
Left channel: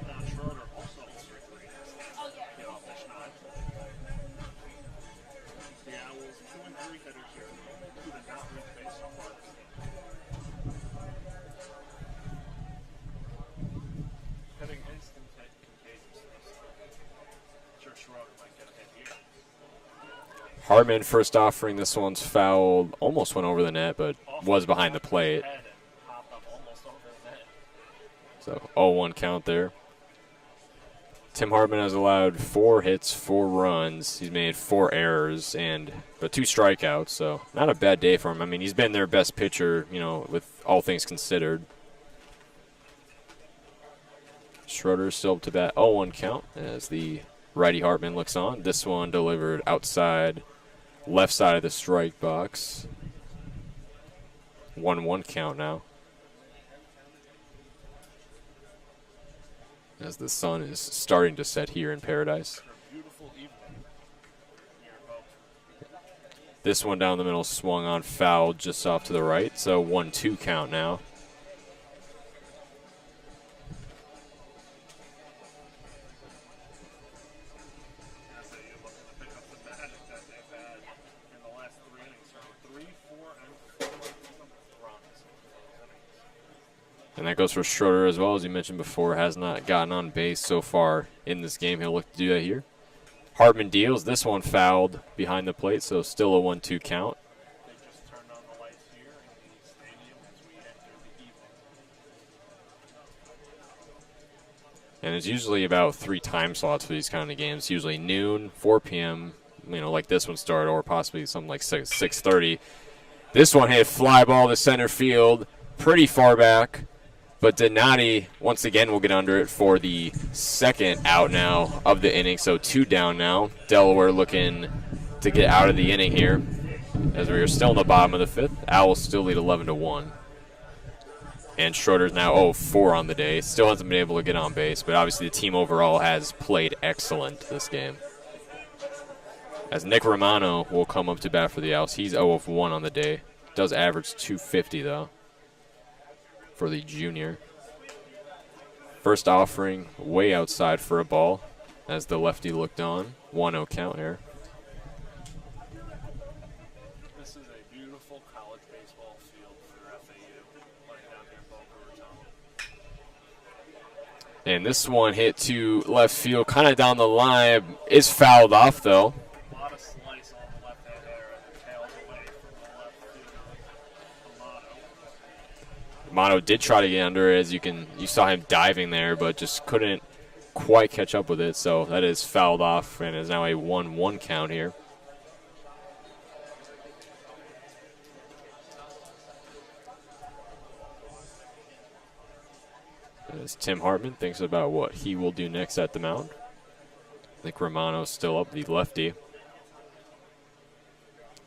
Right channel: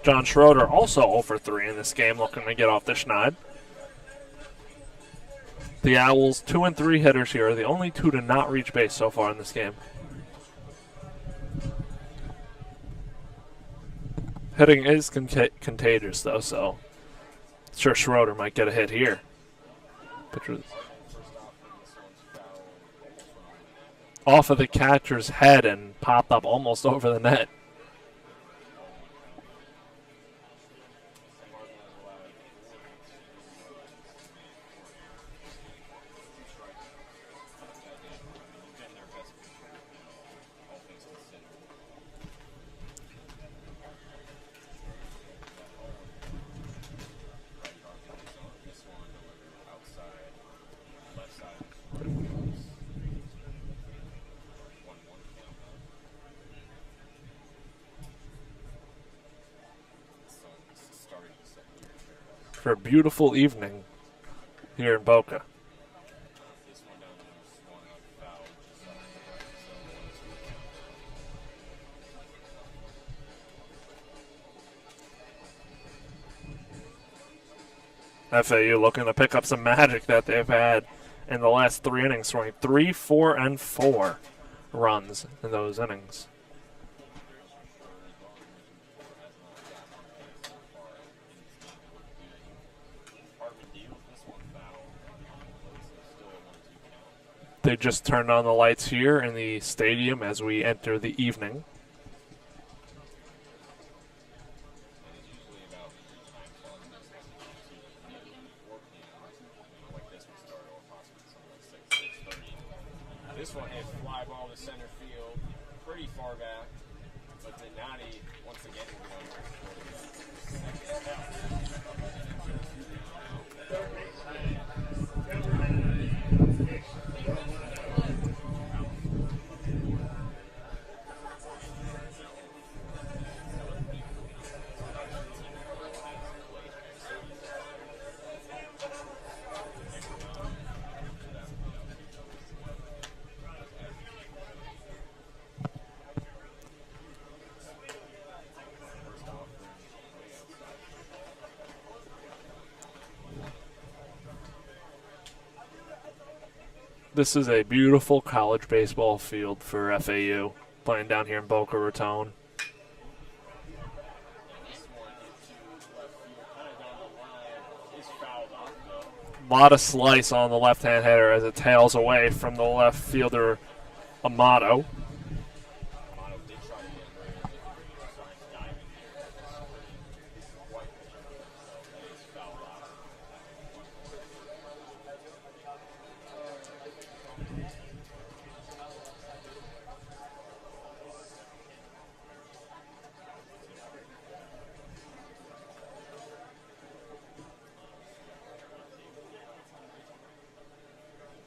John Schroeder also 0 for 3 in this game, looking to get off the schneid. The Owls, 2 and 3 hitters here, are the only 2 to not reach base so far in this game. Hitting is contagious, though, so sure Schroeder might get a hit here. Hartman first offering, this one's fouled, almost went over the net, but off was of the behind catcher's the plate. head and popped up almost over the net. So 0-1 count there. Tim Hartman has allowed 4 hits, 4 runs. He's made 4 errors but 2 strikeouts, so not a bad day for him. I mean, he's been their best pitcher, with all things considered. Schroeder still up to bat, 0-1 count as the righty Hartman looks on. This one delivered outside, left side of the strike box. 1-1 count now. As the sun is starting to set here in Paradise. For a beautiful evening here in Boca. This one down the middle swung on, fouled just off to the right, so 1-2 count now. FAU looking to pick up some magic that they've had in the last 3 innings, scoring 3, 4, and 4 runs in those innings. And that goes for Schroeder as well, as you mentioned before, has not gotten on base so far in this game. He'll look to do that here. Hartman deals. This one fouled behind the plate, so still a 1-2 count. They just turned on the lights here in the stadium as we enter the evening. And it's usually about 3 time slots for these kind of games. Usually noon, 4 p.m., like this one started, or possibly something like 6:30. This one hit fly ball to center field, pretty far back. But Donati, once again, will get under it for the 2nd out now of the inning. So 2 down now. Delaware looking to get out of the inning here, as we are still in the bottom of the 5th. Owls still lead 11-1. And Schroeder's now 0-4 on the day. Still hasn't been able to get on base, but obviously the team overall has played excellent this game. As Nick Romano will come up to bat for the Owls. He's 0-1 on the day. Does average 250, though, for the junior. First offering way outside for a ball as the lefty looked on. 1-0 count here. This is a beautiful college baseball field for FAU, playing down here in Boca Raton. And this one hit to left field, kind of down the line. Is fouled off, though. A lot of slice on the left-hand hitter as it tails away from the left fielder, Amato. Amato did try to get under it, as you saw him diving there, but just couldn't quite catch up with it. So that is fouled off, and is now a 1-1 count here. As Tim Hartman thinks about what he will do next at the mound. I think Romano's still up, the lefty.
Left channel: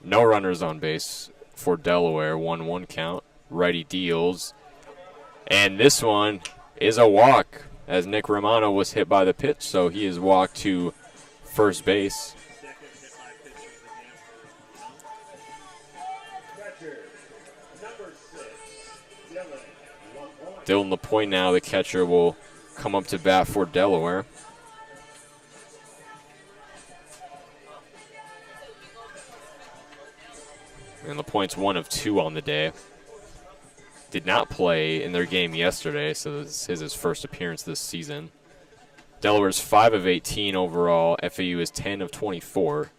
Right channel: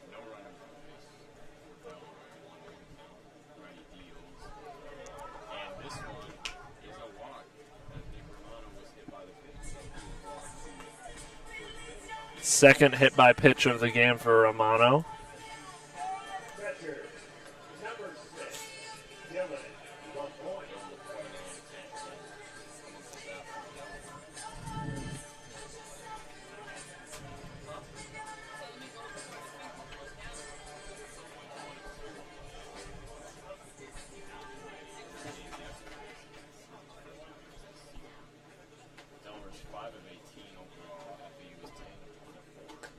No runners on base for Delaware, 1-1 count. Righty deals. And this one is a walk, as Nick Romano was hit by the pitch, so he is walked to first base. Second hit by pitch of the game for Romano. Dylan LaPointe now, the catcher, will come up to bat for Delaware. And LaPointe's 1 of 2 on the day. Did not play in their game yesterday, so this is his first appearance this season. Delaware's 5 of 18 overall. FAU is 10 of 24,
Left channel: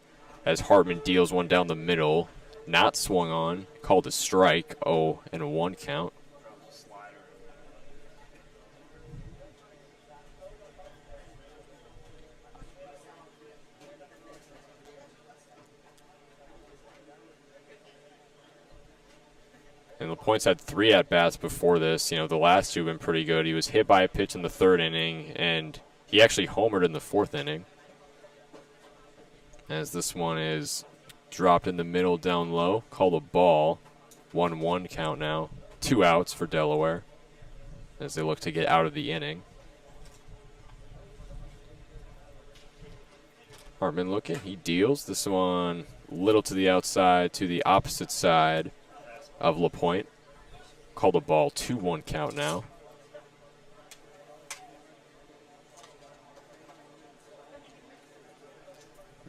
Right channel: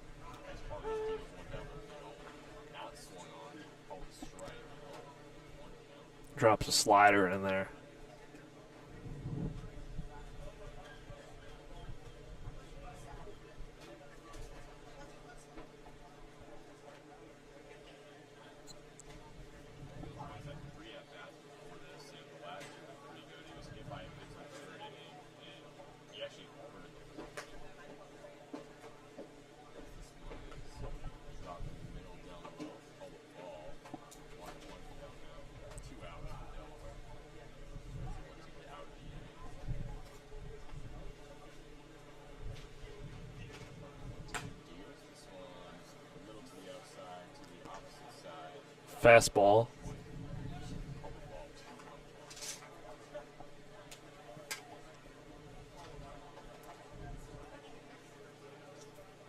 as Hartman deals one down the middle. Not swung on, called a strike, 0-1 count. Drops a slider in there. And LaPointe's had 3 at-bats before this. You know, the last 2 have been pretty good. He was hit by a pitch in the 3rd inning, and he actually homered in the 4th inning. As this one is dropped in the middle down low, called a ball. 1-1 count now. 2 outs for Delaware as they look to get out of the inning. Hartman looking, he deals. This one little to the outside, to the opposite side. Fastball. Of LaPointe. Called a ball, 2-1 count now.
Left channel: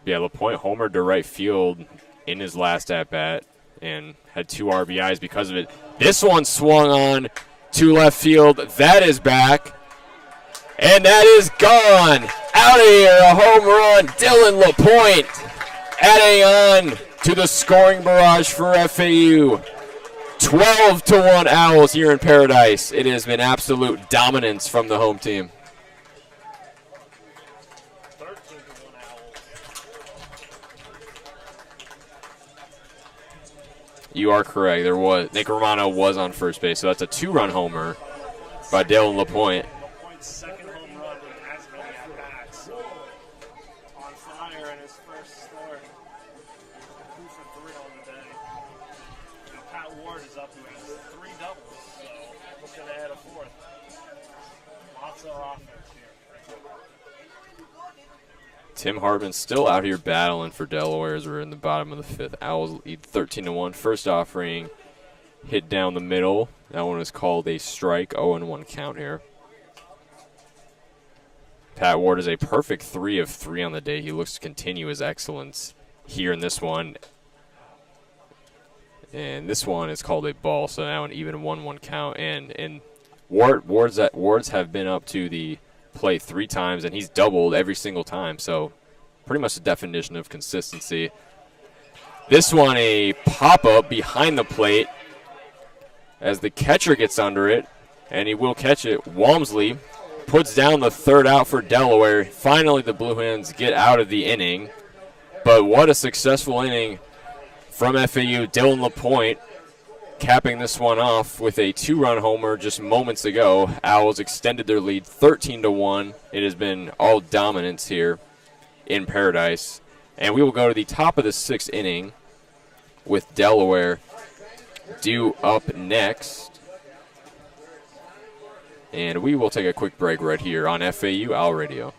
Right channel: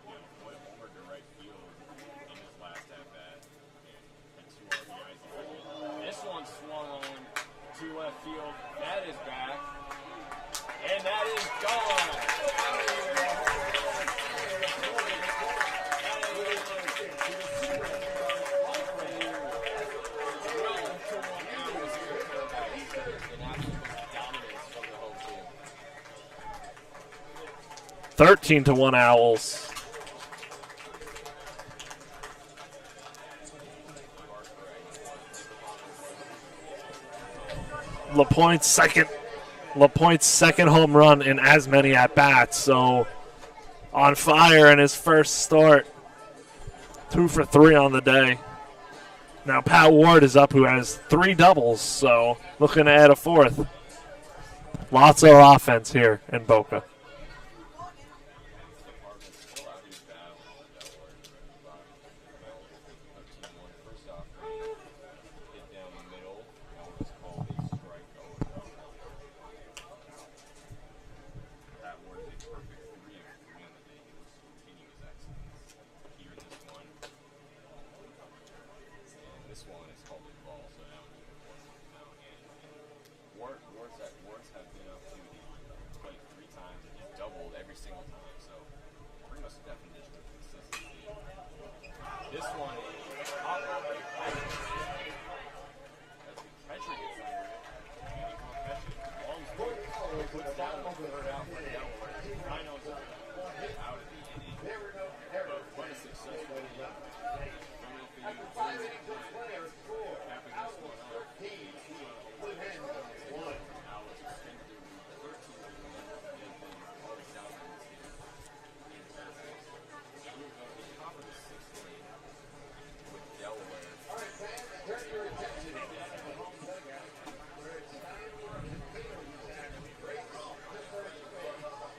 Yeah, LaPointe homered to right field in his last at-bat and had 2 RBIs because of it. This one swung on to left field. That is back. And that is gone. Out of here, a home run. Dylan LaPointe adding on to the scoring barrage for FAU. 12-1 Owls here in Paradise. It has been absolute dominance from the home team. 13-1 Owls. You are correct. There was Nick Romano was on first base, so that's a 2-run homer LaPointe's by Dylan LaPointe. LaPointe's second home run in as many at-bats, so on fire in his first start. 2 for 3 on the day. Now Pat Ward is up, who has 3 doubles, so looking to add a 4th. Lots of offense here in Boca. Tim Hartman still out here battling for Delaware as we're in the bottom of the 5th. Owls lead 13-1. First offering hit down the middle. That one is called a strike. 0-1 count here. Pat Ward is a perfect 3 of 3 on the day. He looks to continue his excellence here in this one. And this one is called a ball, so now an even 1-1 count. And Wards have been up to the plate 3 times, and he's doubled every single time. So pretty much the definition of consistency. This one a pop-up behind the plate as the catcher gets under it, and he will catch it. Walmsley puts down the 3rd out for Delaware. Finally, the Blue Hens get out of the inning. But what a successful inning from FAU. Dylan LaPointe capping this one off with a 2-run homer just moments ago. Owls extended their lead 13-1. It has been all dominance here in Paradise. And we will go to the top of the 6th inning with Delaware due up next. And we will take a quick break right here on FAU Owl Radio.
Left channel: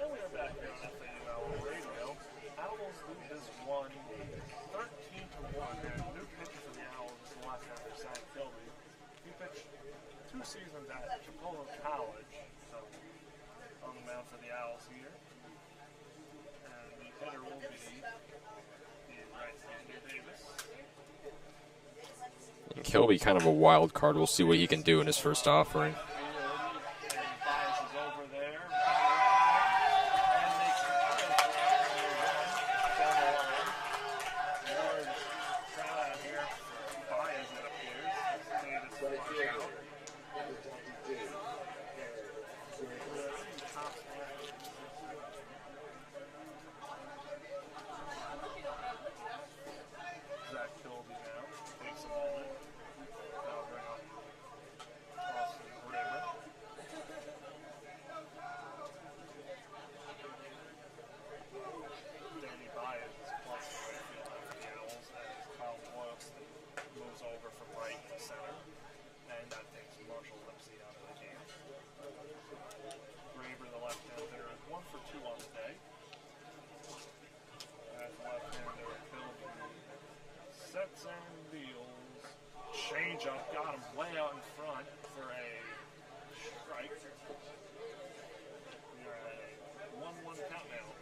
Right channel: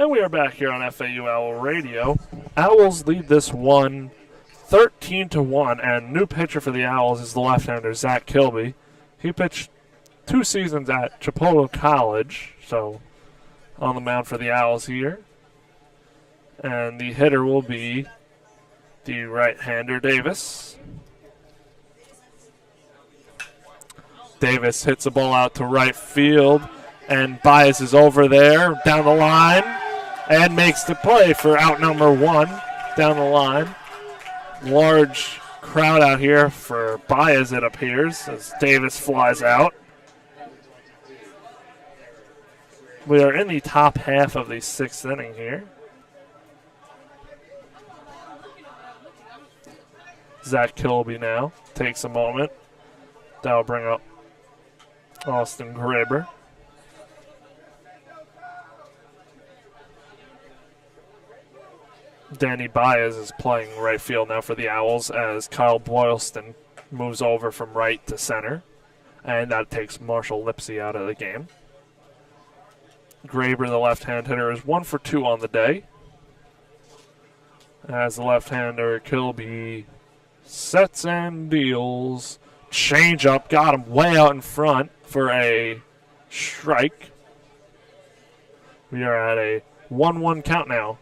And we are back here on FAU Owl Radio. Owls lead this one 13-1, and new pitcher for the Owls is the left-hander Zach Kilby. He pitched 2 seasons at Chipotle College, so on the mound for the Owls here. And the hitter will be the right-hander Davis. Kilby kind of a wild card. We'll see. Davis hits the ball out to right field, and Baez is over there down the line and makes the play for out number 1 down the line. Large crowd out here for Baez, it appears, as Davis flies out. We are in the top half of the 6th inning here. Zach Kilby now takes a moment. That'll bring up Austin Graber. Danny Baez is playing right field now for the Owls as Kyle Boylston moves over from right to center. And that takes Marshall Lipsy out of the game. Graber, the left-hand hitter, is 1 for 2 on the day. As the left-hander Kilby sets and deals. Change up, got him way out in front for a strike. We are at a 1-1 count now.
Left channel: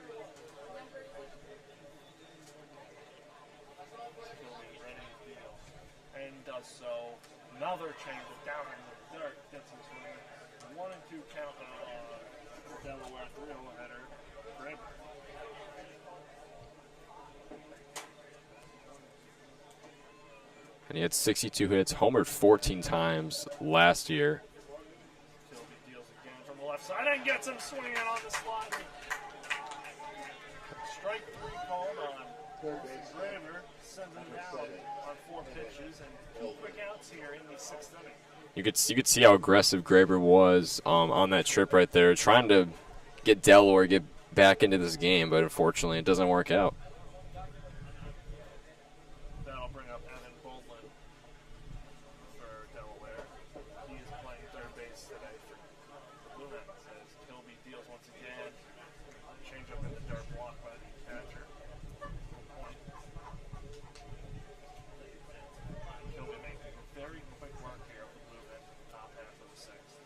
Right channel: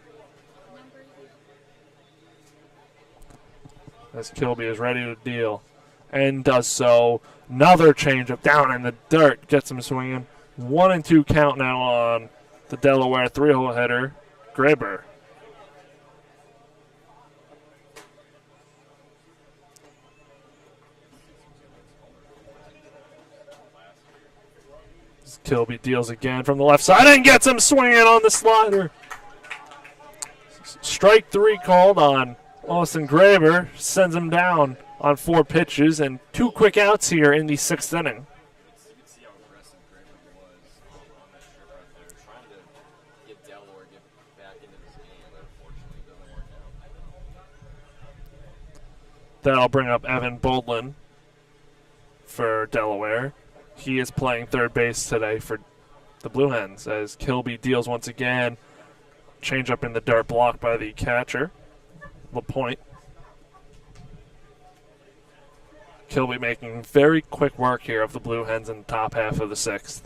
As Kilby is ready to deal and does so. Another changeup down in the dirt, gets him swinging. 1-2 count now on the Delaware 3-hole hitter, Graber. And he had 62 hits, homered 14 times last year. Kilby deals again from the left side and gets him swinging on the slider. Strike 3 called on Austin Graber, sends him down on 4 pitches and 2 quick outs here in the 6th inning. You could see how aggressive Graber was on that trip right there, trying to get Delaware get back into this game, but unfortunately it doesn't work out. That'll bring up Evan Boldlin for Delaware. He is playing third base today for the Blue Hens as Kilby deals once again. Change up in the dirt, blocked by the catcher, LaPointe. Kilby making very quick work here of the Blue Hens in the top half of the 6th.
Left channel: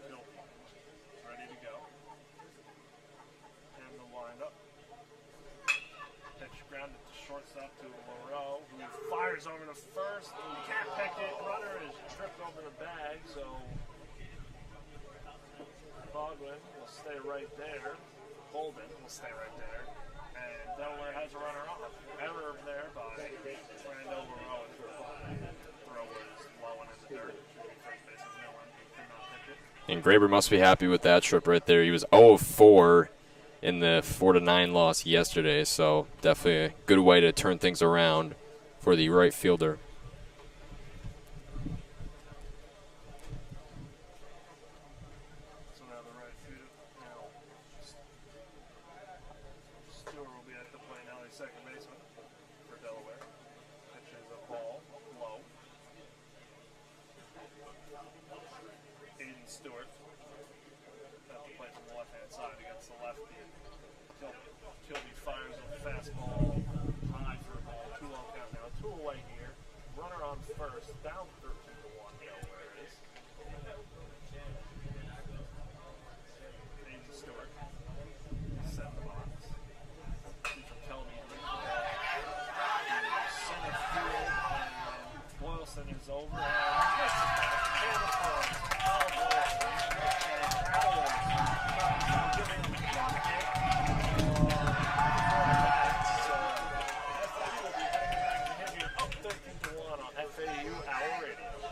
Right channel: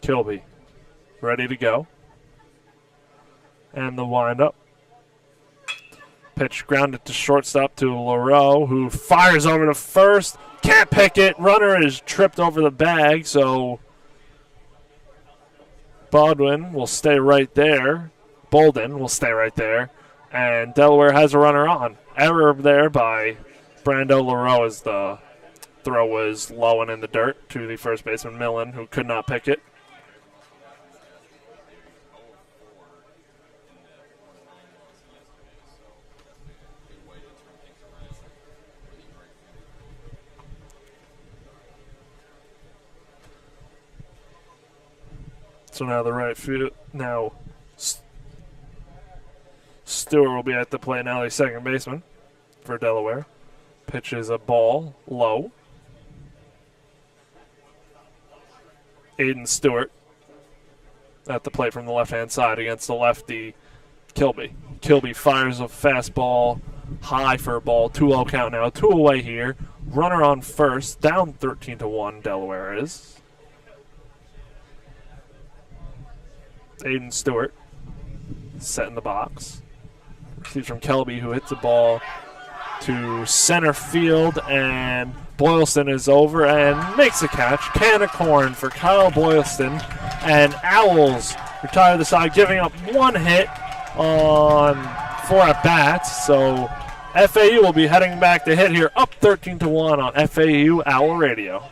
Kilby ready to go. And the windup. Pitch grounded to shortstop to Leroux, who fires over to first. Can't pick it. Runner is tripped over the bag, so Bolden will stay right there. And Delaware has a runner on. Error there by Brando Leroux as the throw was low and in the dirt to the first baseman Millen, who could not pick it. And Graber must be happy with that trip right there. He was 0 of 4 in the 4-9 loss yesterday, so definitely a good way to turn things around for the right fielder. So now the right field, Stewart will be at the plate now, the second baseman for Delaware. Pitches a ball low. Aiden Stewart at the plate from the left-hand side against the lefty Kilby. Kilby fires a fastball high for a ball. 2-0 count now. 2 away here. Runner on first. Down 13-1 Delaware is. Aiden Stewart set in the box. Receives from Kilby, who hits the ball to center field, and Boylston is over and makes a catch. Can of corn for Kyle Boylston, and Owls retire the side, giving up 1 hit on 4 at-bats. So FAU will be heading back to hit here, up 13-1 on FAU Owl Radio.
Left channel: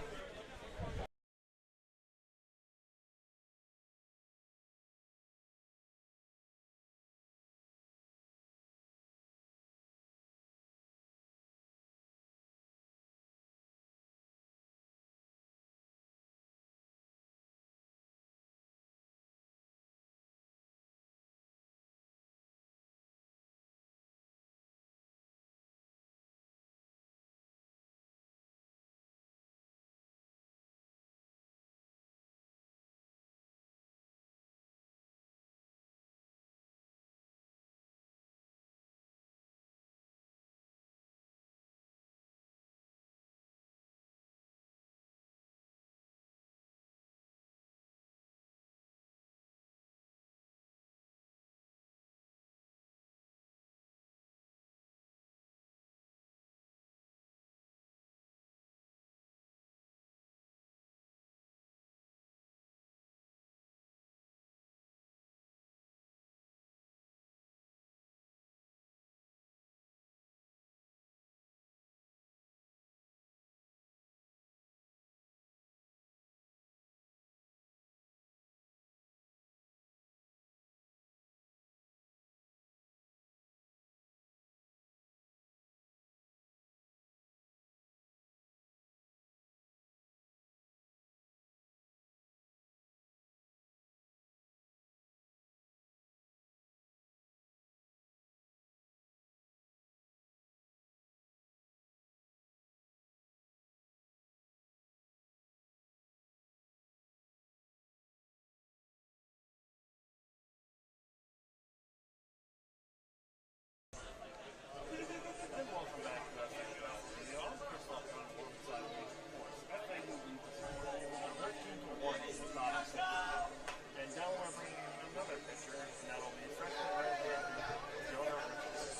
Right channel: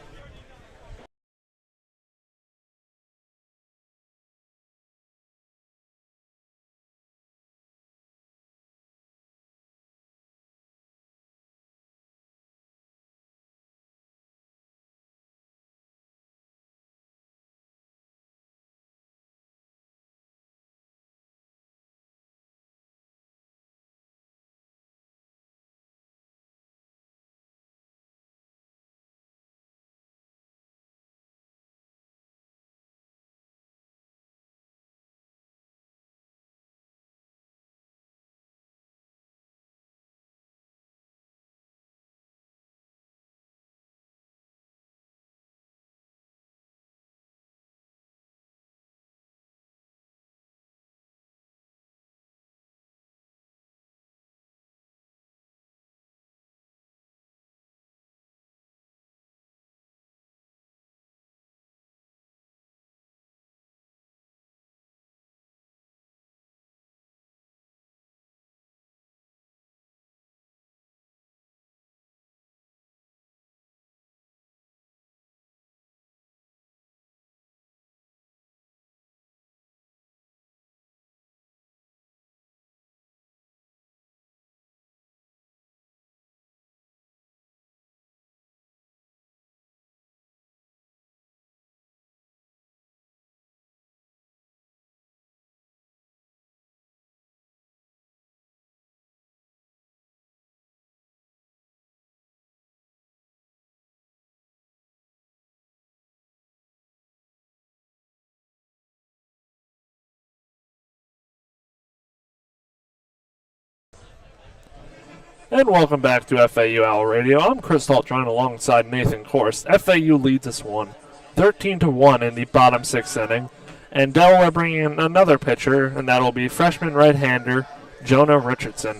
And welcome back to FAU Owl Radio. I'm Chris Talt, joined alongside Nathan Korst. FAU leads this one 13-1 in the bottom 6th inning. And Delaware bringing in another pitcher, and that'll be freshman right-hander Jonah Richardson.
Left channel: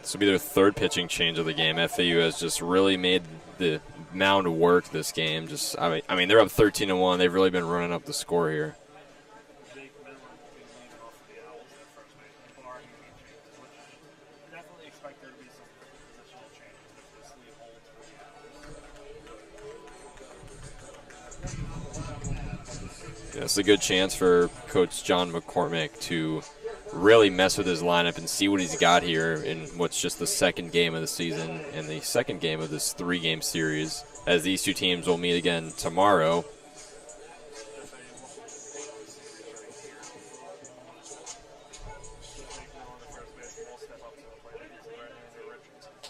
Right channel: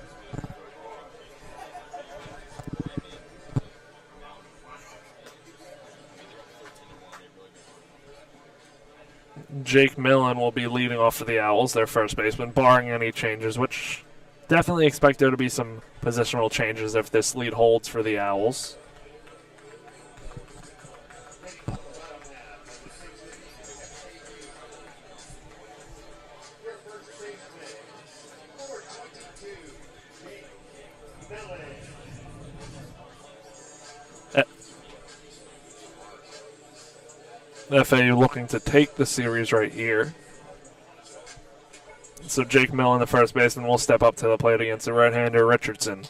This will be their third pitching change of the game. FAU has just really made the mound work this game. I mean, they're up 13-1. They've really been running up the score here. Jake Millen will be leading off for the Owls, their first baseman, barring any changes, which definitely expect there to be some positional changes if this lead holds for the Owls. Yeah, it's a good chance for Coach John McCormick to really mess with his lineup and see what he's got here in what's just the second game of the season and the second game of this 3-game series, as these two teams will meet again tomorrow. FAU looking to take the series right here. So Jake Millen, the first baseman, will step up to the plate against the right-hander Richardson.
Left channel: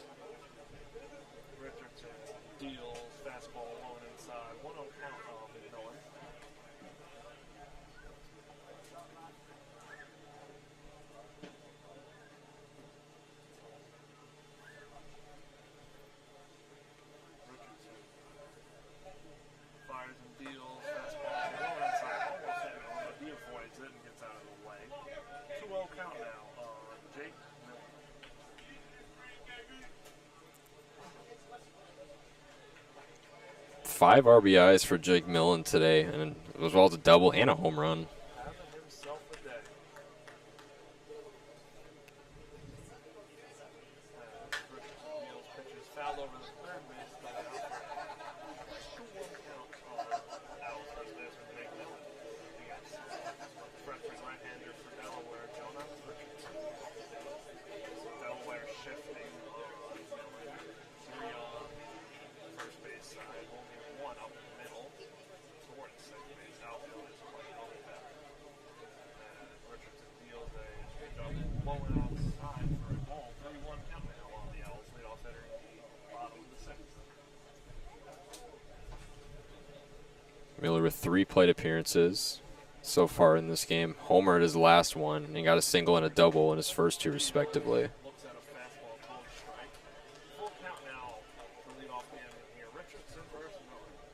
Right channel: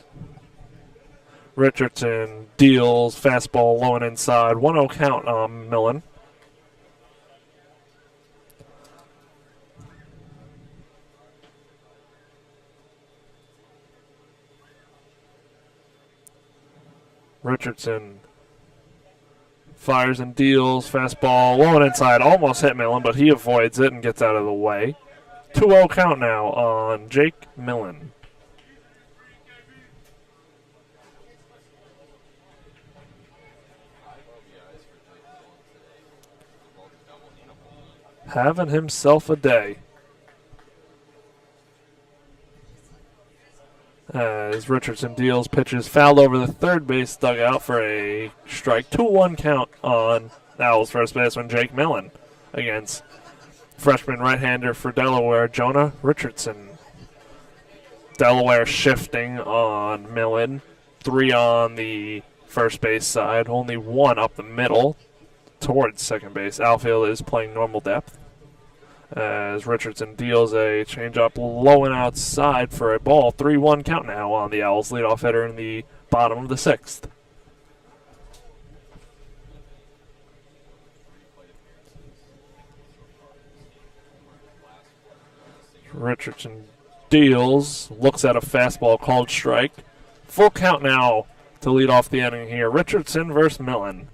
Richardson deals fastball low and inside. 1-0 count on Millen. Richardson fires and deals fastball low and inside. Almost hit Millen, but he avoids it and gets out of the way. 2-0 count now on Jake Millen. Five RBIs for Jake Millen today, and as well as a double and a home run. Having himself a day. As Richardson deals, pitches fouled over the third base dugout for a strike. 2-1 count on Owls first baseman Jake Millen against freshman right-hander for Delaware, Jonah Richardson. Delaware shifting on Millen. 3 on the first base side, only 1 up the middle towards second base. Outfield is playing normal depth. As Richardson deals a changeup low and outside for a ball. 3-1 count now on the Owls leadoff hitter in the bottom of the 6th. Miller with 3 plate appearances so far in this game. Homered his last one and got a single and a double in his first 2. Deals, looks at a fastball called strike. Full count now to lead off the inning here. Richardson versus Millen.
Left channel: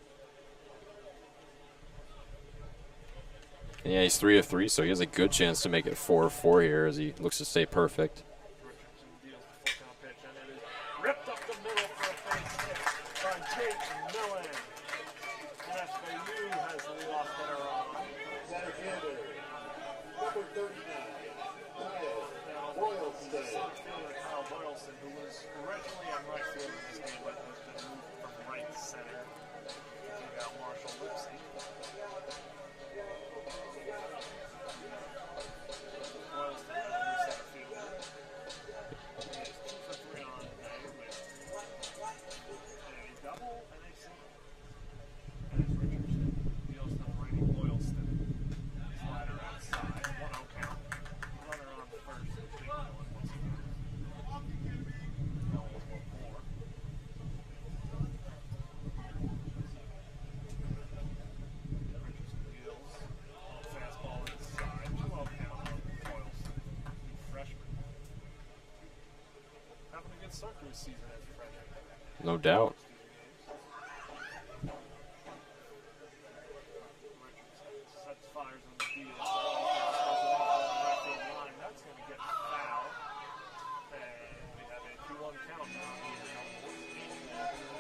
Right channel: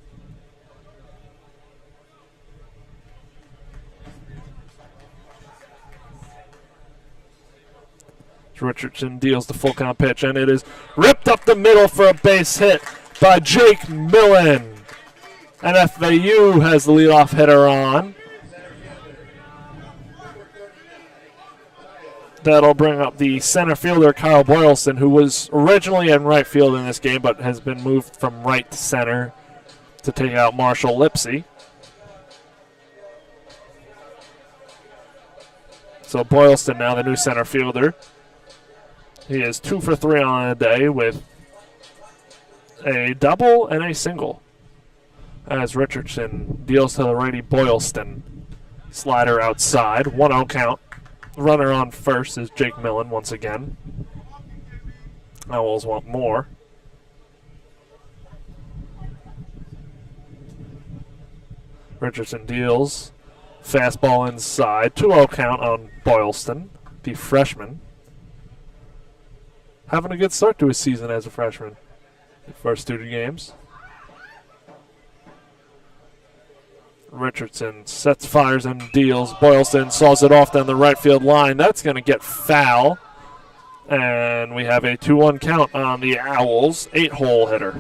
Yeah, he's 3 of 3, so he has a good chance to make it 4 of 4 here as he looks to stay perfect. Richardson deals the full count pitch, and it is ripped up the middle for a base hit by Jake Millen. And FAU has the leadoff hitter on. That'll bring up the center fielder, Kyle Boylston, who was originally in right field in this game, but has been moved from right to center to take out Marshall Lipsy. So Boylston now the new center fielder. He is 2 for 3 on the day with a double and a single. As Richardson deals to the righty Boylston. Slider outside, 1-0 count. Runner on first is Jake Millen once again. Owls want more. Richardson deals. Fastball inside. 2-0 count on Boylston, the freshman. Having a good start to his season as a freshman. No doubt. First 2 games. Richardson sets, fires, and deals. Boylston saws it off down the right field line. That's going to get foul. And we have a 2-1 count on the Owls. 8-hole hitter.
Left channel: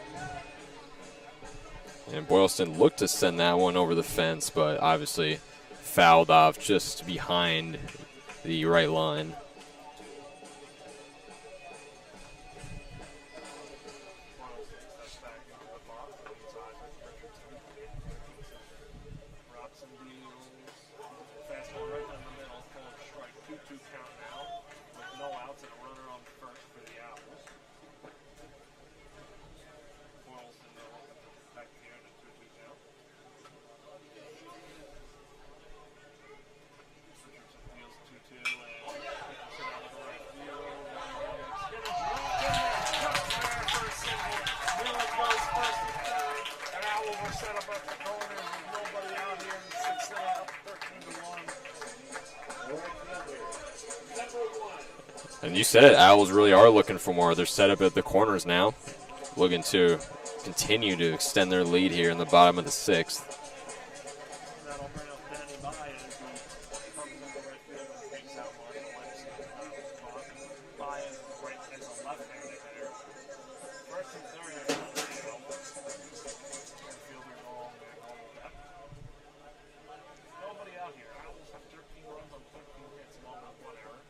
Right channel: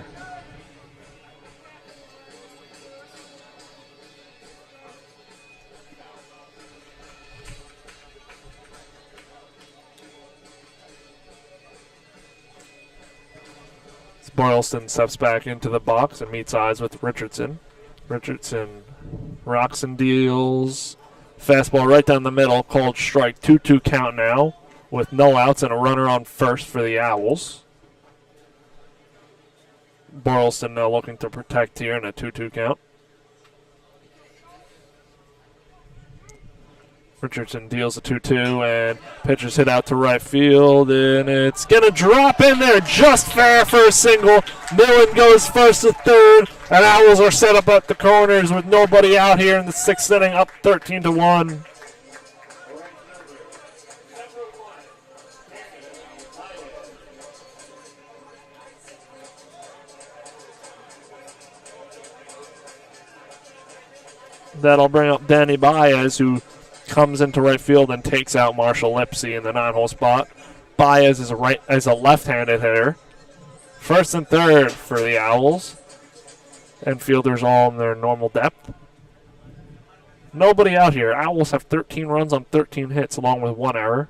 And Boylston looked to send that one over the fence, but obviously fouled off just behind the right line. Boylston steps back into the box and meets eyes with Richardson. Richardson rocks and deals. Fastball right down the middle, called strike. 2-2 count now with no outs and a runner on first for the Owls. Boylston now looking to protect here in a 2-2 count. Richardson deals a 2-2 and pitches hit out to right field, and it's going to drop in there just fair for a single. Millen goes first to third, and Owls are set up at the corners with nobody out here in the 6th inning, up 13-1. And you said it, Owls really are looking for more. They're set up at the corners now, looking to continue to extend their lead here in the bottom of the 6th. That'll bring up Danny Baez, who comes into right field and takes out Marshall Lipsy in the 9-hole spot. Baez is a left-handed hitter. First and third for the Owls. And fielders all in their normal depth. Nobody out here. Owls have 13 runs on 13 hits, along with 1 error.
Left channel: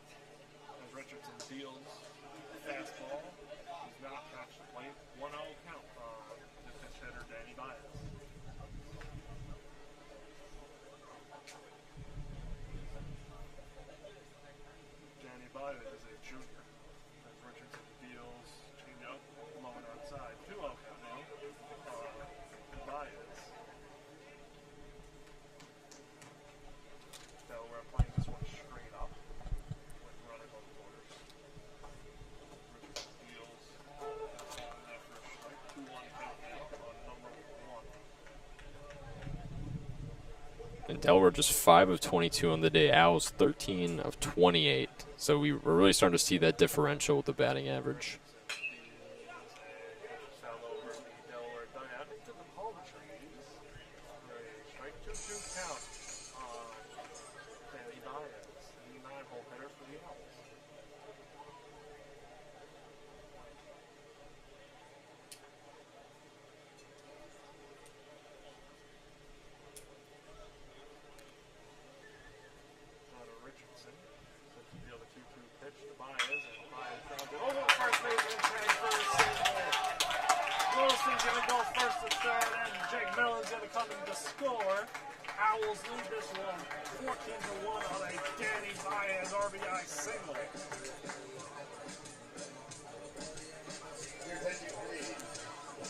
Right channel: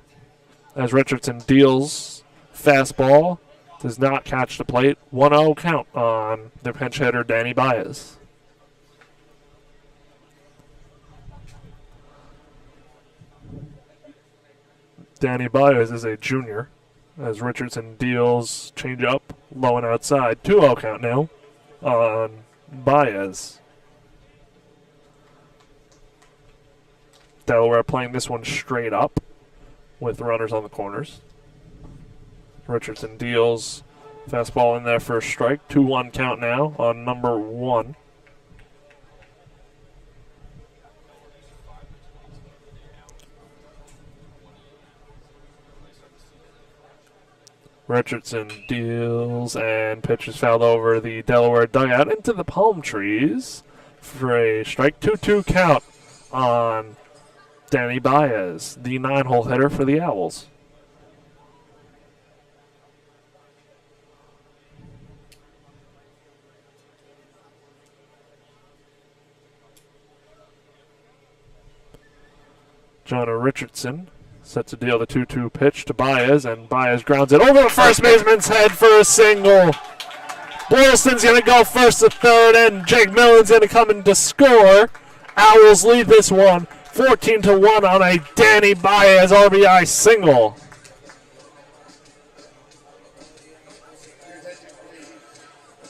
As Richardson deals fastball, does not catch the plate. 1-0 count on their pinch hitter, Danny Baez. Danny Baez is a junior. As Richardson deals changeup, low and outside. 2-0 count now on Baez. Delaware playing this one straight up with runners on the corners. Richardson deals fastball in there for a strike. 2-1 count now on number 1. And Delaware just 5 of 22 on the day. Owls 13 of 28. So we're really starting to see that differential with the batting average. Richardson deals and pitches fouled over the Delaware dugout into the palm trees for a strike. 2-2 count on Danny Baez, the 9-hole hitter for the Owls. Jonah Richardson set to deal the 2-2 pitch to Baez, and Baez grounds it over the first baseman's head for a single. Boylston's going to go first to third, and Jake Millen's going to come in to score. Owls lead this one 14-1 on a Danny Baez RBI single.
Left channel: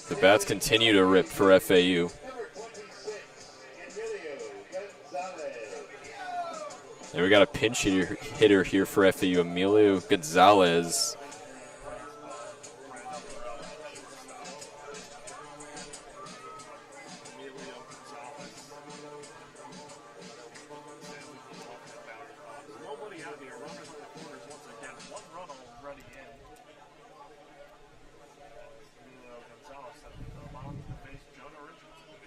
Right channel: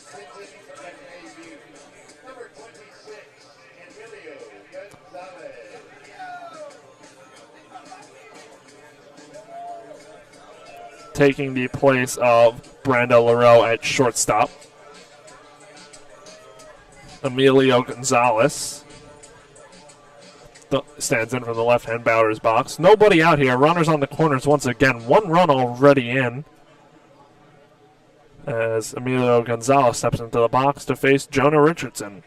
The bats continue to rip for FAU. And we got a pinch hitter here for FAU, Emilio Gonzalez. Taking the place of Brando Lareau at shortstop. Emilio Gonzalez stands in from the left-hand batter's box. Nobody out here. Runners on the corners once again. 1 run already in. As Emilio Gonzalez steps into the box to face Jonah Richardson.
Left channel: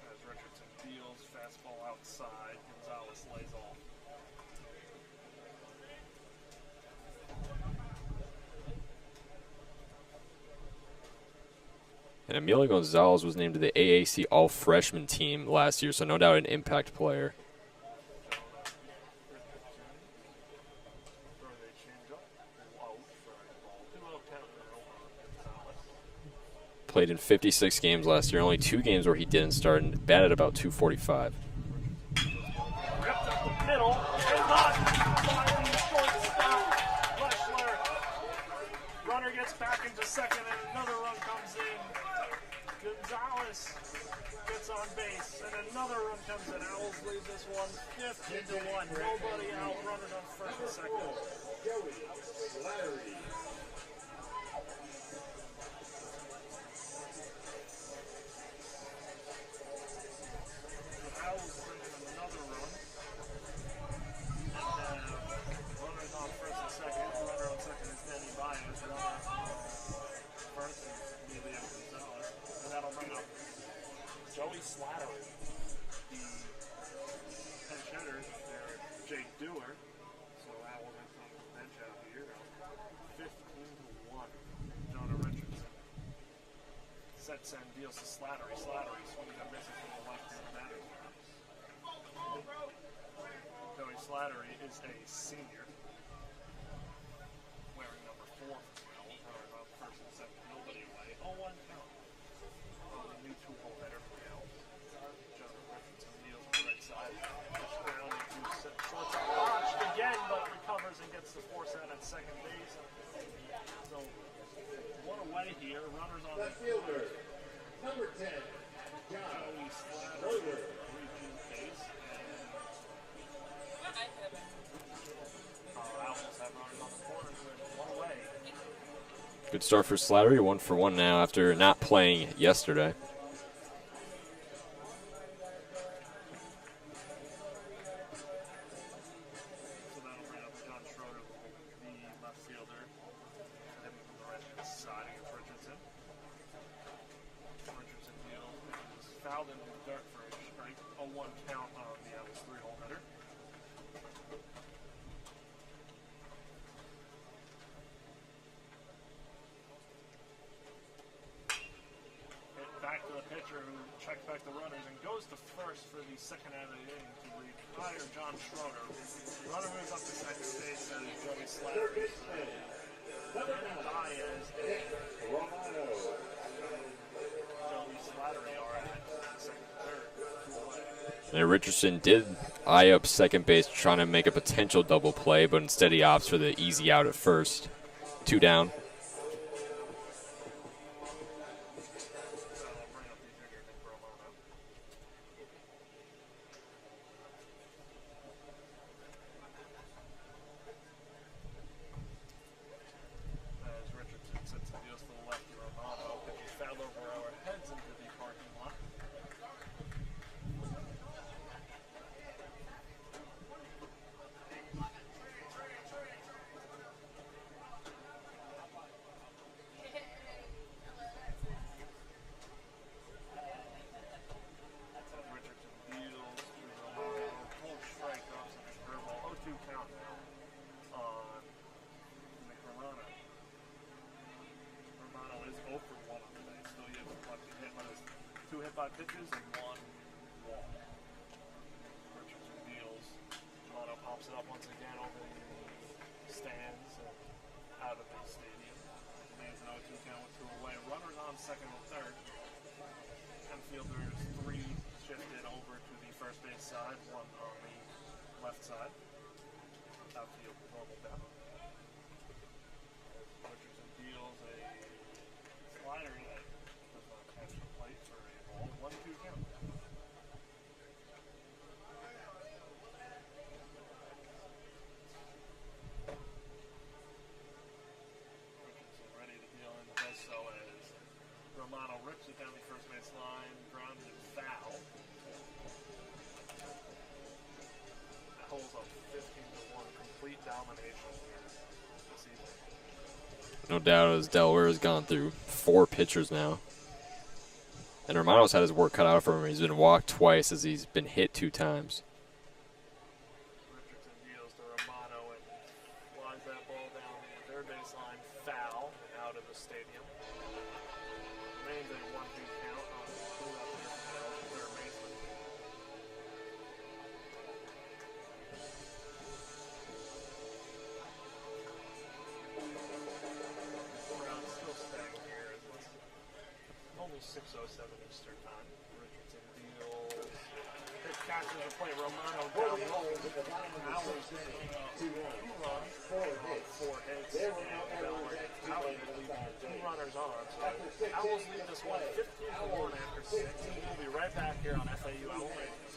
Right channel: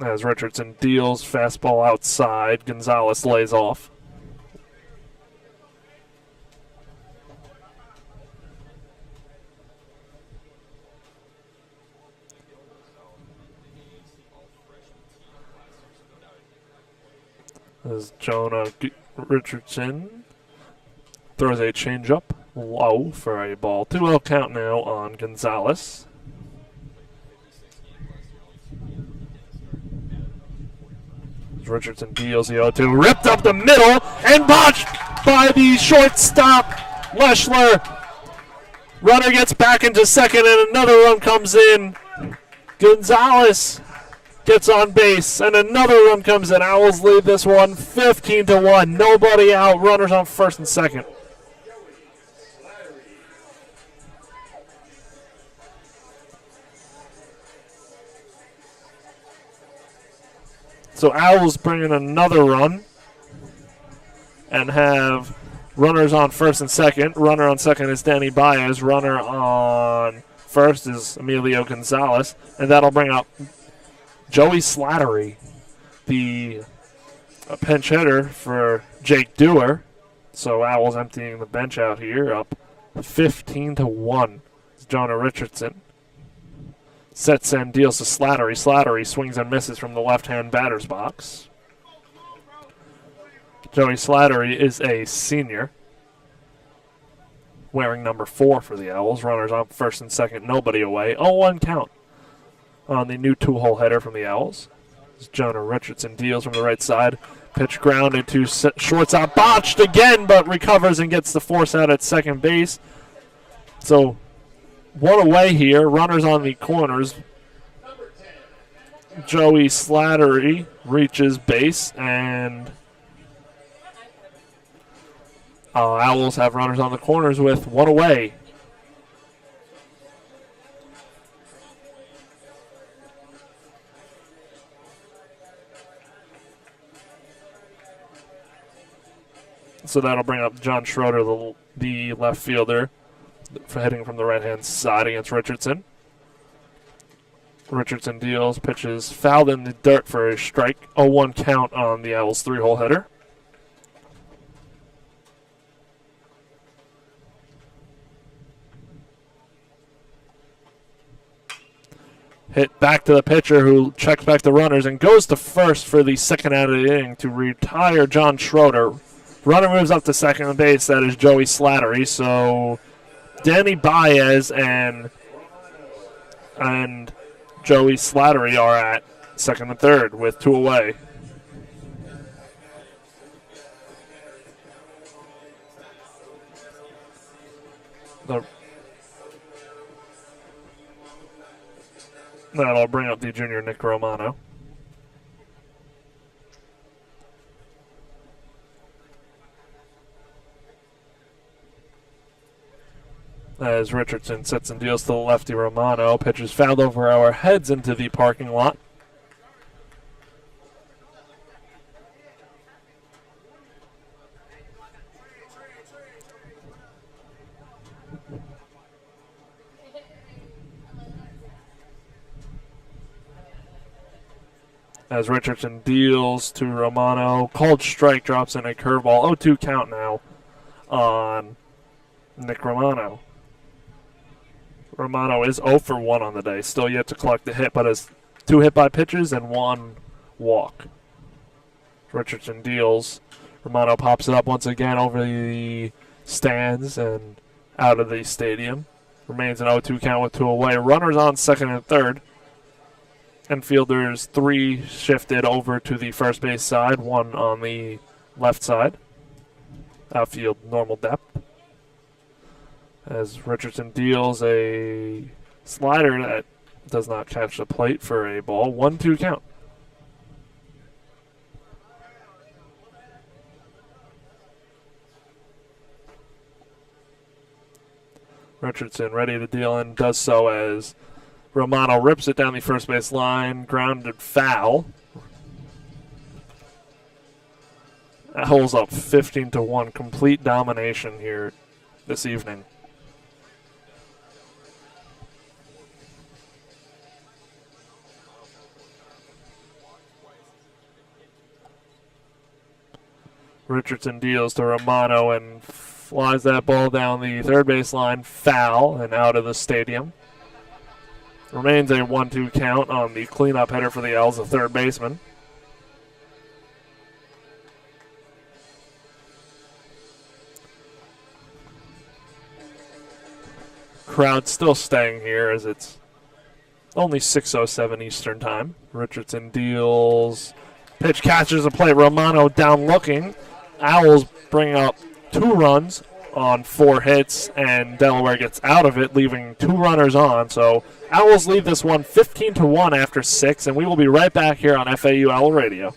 As Richardson deals fastball outside, Gonzalez lays off. And Emilio Gonzalez was named to the AAC All-Freshman team last year, so no doubt an impact player. As Jonah Richardson throws a changeup low for a ball. 2-0 count now on Gonzalez. Played in 56 games last year, only 2 games where he didn't start, and batted about .245. Richardson deals the 0-2, ripped up the middle, and botched by the shortstop, Leschler. Runner gets back into second, and another run comes in. Gonzalez gets on base, and another run comes in. Owls lead this one 15-1. Nobody out. Runners on first and second. So Owls bring in another run and have runners on first and second. Runner on second is Danny Baez. Runner on first is Emilio Gonzalez. And that'll bring up Joey Slattery, the pinch hitter for Jake Dewar. So Owls emptying the bench out here, up 15-1. Jonah Richardson sets and deals to Slattery. Slattery swings and misses from the left-hand batter's box. Joey Slattery is a senior, wearing number 4 for the Owls. Runners on first and second, nobody away. 0-1 count on the new 2-hole hitter from the Owls. Jonah Richardson deals from the right side. Pitch grounded to shortstop. Botched again, but recovers and gets the force out at second base. So 1 away here. Runners on the corners. Joey Slattery reaches base, and Owls have runners on the corners with 1 away. Good start for Slattery, 1 for 1 now after not playing yesterday. So that'll bring up John Schroeder, the left fielder, for heading from the right-hand side against Richardson. Richardson deals, pitches fouled in the dirt for a strike. 0-1 count on the Owls' 3-hole hitter. Hit back to the pitcher, who checks back the runners and goes to first for the second out of the inning to retire John Schroeder. Runner moves up to second base. That is Joey Slattery. So Danny Baez and Joey Slattery are at second and third with 2 away. And Richardson did eye up second base trying to make a potential double play, but instead he opts for the easy out at first. 2 down. That'll bring up the junior Nick Romano. As Richardson sits and deals to the lefty Romano. Pitches fouled over our heads into the parking lot. As Richardson deals to Romano. Called strike, drops in a curveball. 0-2 count now on Nick Romano. Romano is 0 for 1 on the day. Still yet to collect the hit, but has 2 hit by pitches and 1 walk. Richardson deals. Romano pops it up once again over the stands and out of the stadium. Remains an 0-2 count with 2 away. Runners on second and third. Infielders 3 shifted over to the first base side, 1 on the left side. Outfield normal depth. As Richardson deals a slider that does not catch the plate for a ball. 1-2 count. Richardson ready to deal and does so as Romano rips it down the first base line. Grounded foul. That holds up 15-1. Complete domination here this evening. No doubt, as Delaware has gone through 4 pitchers now. And Romano's had his work cut out for him. He's been walked twice as he's been hit 2 times. Richardson deals to Romano and flies that ball down the third base line. Foul and out of the stadium. Remains a 1-2 count on the cleanup hitter for the Owls, the third baseman. Crowd still staying here as it's only 6:07 Eastern time. Richardson deals. Pitch catches the plate. Romano down looking. Owls bring up 2 runs on 4 hits, and Delaware gets out of it, leaving 2 runners on. So Owls lead this one 15-1 after 6, and we will be right back here on FAU Owl Radio.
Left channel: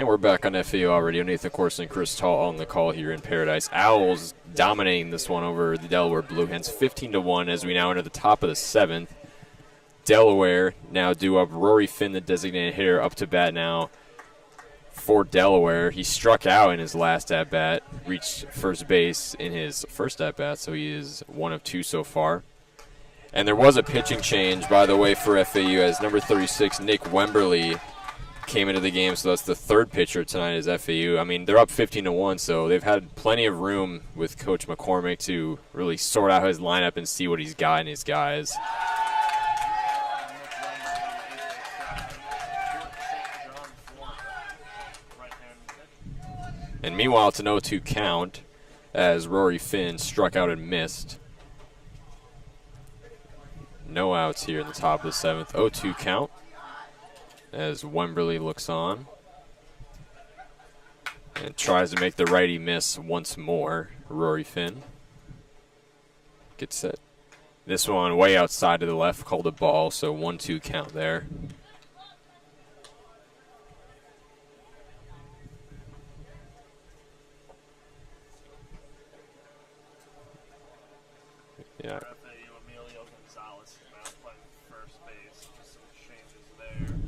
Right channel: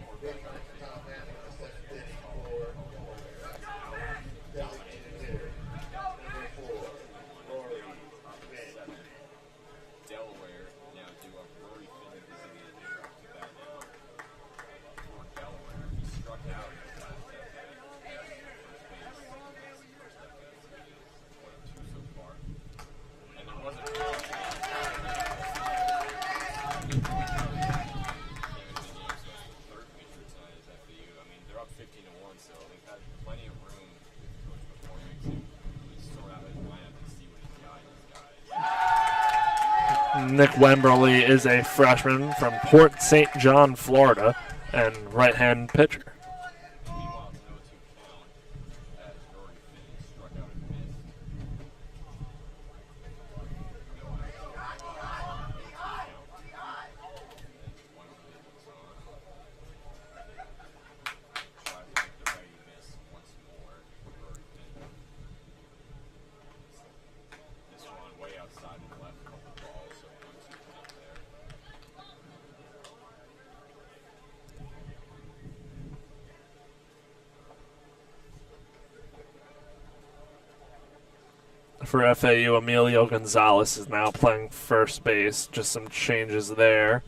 And we're back on FAU already. Nathan Korst and Chris Talt on the call here in Paradise. Owls dominating this one over the Delaware Blue Hens, 15-1 as we now enter the top of the 7th. Delaware now due up. Rory Finn, the designated hitter, up to bat now for Delaware. He struck out in his last at-bat, reached first base in his first at-bat, so he is 1 of 2 so far. And there was a pitching change, by the way, for FAU as number 36, Nick Wemberly, came into the game, so that's the third pitcher tonight is FAU. I mean, they're up 15-1, so they've had plenty of room with Coach McCormick to really sort out his lineup and see what he's got in his guys. Nick Wemberly is a freshman from Port St. John, Florida, and right-hand pitcher. And meanwhile, it's an 0-2 count as Rory Finn struck out and missed. No outs here in the top of the 7th. 0-2 count as Wemberly looks on and tries to make the righty miss once more. Rory Finn gets set. This one way outside to the left, called a ball, so 1-2 count there. For FAU, Emilio Gonzalez is now playing first base. Just some changes there.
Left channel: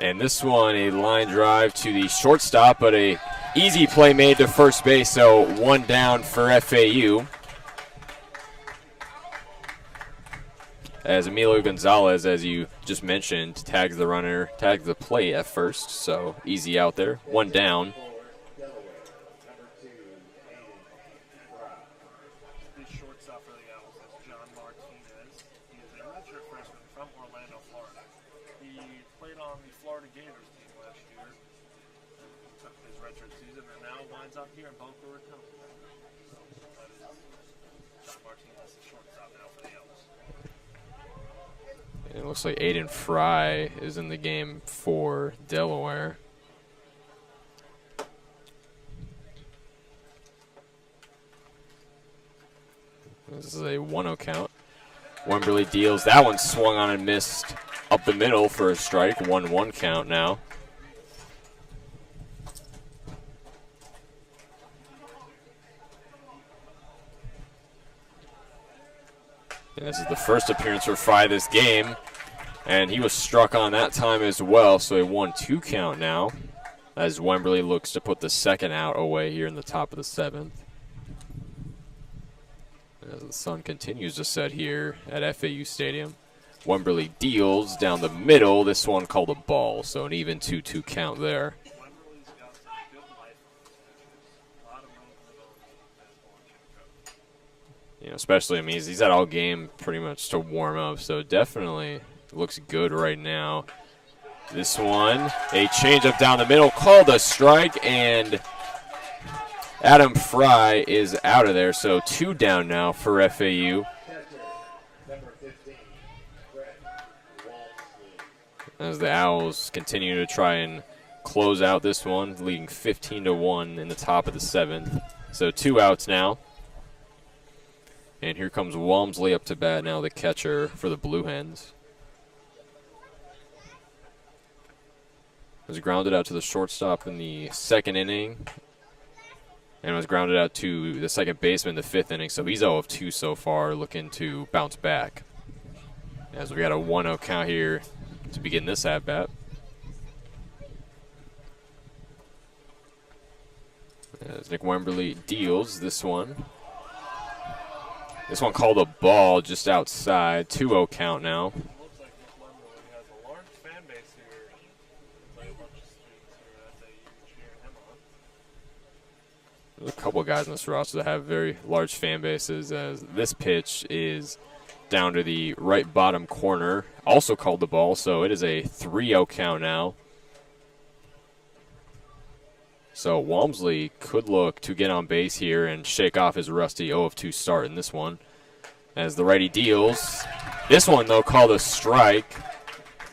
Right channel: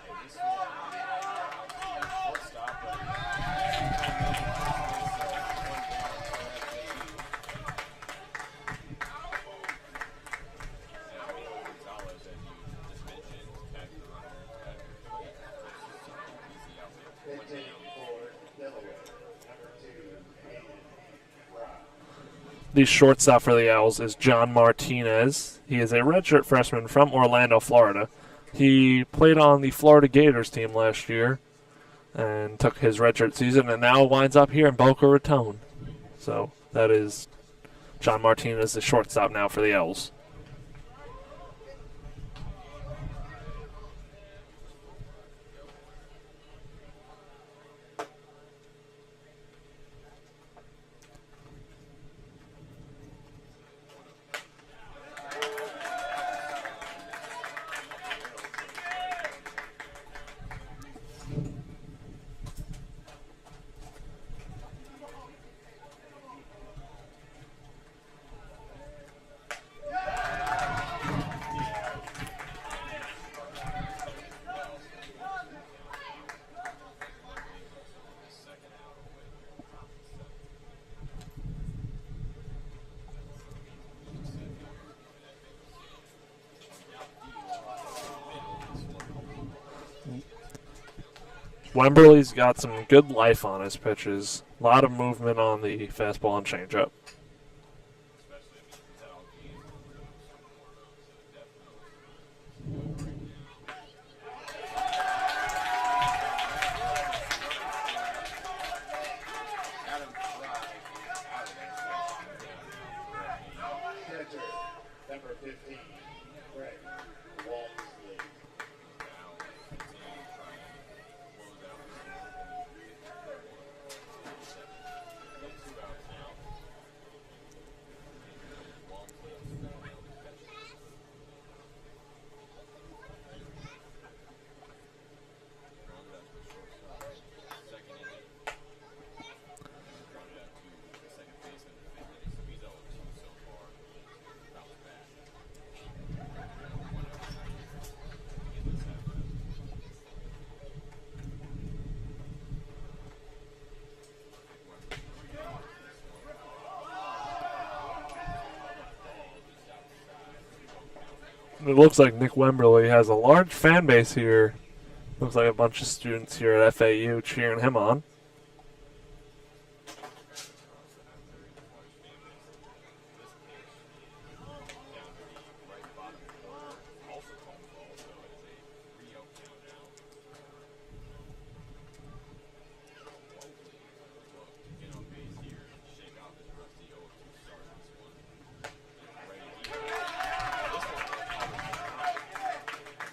And this one, a line drive to the shortstop, but a easy play made to first base, so 1 down for FAU. As Emilio Gonzalez, as you just mentioned, tags the play at first, so easy out there. 1 down. The shortstop for the Owls is John Martinez. He is a redshirt freshman from Orlando, Florida. He played on the Florida Gators team last year and took his redshirt season and now winds up here in Boca Raton. So that is John Martinez, the shortstop now for the Owls. It looks like Aiden Fry is in the game for Delaware. This is a 1-0 count. Wemberly deals. That one swung on and missed up the middle for a strike. 1-1 count now. And this is the first appearance for Fry this game, and he was struck on that time as well, so a 1-2 count now as Wemberly looks to put the second out away here in the top of the 7th. As the sun continues to set here at FAU Stadium. Wemberly deals down the middle. This one called a ball, so an even 2-2 count there. Wemberly's got some good life on his pitches. A lot of movement on the fastball and changeup. You know, especially, I mean, he's had all game pretty much to warm up, so definitely looks good right now. This one, a changeup down the middle, called a strike, and Adam Fry is out of there, so 2 down now for FAU. As the Owls continue to try and close out this one, leading 15-1 in the top of the 7th. So 2 outs now. And here comes Walmsley up to bat now, the catcher for the Blue Hens. Was grounded out to the shortstop in the 2nd inning. And was grounded out to the second baseman in the 5th inning. So he's 0 of 2 so far, looking to bounce back. As we got a 1-0 count here to begin this at-bat. As Nick Wemberly deals this one. This one called a ball just outside. 2-0 count now. It looks like Nick Wemberly has a large fan base here. Looks like a bunch of students here at FAU cheering him on. There's a couple of guys in this roster that have very large fan bases, as this pitch is down to the right bottom corner. Also called the ball, so it is a 3-0 count now. So Walmsley could look to get on base here and shake off his rusty 0 of 2 start in this one. As the righty deals. This one, though, called a strike.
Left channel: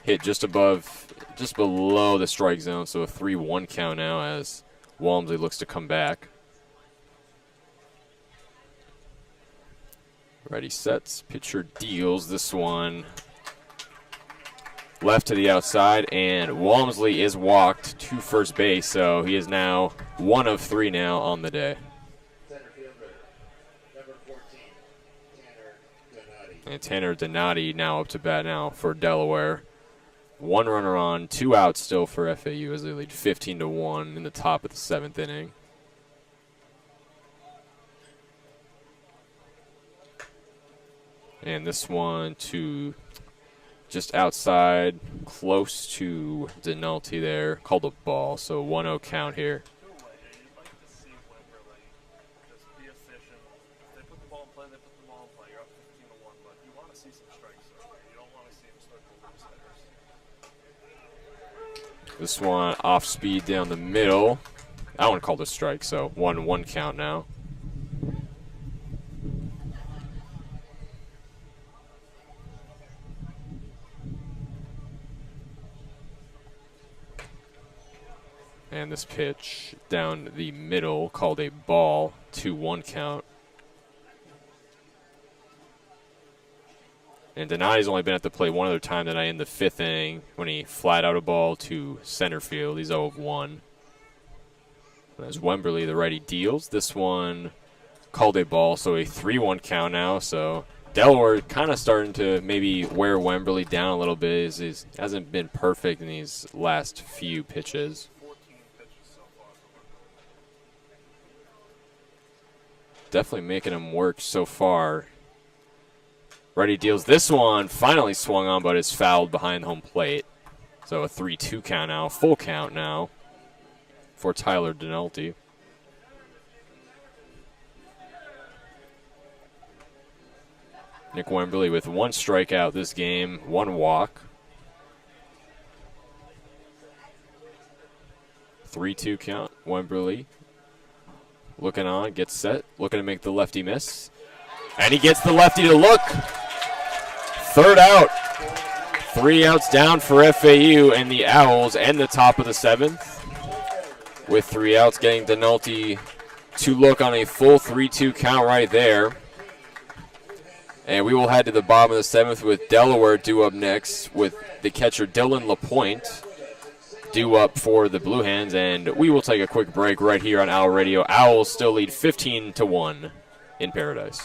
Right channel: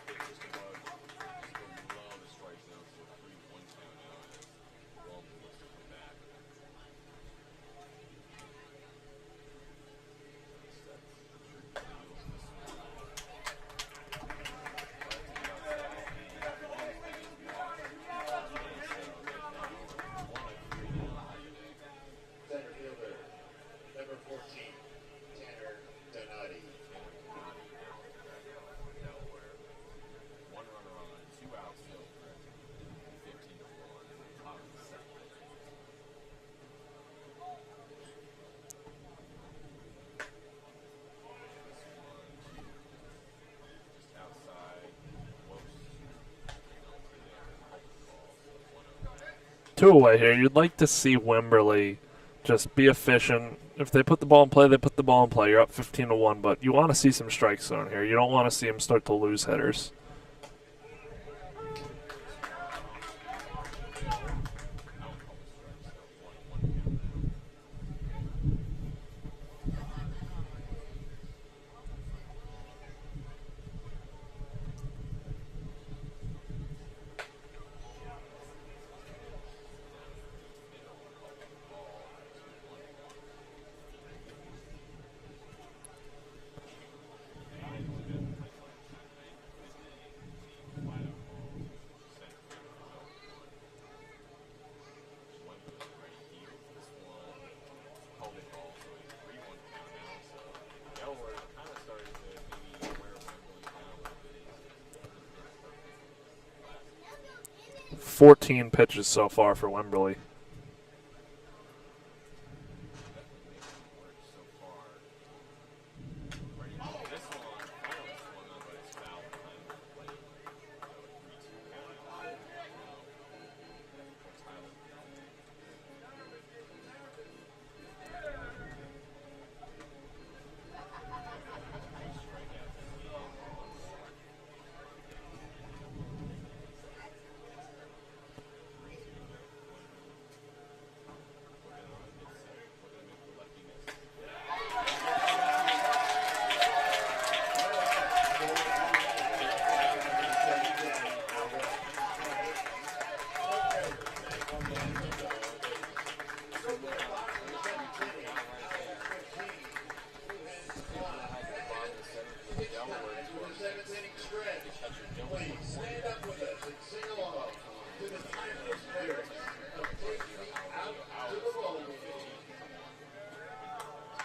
Hit just below the strike zone, so a 3-1 count now as Walmsley looks to come back. Righty sets, pitcher deals. This one left to the outside, and Walmsley is walked to first base, so he is now 1 of 3 now on the day. And Tanner Donati now up to bat now for Delaware. 1 runner on, 2 outs still for FAU as they lead 15-1 in the top of the 7th inning. And this one to just outside, close to Denalti there. Called a ball, so 1-0 count here. 2 away here. You'd like to see Wemberley just be efficient. If they put the ball in play, they put the ball in play. You're up 15-1, but you want to see some strike zone here. You don't want to see him start to lose hitters. This one off speed down the middle. That one called a strike, so 1-1 count now. And this pitch down the middle called a ball, 2-1 count. And Donati's only been at the plate one other time tonight in the 5th inning when he flat out a ball to center field. He's 0 of 1. As Wemberley, the righty, deals. This one called a ball, so a 3-1 count now. So Delaware kind of starting to maybe wear Wemberley down a little bit. He hasn't been perfect in these last few pitches. 14 pitches so far for Wemberley. Definitely making him work so far. Righty deals this one, finally swung on, but is fouled behind home plate. So a 3-2 count now, full count now for Tyler Denalti. Nick Wemberley with 1 strikeout this game, 1 walk. 3-2 count, Wemberley. Looking on, gets set, looking to make the lefty miss. And he gets the lefty to look. 3rd out. 3 outs down for FAU and the Owls and the top of the 7th. With 3 outs, getting Denalti to look on a full 3-2 count right there. And we will head to the bottom of the 7th with Delaware due up next with the catcher Dylan LaPointe due up for the Blue Hens. And we will take a quick break right here on Owl Radio. Owls still lead 15-1 in Paradise.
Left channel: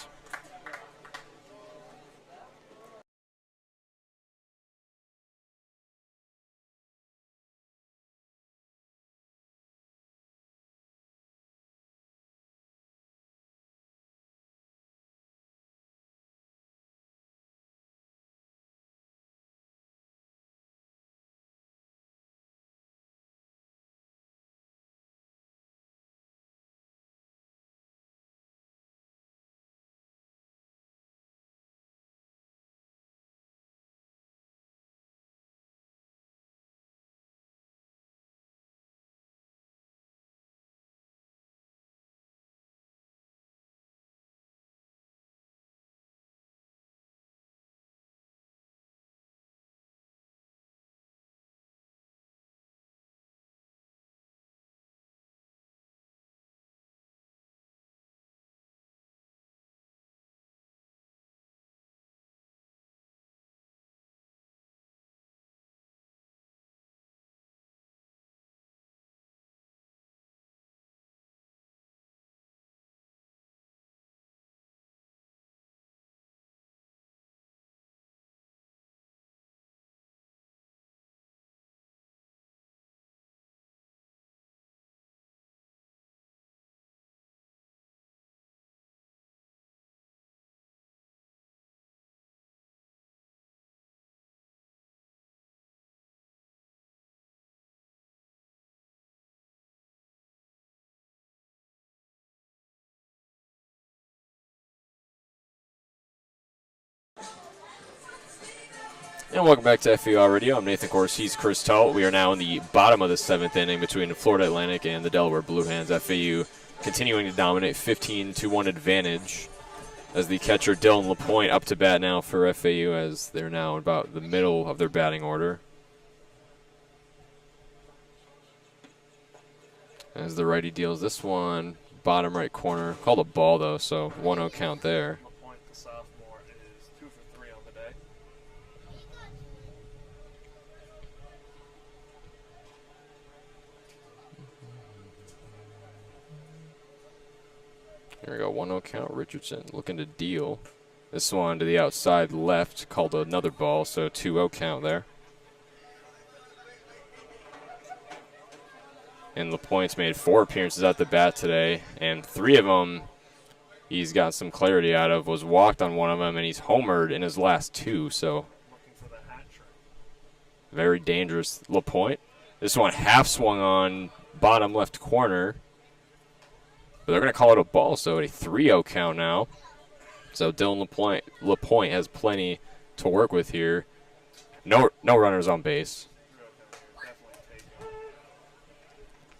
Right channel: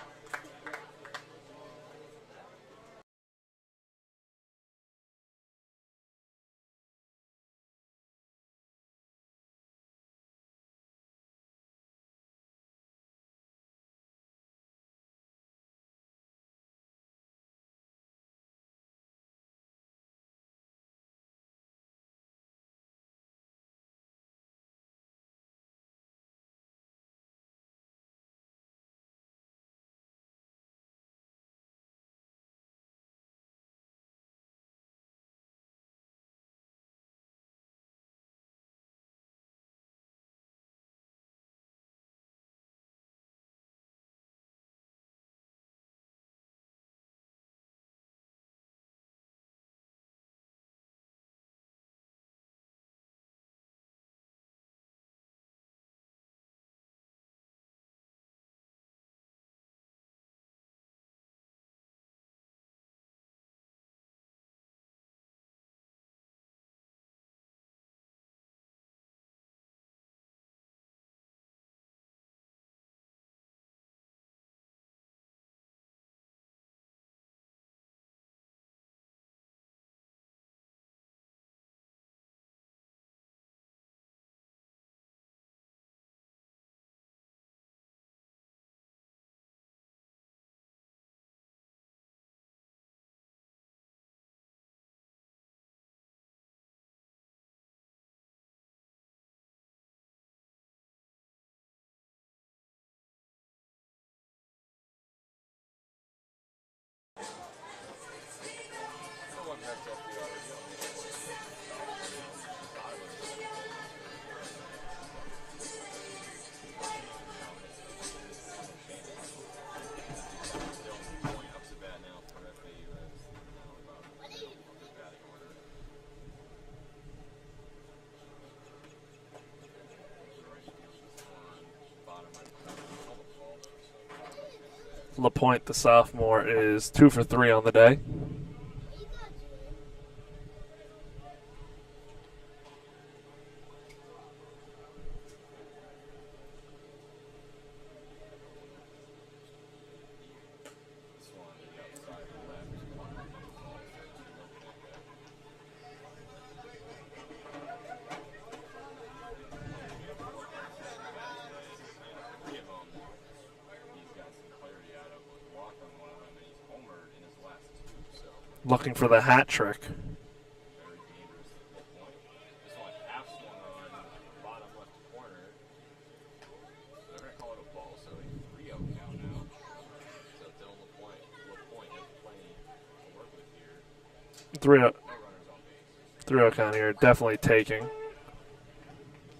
And welcome back to FAU Radio. I'm Nathan Korst. He's Chris Talt. We are now in the bottom of the 7th inning between Florida Atlantic and the Delaware Blue Hens. FAU continuing to dominate, 15-1 advantage as the catcher Dylan LaPointe up to bat now for FAU as they're now about the middle of their batting order. As the righty deals this one, bottom right corner. Called a ball though, so 1-0 count there. LaPointe, the sophomore, is 2 for 3 on the day. 1-0 count. Richardson looking to deal. This one to the outside left, called another ball, so 2-0 count there. And LaPointe's made 4 appearances at the bat today, and 3 of them he's got some clarity out of. Was walked on one of them, and he's homered in his last 2. So looking for the hat trick. Very dangerous LaPointe. This one half swung on bottom left corner. But they're going to call it a ball, so a 3-0 count now. So Dylan LaPointe has plenty to work with here. No runners on base. 3-0 count here, definitely taking.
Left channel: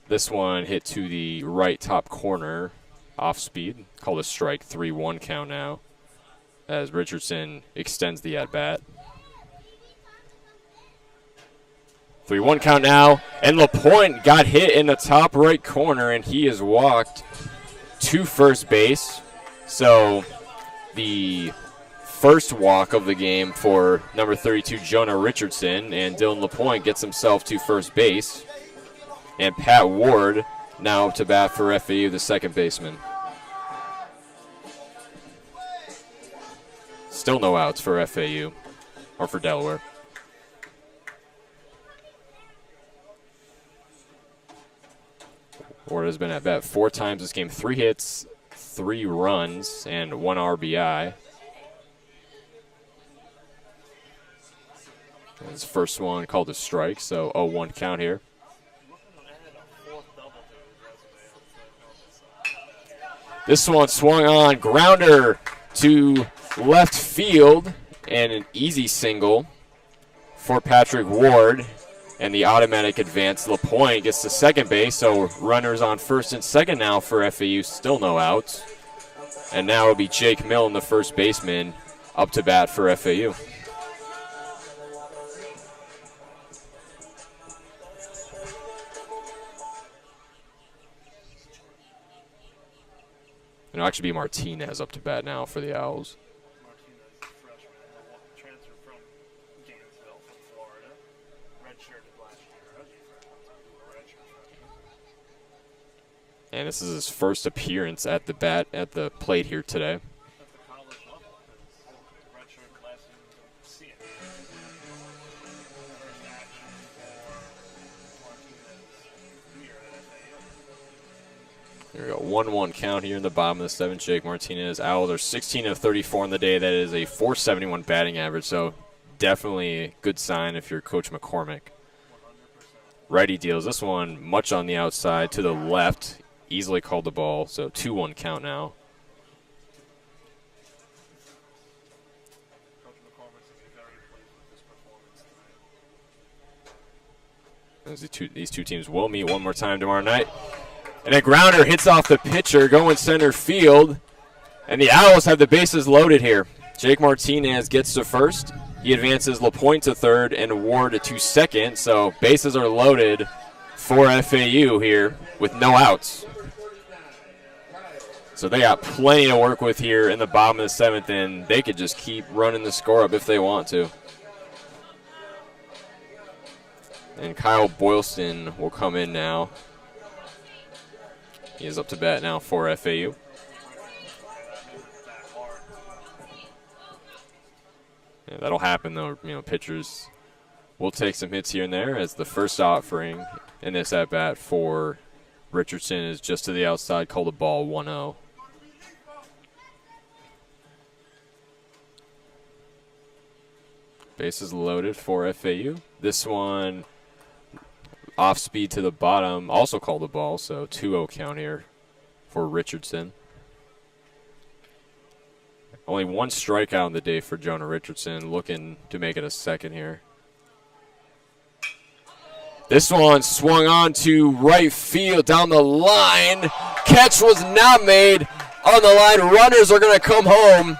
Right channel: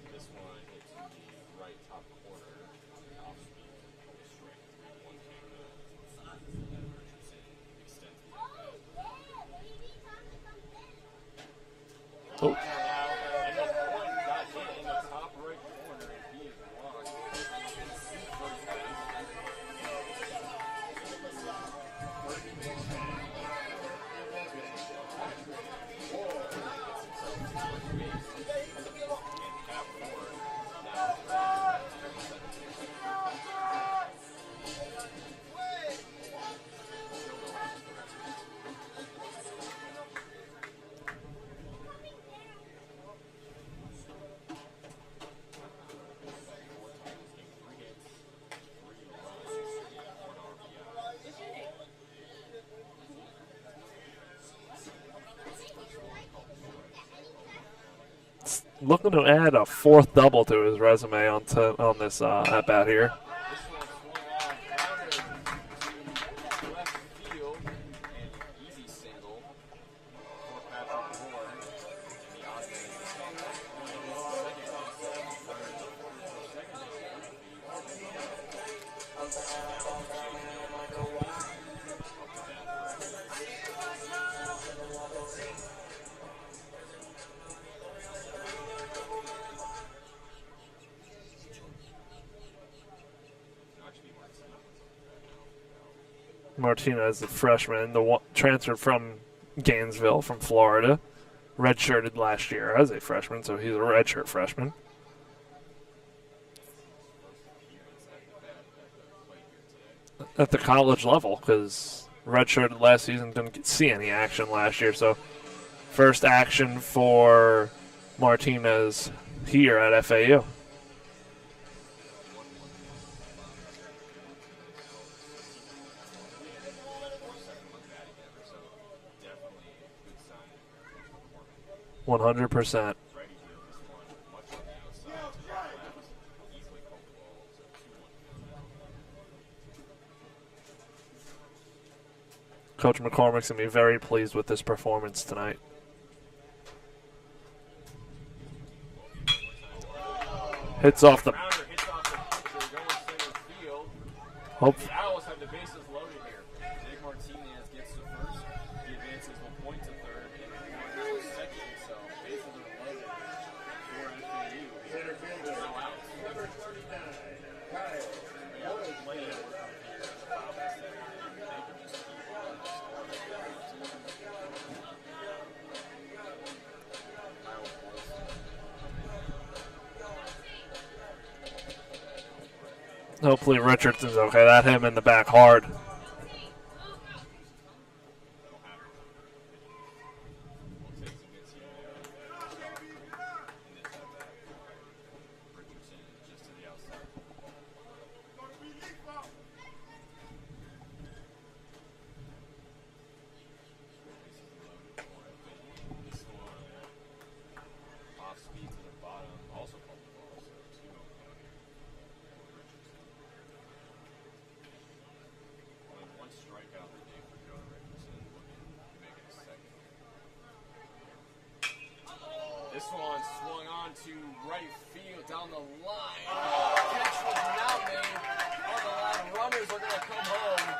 This one hit to the right top corner, off speed. Called a strike, 3-1 count now, as Richardson extends the at-bat. 3-1 count now, and LaPointe got hit in the top right corner, and he is walked to first base. So the first walk of the game for number 32, Jonah Richardson, and Dylan LaPointe gets himself to first base. And Pat Ward now to bat for FAU, the second baseman. Still no outs for FAU, or for Delaware. Ward has been at bat 4 times this game, 3 hits, 3 runs, and 1 RBI. His first one called a strike, so 0-1 count here. Looking to add a 4th double to his resume on this at-bat here. This one swung on, grounder to left field, and an easy single for Patrick Ward. And the automatic advance, LaPointe gets to second base, so runners on first and second now for FAU, still no outs. And now it'll be Jake Milne, the first baseman, up to bat for FAU. It'll actually be Martinez up to bat now for the Owls. Martinez, the freshman, transferred from Gainesville from Florida. Redshirted last year as a freshman, so he's a redshirt freshman. And this is his first appearance at the plate here today. At the college level, because redshirted last season, didn't see any action last year. So first action for Martinez here at FAU. Here we go, 1-1 count here in the bottom of the 7th. Jake Martinez. Owls are 16 of 34 on the day. That is a .471 batting average, so definitely a good sign if you're Coach McCormick. 100%. Righty deals this one much on the outside to the left. Easily called the ball, so 2-1 count now. Coach McCormick's going to be very pleased with this performance tonight. These two teams will meet one more time tomorrow night. Hits off and a grounder hits off the pitcher, going center field. And the Owls have the bases loaded here. Jake Martinez gets to first. He advances LaPointe to third and Ward to second. So bases are loaded for FAU here with no outs. So they got plenty to work with here in the bottom of the 7th, and they could just keep running the score up if they want to. And Kyle Boylston will come in now. He is up to bat now for FAU. Hopefully Richardson's okay. That hit him in the back hard. Yeah, that'll happen though. Pitchers will take some hits here and there, as the first offering in this at bat for Richardson is just to the outside, called a ball, 1-0. Bases loaded for FAU. This one off speed to the bottom, also called a ball, so 2-0 count here for Richardson. Only 1 strikeout in the day for Jonah Richardson, looking to make it a second here. This one swung on to right field down the line. Catch was not made on the line. Runners are going to come home.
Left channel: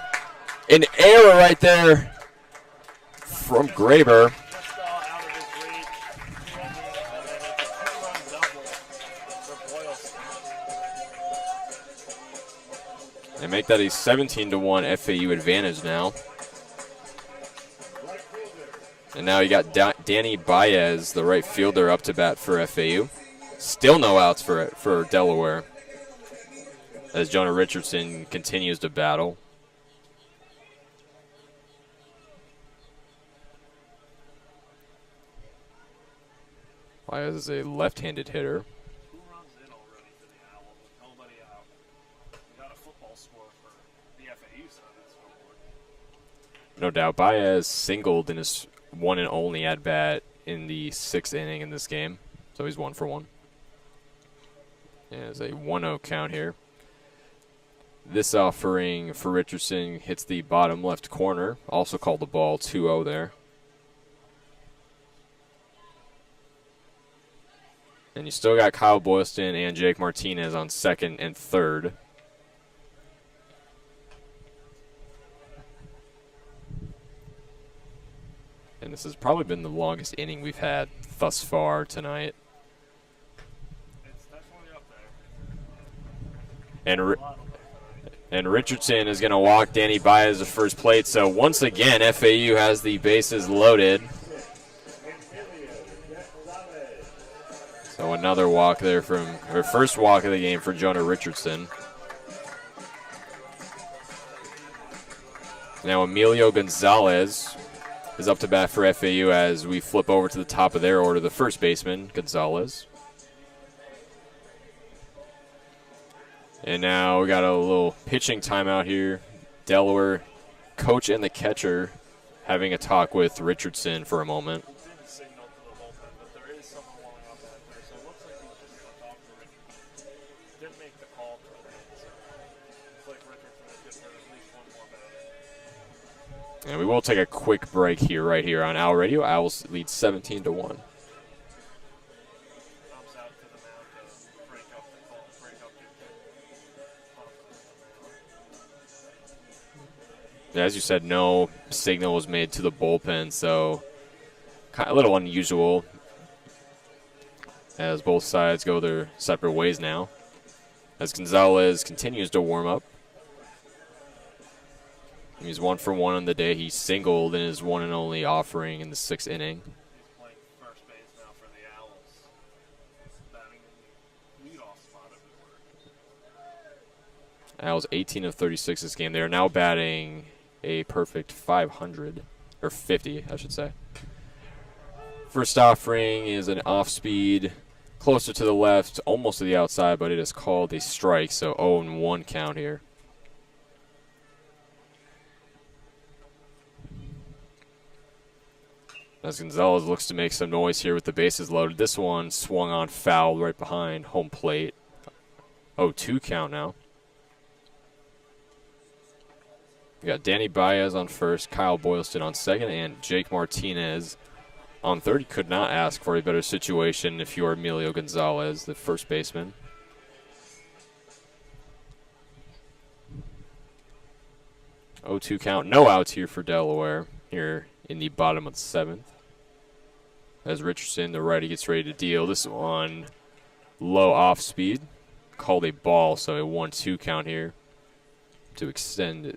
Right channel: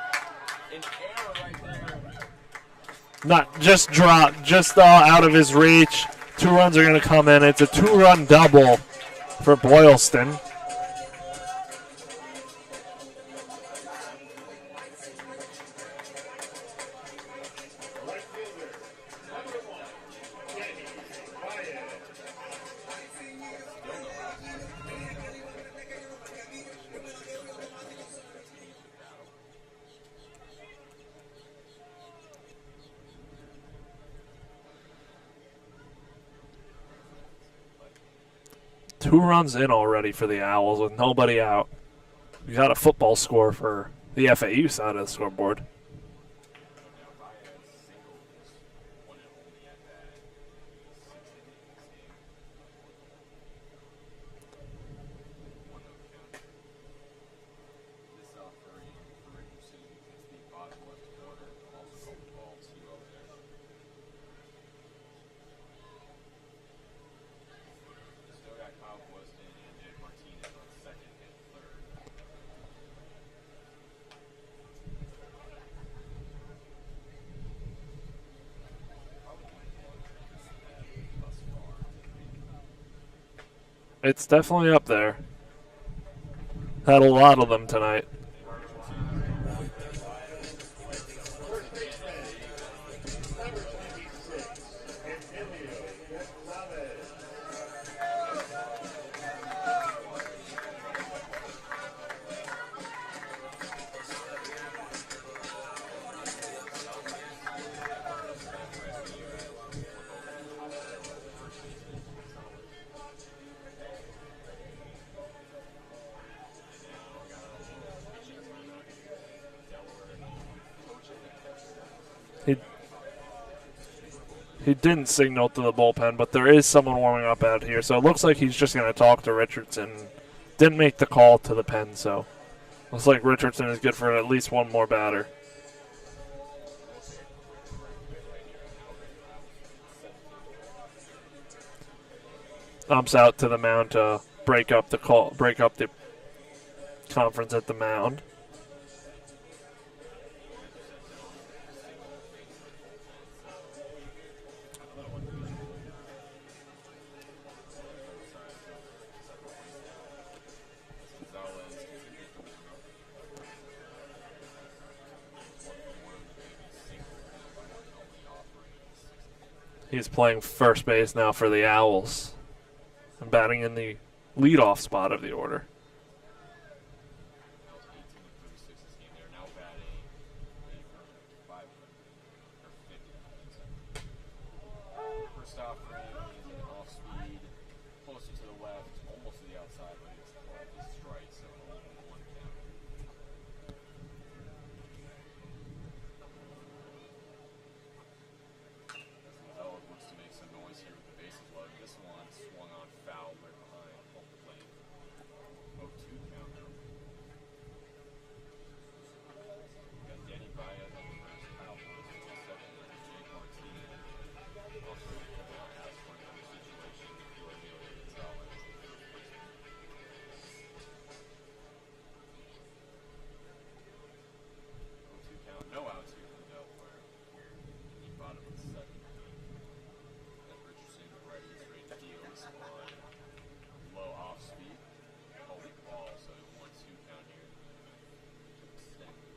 An error right there. Not just dropped, just out of his reach. 2 runs are going to come in. It's a 2-run double for Boylston. They make that a 17-1 FAU advantage now. And now you got Danny Baez, the right fielder, up to bat for FAU. Still no outs for Delaware, as Jonah Richardson continues to battle. Baez is a left-handed hitter. 2 runs in already for the Owls with nobody out. We got a football score for the FAU side of the scoreboard. No doubt. Baez singled in his one and only at-bat in the 6th inning in this game. So he's 1 for 1. And it's a 1-0 count here. This offering for Richardson hits the bottom left corner. Also called the ball, 2-0 there. And you still got Kyle Boylston and Jake Martinez on 2nd and 3rd. And this has probably been the longest inning we've had thus far tonight. It's definitely up there. Had a lot of them tonight. And Richardson is going to walk Danny Baez to first plate. So once again, FAU has the bases loaded. So another walk there from their first walk of the game for Jonah Richardson. Now Emilio Gonzalez is up to bat for FAU as we flip over to the top of their order, the first baseman, Gonzalez. And now we got a little pitching timeout here. Delaware coach and the catcher having a talk with Richardson for a moment. He didn't signal to the bullpen, but there is someone warming up out here, so it looks like he's just going to talk to Richardson. Didn't make the call to the pen, so looks like Richardson is good for at least one more batter. And we will take a quick break here, right here on Owl Radio. Owls lead 17-1. Umps out to the mound to break up the conference at the mound. As you said, no signal was made to the bullpen, so kind of a little unusual as both sides go their separate ways now. As Gonzalez continues to warm up. He's 1 for 1 on the day. He singled in his one and only offering in the 6th inning. He's playing first base now for the Owls and batting in the leadoff spot of the order. Owls 18 of 36 this game. They are now batting a perfect 500, or 50, I should say. First offering is an off-speed, closer to the left, almost to the outside, but it is called a strike, so 0-1 count here. As Gonzalez looks to make some noise here with the bases loaded. This one swung on foul right behind home plate. 0-2 count now. We got Danny Baez on first, Kyle Boylston on second, and Jake Martinez on third. You could not ask for a better situation if you are Emilio Gonzalez, the first baseman. Oh, 2 count. No outs here for Delaware here in the bottom of the 7th. As Richardson, the righty, gets ready to deal. This one low off speed. Called a ball, so a 1-2 count here to extend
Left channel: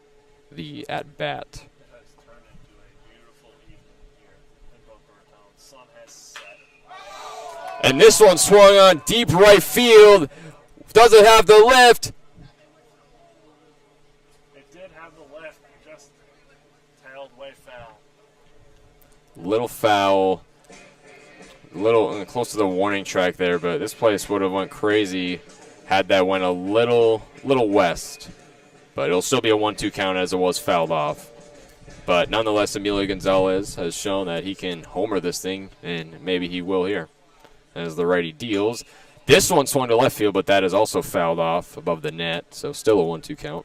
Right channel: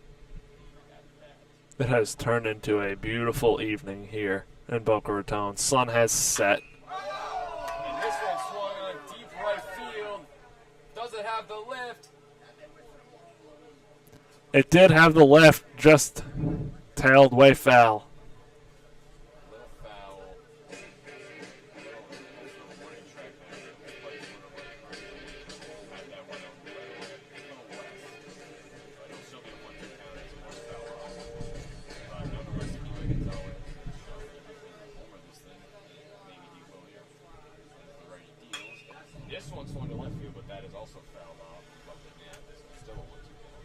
the at-bat. It has turned into a beautiful evening here in Boca Raton. Sun has set. And this one swung on deep right field. Doesn't have the lift. It did have the left, just tailed way foul. Little foul. Little close to the warning track there, but this place would have went crazy had that went a little west. But it'll still be a 1-2 count as it was fouled off. But nonetheless, Emilio Gonzalez has shown that he can homer this thing, and maybe he will here as the righty deals. This one swung to left field, but that is also fouled off above the net, so still a 1-2 count.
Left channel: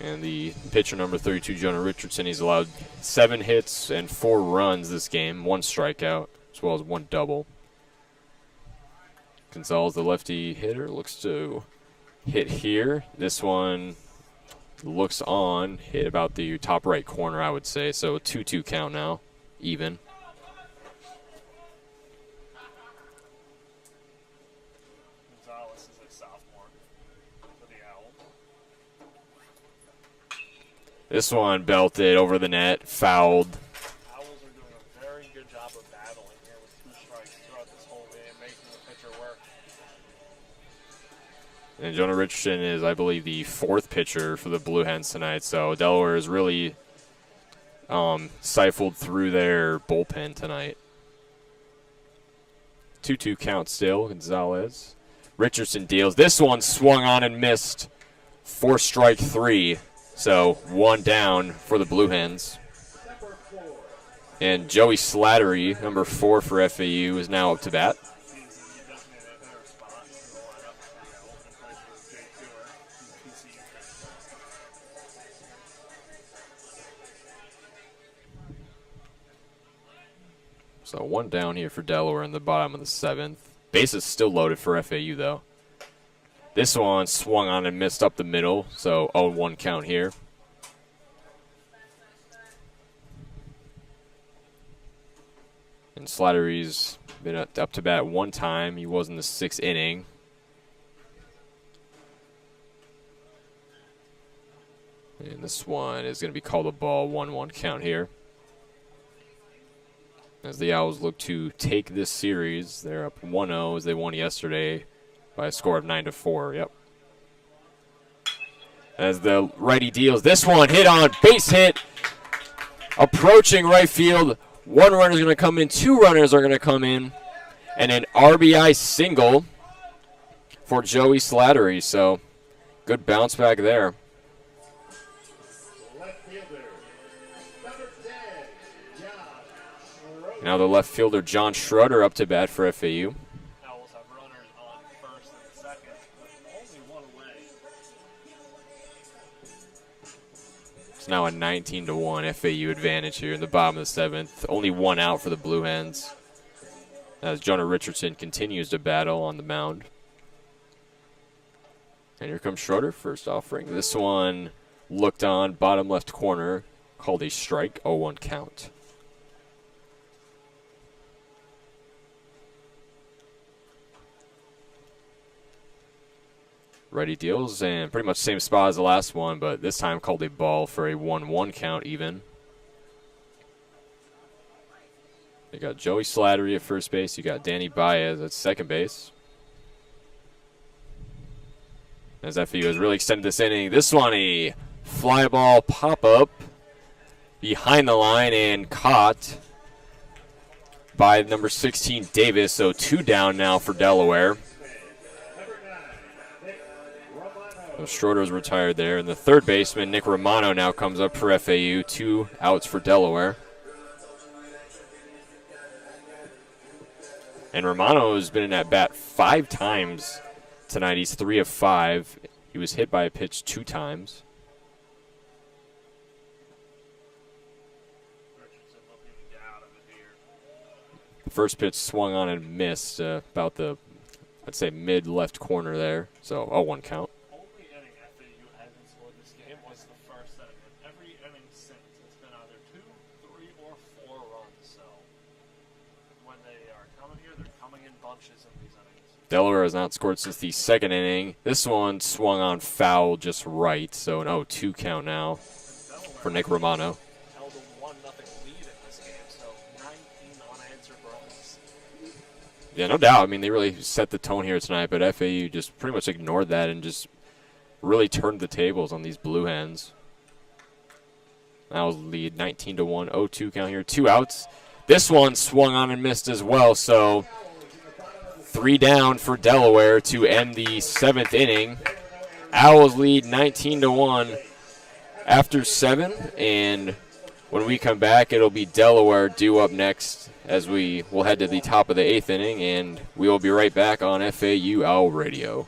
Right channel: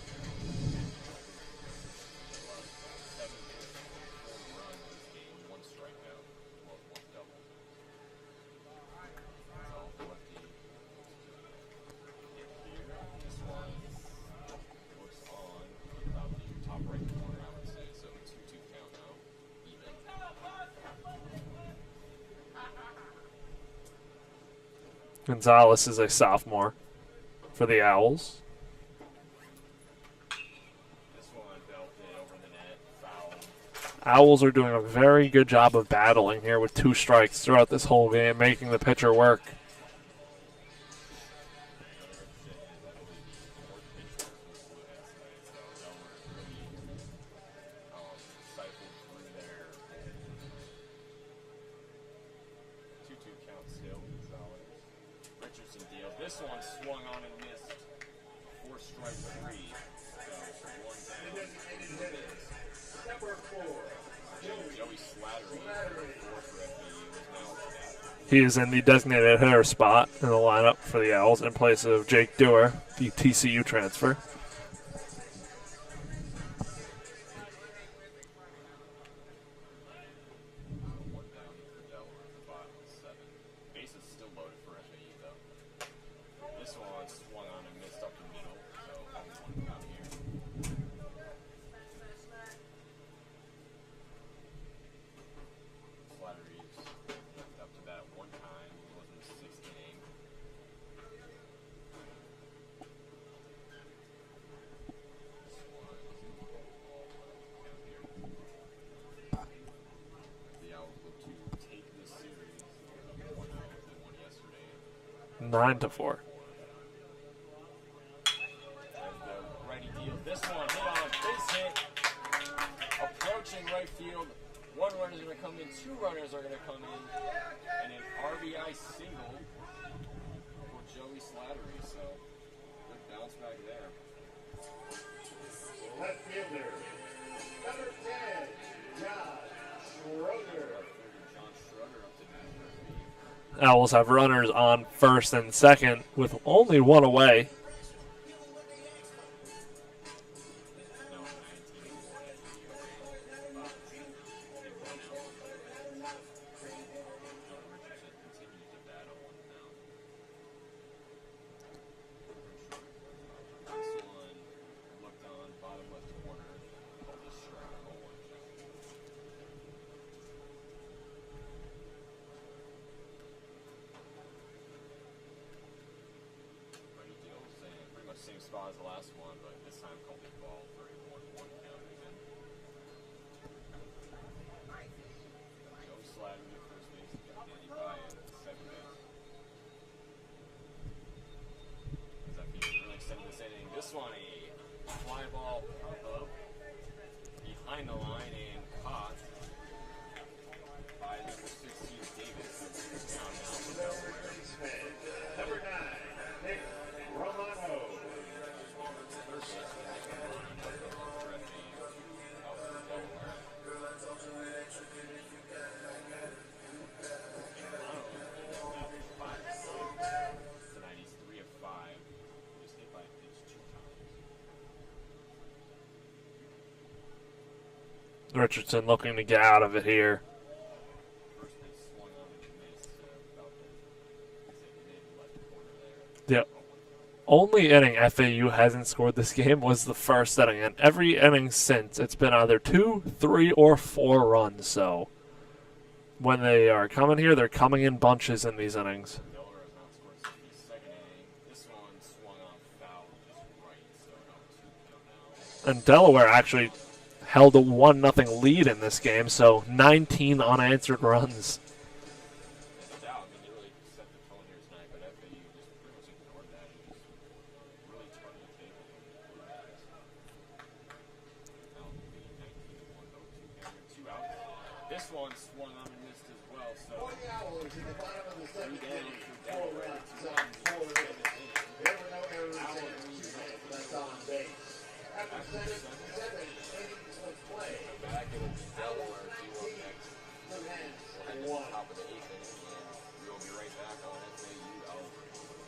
And the pitcher number 32, Jonah Richardson, he's allowed 7 hits and 4 runs this game, 1 strikeout, as well as 1 double. Gonzalez, the lefty hitter, looks to hit here. This one looks on, hit about the top right corner, I would say. So a 2-2 count now, even. Gonzalez is a sophomore for the Owls. This one belted over the net, fouled. Owls are doing a very good job of battling here with 2 strikes throughout this whole game, making the pitcher work. And Jonah Richardson is, I believe, the 4th pitcher for the Blue Hens tonight. So Delaware is really siphoned through their bullpen tonight. 2-2 count still, Gonzalez. Richardson deals. This one swung on and missed for strike 3. So 1 down for the Blue Hens. And Joey Slattery, number 4 for FAU, is now up to bat. He is in the designated hitter spot in the lineup for the Owls in place of Jake Dewar, the TCU transfer. So 1 down here for Delaware in the bottom of the 7th. Base is still loaded for FAU, though. This one swung on and missed up the middle, so 0-1 count here. And Slattery's been up to bat 1 time. He was in the 6th inning. And this one is going to be called a ball, 1-1 count here. As the Owls look to take this series, they're up 1-0 as they won yesterday by a score of 9-4. Yep. As the righty deals, this one hit on, base hit, approaching right field. 1 runner is going to come in, 2 runners are going to come in, and an RBI single for Joey Slattery. So good bounce back there. Now the left fielder, John Schroeder, up to bat for FAU. Owls have runners on first and second with only 1 away. It's now a 19-1 FAU advantage here in the bottom of the 7th. Only 1 out for the Blue Hens as Jonah Richardson continues to battle on the mound. And here comes Schroeder, first offering. This one looked on, bottom left corner, called a strike, 0-1 count. Righty deals, and pretty much same spot as the last one, but this time called a ball for a 1-1 count even. You got Joey Slattery at first base. You got Danny Baez at second base. As FAU has really extended this inning. This one, a fly ball pop-up behind the line and caught by number 16, Davis. So 2 down now for Delaware. So Schroeder's retired there. And the third baseman, Nick Romano, now comes up for FAU. 2 outs for Delaware. And Romano has been in at bat 5 times tonight. He's 3 of 5. He was hit by a pitch 2 times. Richardson looking to get out of it here. First pitch swung on and missed about the, I'd say, mid-left corner there. So yep. 0-1 count. Only inning FAU hasn't scored this game was the first inning. And every inning since, it's been either 2, 3, or 4 runs. So when they are coming here, they're coming in bunches in these innings. Delaware has not scored since the 2nd inning. This one swung on foul just right. So an 0-2 count now. And Delaware actually Romano held a 1-0 lead in this game. So 19 unanswered runs. Yeah, no doubt. I mean, they really set the tone here tonight, but FAU just pretty much ignored that and just really turned the tables on these Blue Hens. Now lead 19-1, 0-2 count here, 2 outs. This one swung on and missed as well, so 3 down for Delaware to end the 7th inning. Owls lead 19-1 after 7, and when we come back, it'll be Delaware due up next as we will head to the top of the 8th inning, and we will be right back on FAU Owl Radio.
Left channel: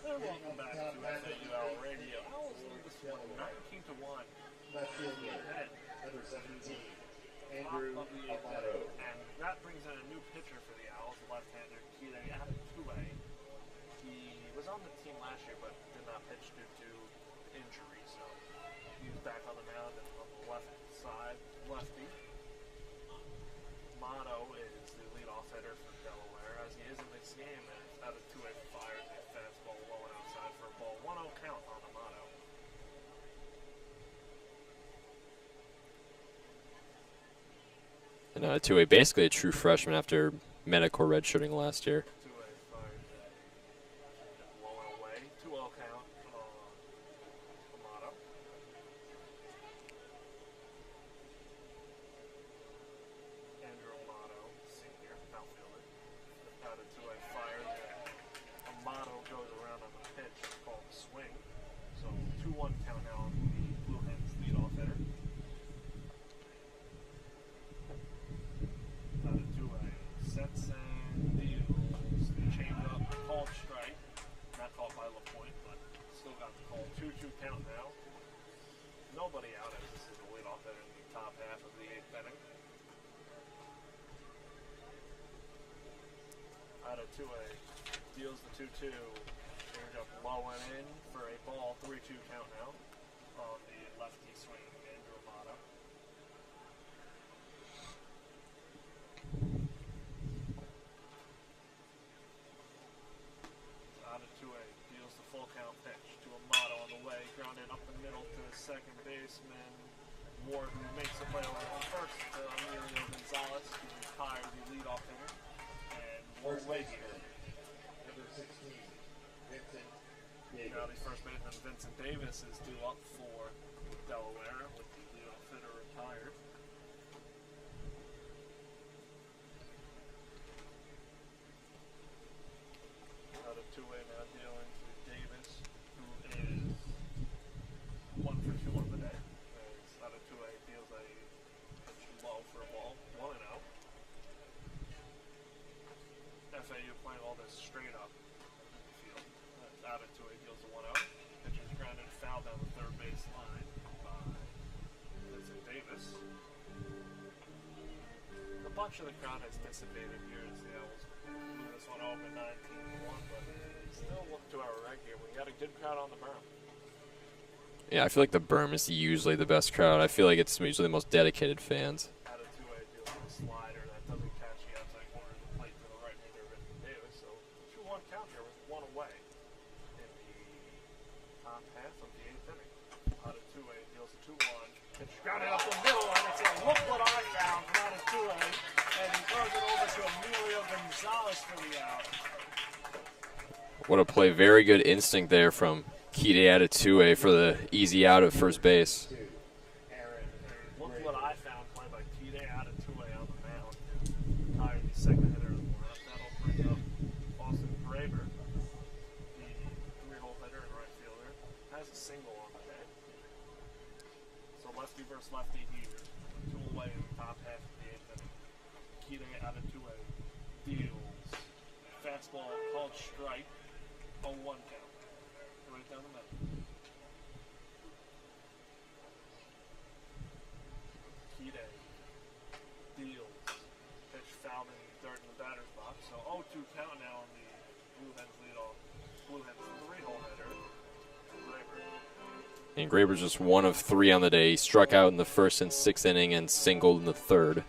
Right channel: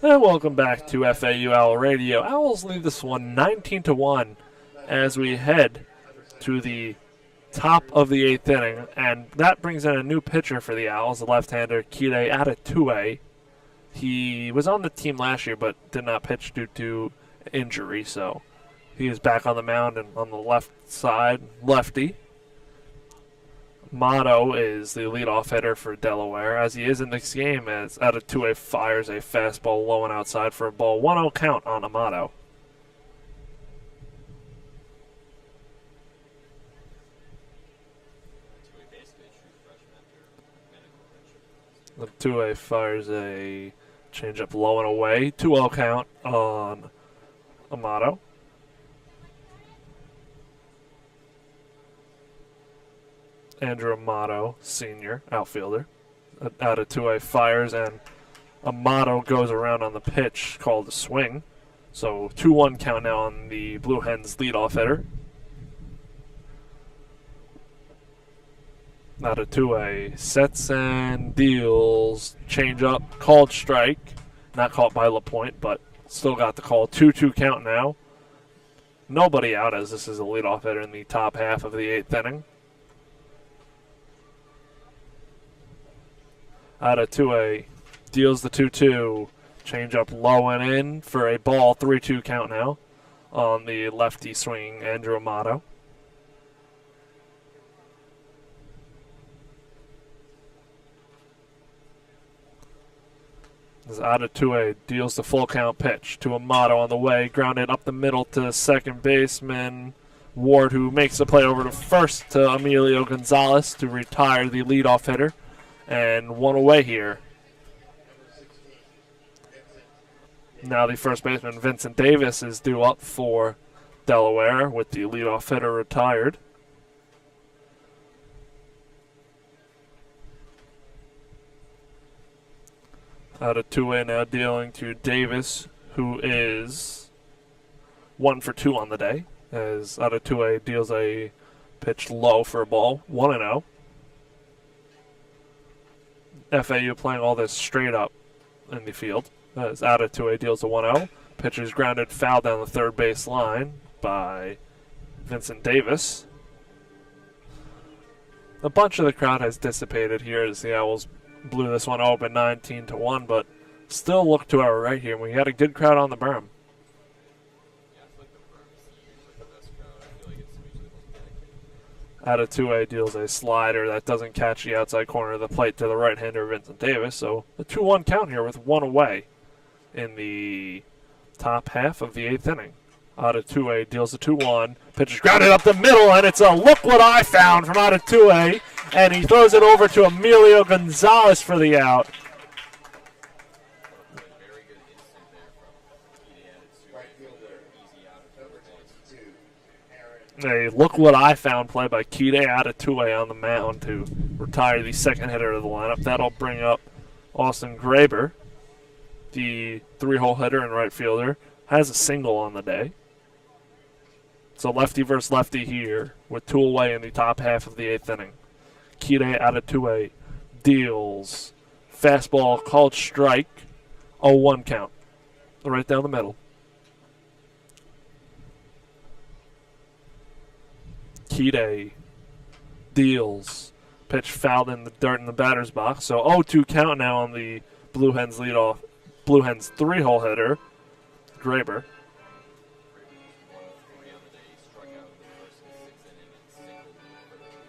And welcome back to FAU Owl Radio. Owls lead this one 19-1 as we head to the top of the 8th inning, and that brings in a new pitcher for the Owls, the left-hander Kide Atatue. He was on the team last year but did not pitch due to injury, so he is back on the mound and on the left side, lefty. Motto is the leadoff hitter for Delaware, as he is in this game, as Atatue fires a fastball low and outside for a ball. 1-0 count on Amato. And Atatue, basically a true freshman after medical redshirting last year. Atatue fires a changeup low and away. 2-0 count on Amato. Andrew Amato, senior outfielder. Atatue fires, and Amato goes around on the pitch called a swing. So 2-1 count now on the Blue Hens leadoff hitter. Atatue sets and deals. Change up, called strike. Not caught by LaPointe, but still got the call. 2-2 count now. Nobody out, as this is a leadoff hitter in the top half of the 8th inning. Atatue deals the 2-2. Change up low and in for a ball. 3-2 count now on the lefty swinging Andrew Amato. As Atatue deals the full count pitch to Amato on the way, grounded up the middle to second baseman Ward, who makes the play over to first to Emilio Gonzalez to retire the leadoff hitter. And one away here. Now the first baseman, Vincent Davis, is due up for Delaware with the leadoff hitter retired. Atatue now dealing to Davis, who is 1 for 2 on the day, as Atatue deals a pitch low for a ball, 1-0. FAU playing all this straight up in the field. As Atatue deals a 1-0. Pitch is grounded foul down the third base line by Vincent Davis. A bunch of the crowd has dissipated here as the Owls blew this one open 19-1, but still look to our right here. We had a good crowd on the berm. Yeah, I feel like the berm is usually the best crowd. I feel like it's usually the most dedicated fans. Atatue deals a slider that doesn't catch the outside corner of the plate to the right-hander Vincent Davis. So a 2-1 count here with one away in the top half of the 8th inning. Atatue deals the 2-1. Pitch is grounded up the middle, and it's a look what I found from Atatue. And he throws it over to Emilio Gonzalez for the out. What a play. Very good instinct there from Kide Atatue for the easy out at first base. A look what I found play by Kide Atatue on the mound to retire the second hitter of the lineup. That'll bring up Austin Graber, the 3-hole hitter and right fielder. Has a single on the day. So lefty versus lefty here with 2 away in the top half of the 8th inning. Kide Atatue deals. Fastball called strike. 0-1 count. Right down the middle. Kide deals. Pitch fouled in the dirt in the batter's box. So 0-2 count now on the Blue Hens leadoff. Blue Hens 3-hole hitter, Graber. And Graber's just 1 of 3 on the day. He struck out in the first and 6th inning and singled in the 3rd.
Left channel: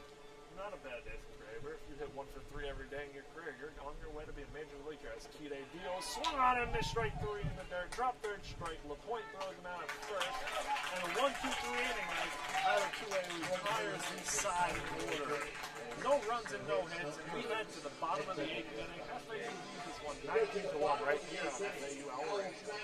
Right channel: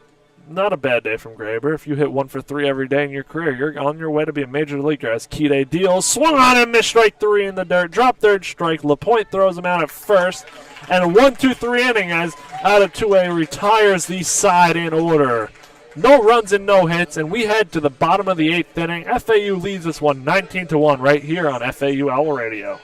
Not a bad day from Graber. If you hit 1 for 3 every day in your career, you're on your way to be a major leaguer. As Kide deals, swung on him, missed strike 3 in the dirt, dropped third strike. LaPointe throws him out at first, and a 1-2-3 inning as Atatue retires the side in order. No runs and no hits, and we head to the bottom of the 8th inning. FAU leads this one 19-1 right here on FAU Owl Radio.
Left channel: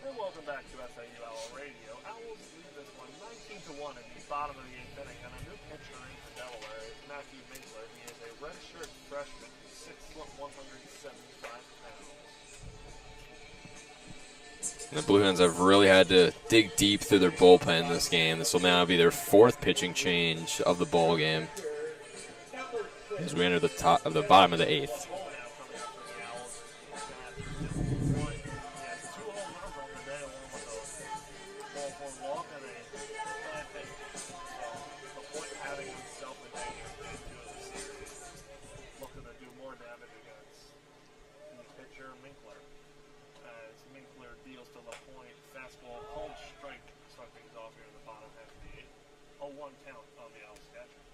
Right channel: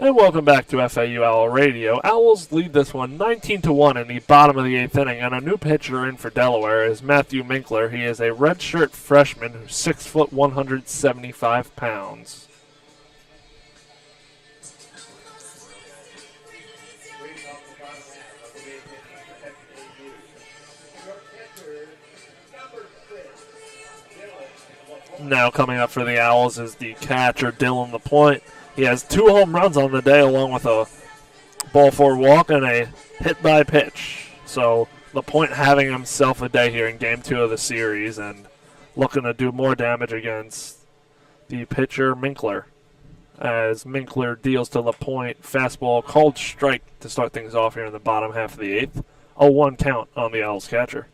And welcome back to FAU Owl Radio. Owls lead this one 19-1 in the bottom of the 8th inning, and a new pitcher in for Delaware is Matthew Minkler. He is a redshirt freshman who's 6 foot 175 pounds. The Blue Hens have really had to dig deep through their bullpen in this game. This will now be their 4th pitching change of the ball game as we enter the bottom of the 8th. Now coming up for the Owls is the catcher, Dylan LaPointe. He has 2 home runs on the day along with a ball four walk and a hit by pitch. So LaPointe having himself a day here in game 2 of the series and looking to do more damage against the pitcher Minkler. As Minkler deals to LaPointe, fastball called strike to start things off here in the bottom half of the 8th. A 1 count on the Owls catcher.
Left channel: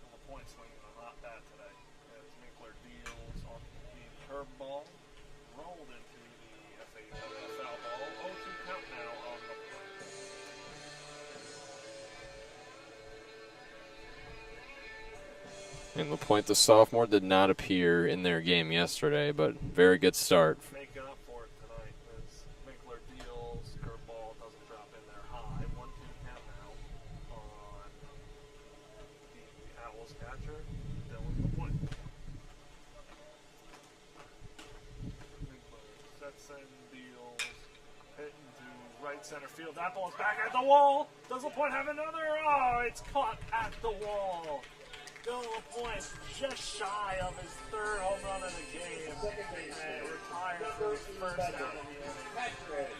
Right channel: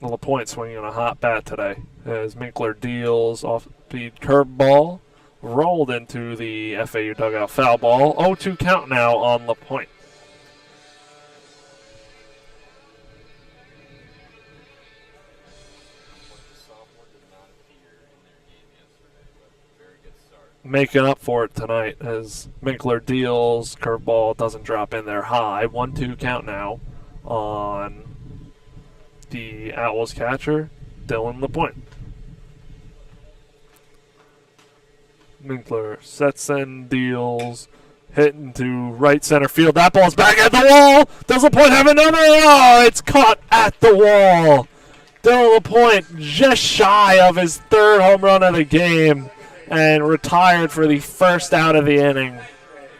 LaPointe swinging a hot bat today as Minkler deals off-speed curveball, rolled into the FAU dugout foul ball. 0-2 count now on LaPointe. And LaPointe, the sophomore, did not appear in their game yesterday, but very good start. Making up for it tonight as Minkler deals, curveball doesn't drop in there high. 1-2 count now on the Owls catcher, Dylan LaPointe. Minkler sets and deals, hitting to right center field. That ball's back at the wall. Does LaPointe have another? Oh, it's caught at the wall. Dylan LaPointe just shy of his 3rd home run of the game and retired for the first out of the inning.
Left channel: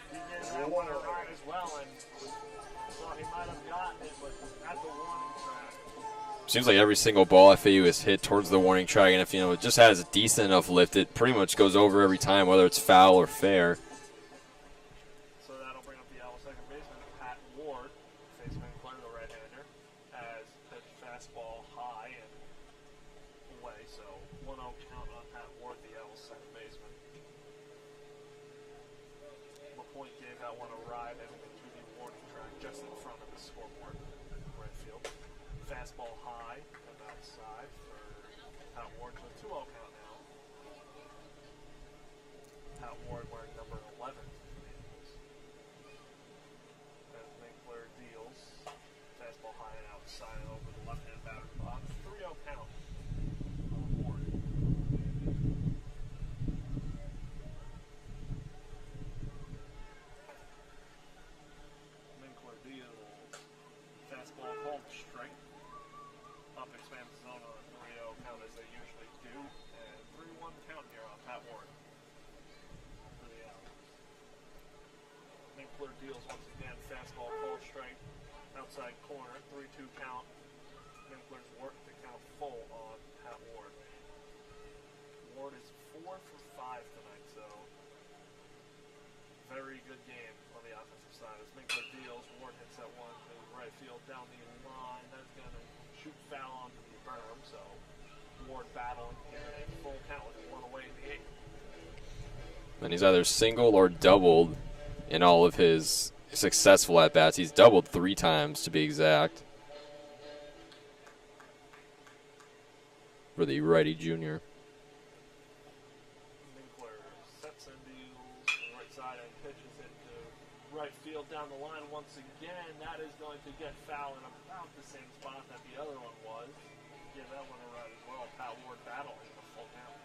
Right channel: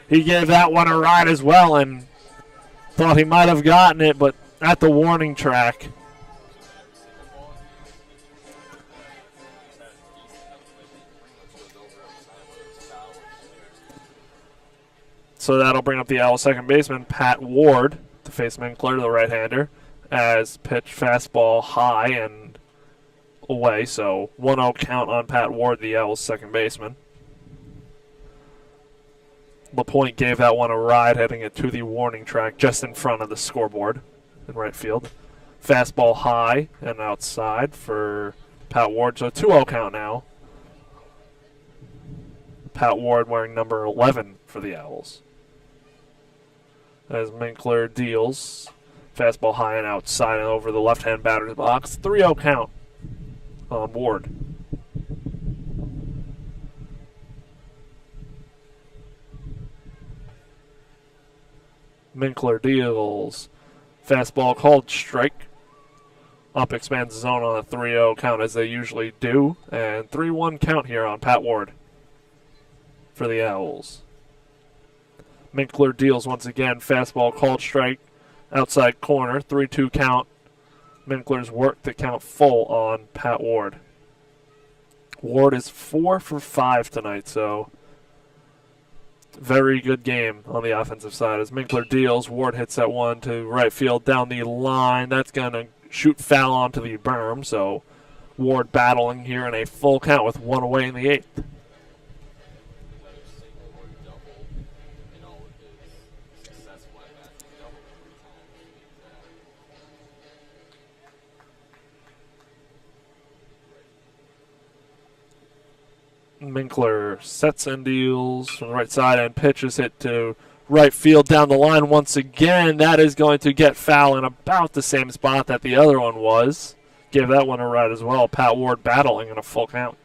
He gave that one a ride as well and thought he might have gotten it, but at the warning track. Seems like every single ball FAU has hit towards the warning track, and if it just has a decent enough lift, it pretty much goes over every time, whether it's foul or fair. So that'll bring up the Owls second baseman, Pat Ward, to face Minkler, the right-hander, as pitch fastball high and away. So 1-0 count on Pat Ward, the Owls second baseman. LaPointe gave that one a ride, heading it to the warning track just in front of the scoreboard in right field. Fastball high and outside for Pat Ward, so 2-0 count now. Pat Ward wearing number 11 for the Owls. As Minkler deals, fastball high and outside and over the left-hand batter's box. 3-0 count on Ward. Minkler deals, fastball called strike. Up expands the zone on a 3-0 count as they usually do. And 3-1 count here on Pat Ward for the Owls. Minkler deals once again. Fastball called strike. Outside corner. 3-2 count. Minkler's worked the count full on Pat Ward. Ward is 4 for 5 tonight, so very good game on the offensive side. As Minkler deals, Ward hits that one to right field down the line. That's going to shoot foul onto the berm, so Ward battling here in a full count with 1 away in the 8th. And he's either singled or doubled in all of his successful at-bats. He's doubled 3 times to be exact for the righty junior. Minkler sets and deals from the right side and pitches hit to right field down the line once again. That is going to get foul in about the same spot that the other one was. Give that one a ride as well. Pat Ward battling in a full count.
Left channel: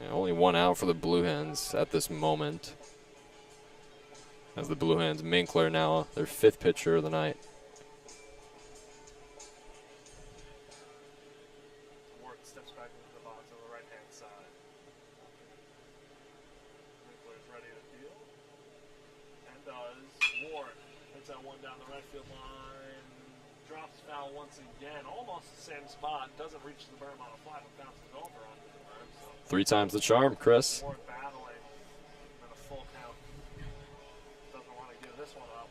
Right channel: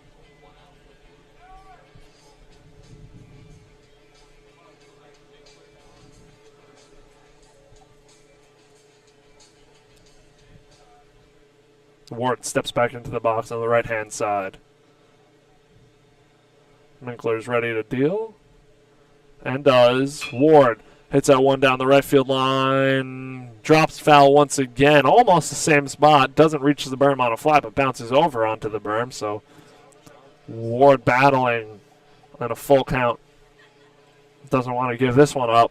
Yeah, only 1 out for the Blue Hens at this moment. As the Blue Hens, Minkler now their 5th pitcher of the night. Ward steps back into the box on the right-hand side. Minkler's ready to deal. And does. Ward hits that one down the right field line. Drops foul once again. Almost the same spot. Doesn't reach the berm on a fly, but bounces over onto the berm. So 3 times the charm, Chris. Ward battling and a full count. Doesn't want to give this one up.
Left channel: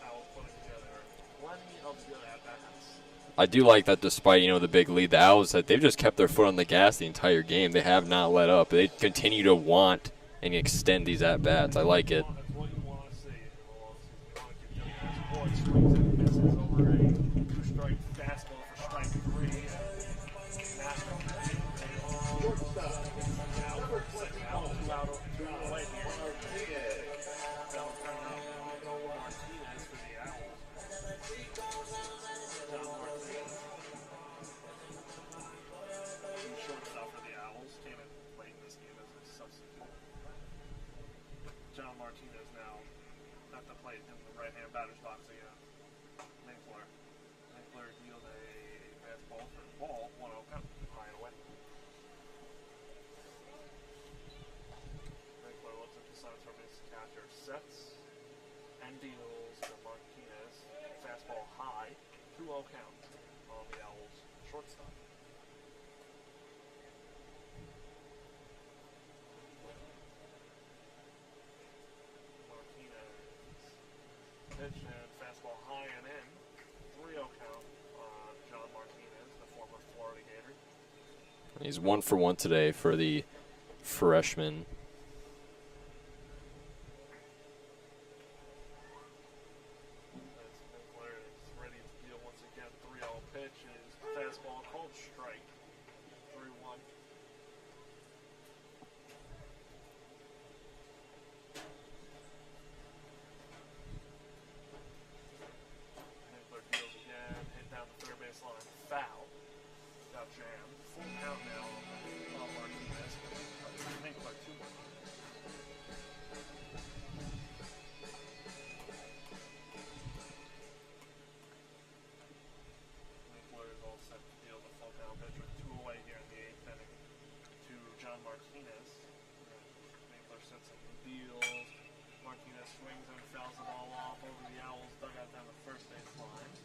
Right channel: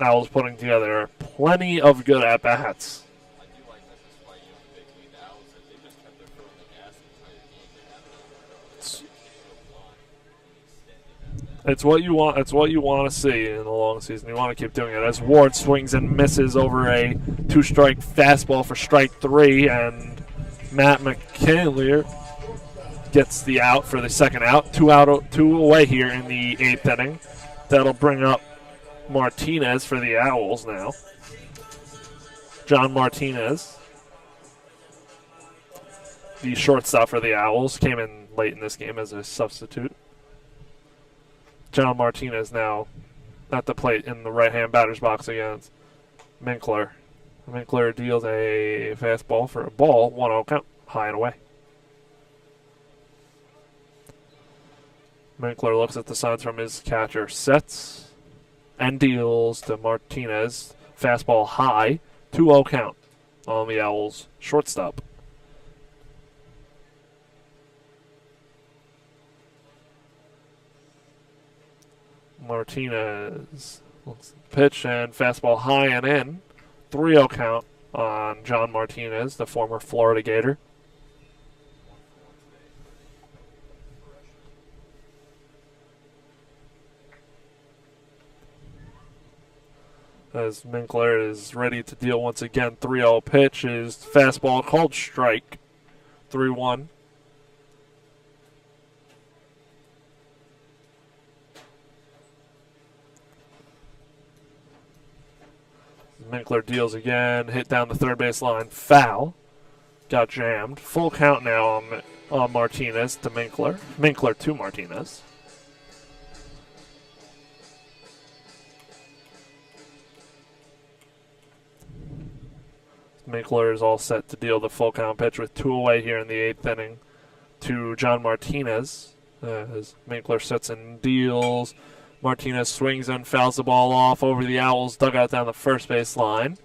Owls putting together plenty of good at-bats. I do like that despite, the big lead, the Owls, that they've just kept their foot on the gas the entire game. They have not let up. They continue to want and extend these at-bats. It's what you want. It's what you want to see in the long season. You want to keep doing it. As Ward swings and misses over a 2-strike fastball for strike 3, and Matt McKinley gets the out for the second out. Two away here in the 8th inning. That'll bring up Martinez for the Owls now. John Martinez, the shortstop for the Owls, came in late in this game as a substitute. John Martinez now at the plate in the right-hand batter's box against Minkler. Minkler deals a fastball for a ball, 1-0 count, high and away. Minkler looks at the signs from his catcher, sets, and deals to Martinez. Fastball high, 2-0 count on the Owls' shortstop. Martinez pitch and fastball high and in. 3-0 count on John Martinez, the former Florida Gator. He's 1 for 1 today for the freshman. As Minkler is ready to deal once again. 3-0 pitch is fastball called strike. 3-1. Minkler deals again, hit down the third base line, foul. Got jammed. Full count now on Martinez to Minkler. Minkler to Martinez. Minkler is all set to deal the full count pitch with 2 away here in the 8th inning to John Martinez. As Minkler sets and deals. Martinez swings and fouls the ball off over the Owls' dugout down the first base line.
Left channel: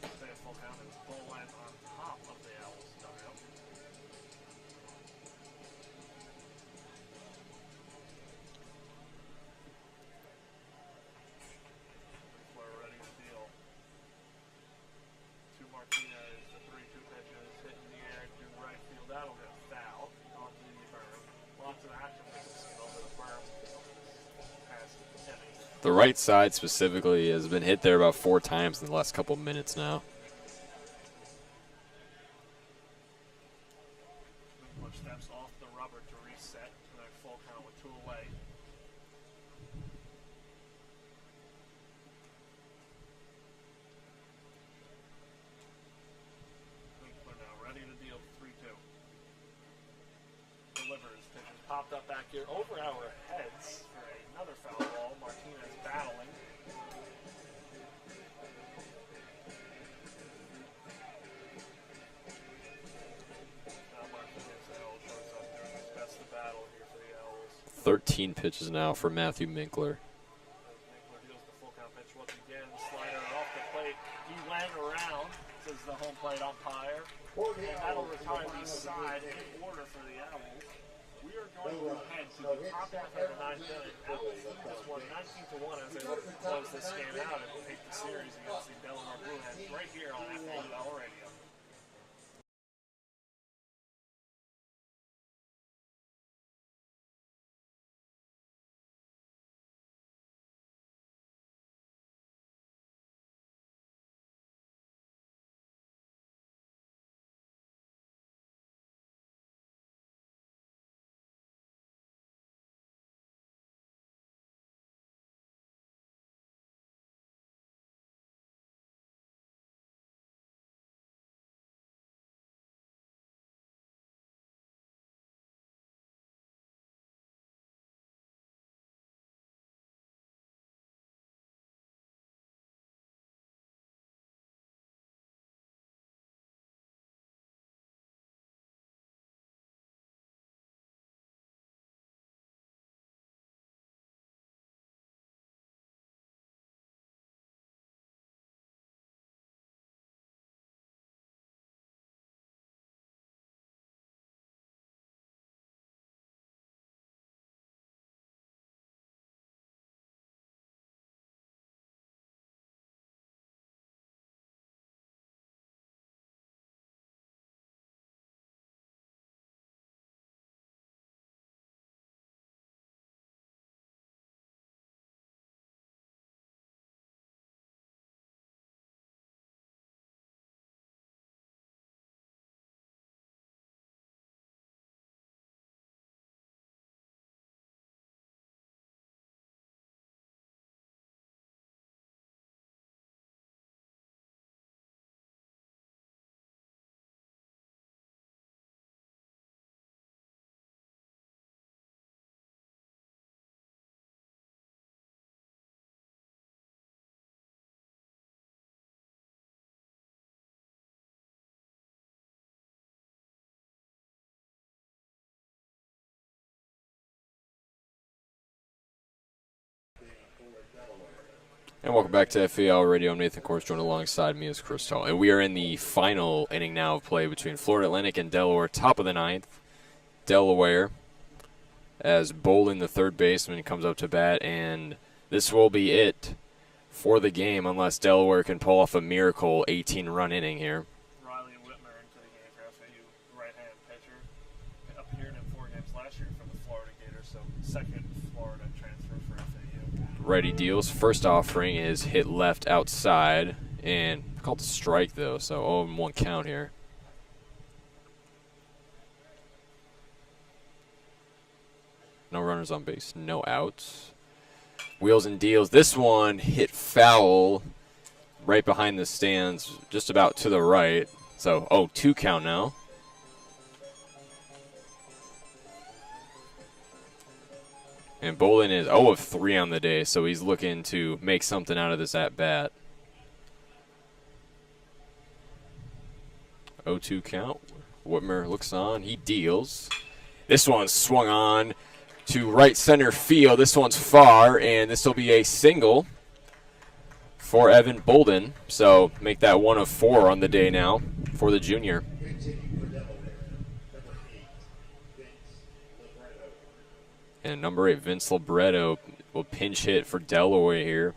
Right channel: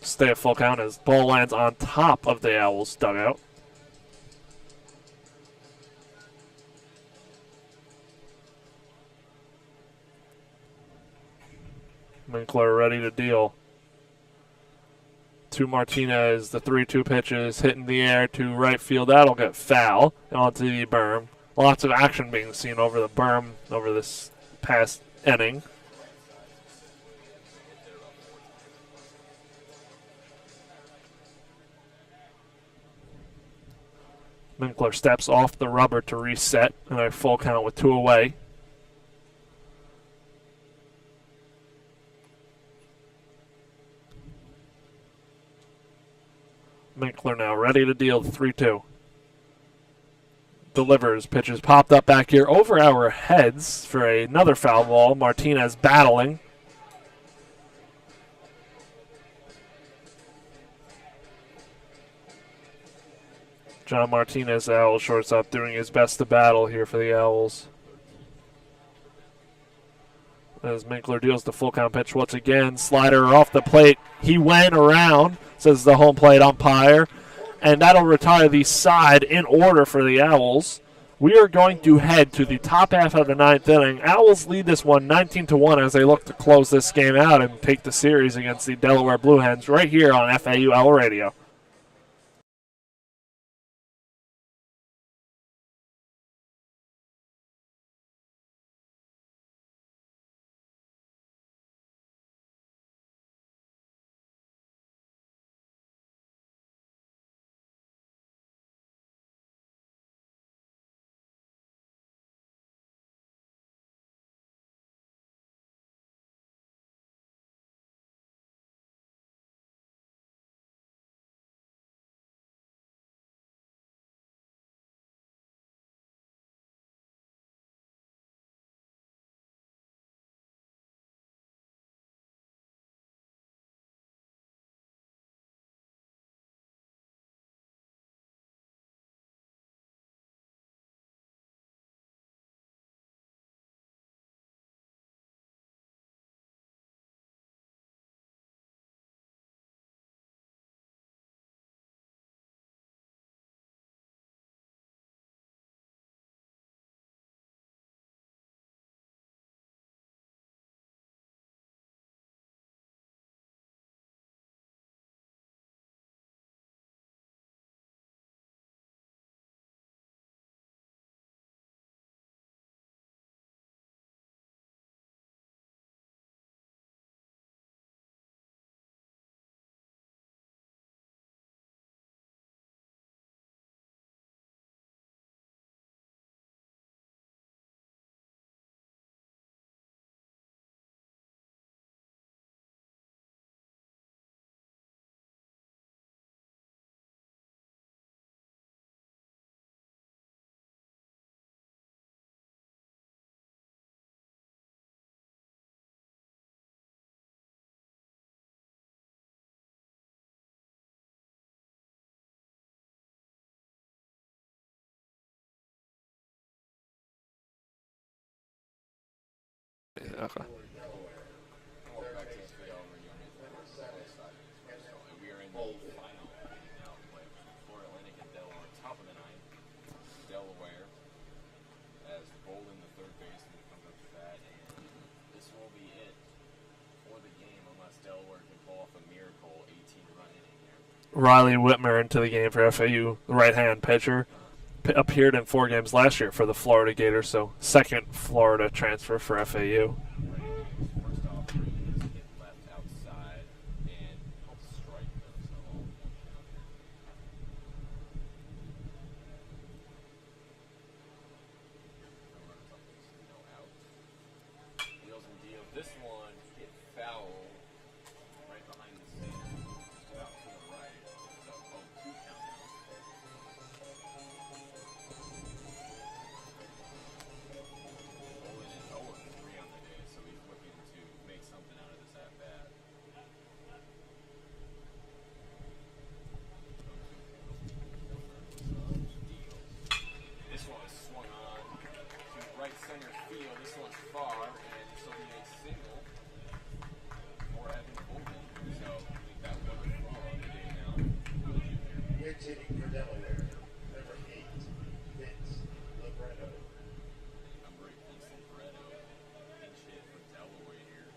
Stay at full count as ball lands on top of the Owls' dugout. Minkler ready to deal. To Martinez, the 3-2 pitch is hit in the air to right field. That'll get foul and onto the berm. Lots of action being seen over the berm over this past inning. The right side specifically has been hit there about 4 times in the last couple minutes now. Minkler steps off the rubber to reset and a full count with 2 away. Minkler now ready to deal the 3-2. Delivers, pitches popped up back here over our heads for another foul ball. Martinez battling. John Martinez, the Owls shortstop, doing his best to battle here for the Owls. 13 pitches now for Matthew Minkler. As Minkler deals the full count pitch once again. Slider off the plate. He went around, says the home plate umpire. And that'll retire the side in order for the Owls. We are going to head to the top half of the 9th inning. Owls lead this one 19-1 as they look to close this game out and take the series against the Delaware Blue Hens right here on FAU Owl Radio. Okay. And welcome back to FAU Radio. I'm Nathan Korst, joined alongside me is Chris Talt. And we are in the final inning now of play between Florida Atlantic and Delaware, top of the ninth. Delaware, as Bolin, the third baseman, comes up to bat, and this will be it for the game unless Delaware can pull off a miracle 18-run inning here. Riley Whitmer into the game for FAU, the right-hand pitcher. Appeared in 4 games last year for the Florida Gators, so second Florida transfer for FAU. Righty deals. First offering is hit left outside, and called a strike, though, so 0-1 count here. No runners on base, no outs. Wheels and deals. This one hit foul right behind the stands, just about to the right. So 0-2 count now. And Bolin is 0 of 3 on the day, so he's looking to make something out of this at-bat. 0-2 count. Whitmer looks on. He deals. This one's swung on to right center field. This one's far, and this will be a single for Evan Bolden. So make that 1 of 4 on the day now for the junior. And number 8, Vince Libretto, will pinch hit for Delaware here,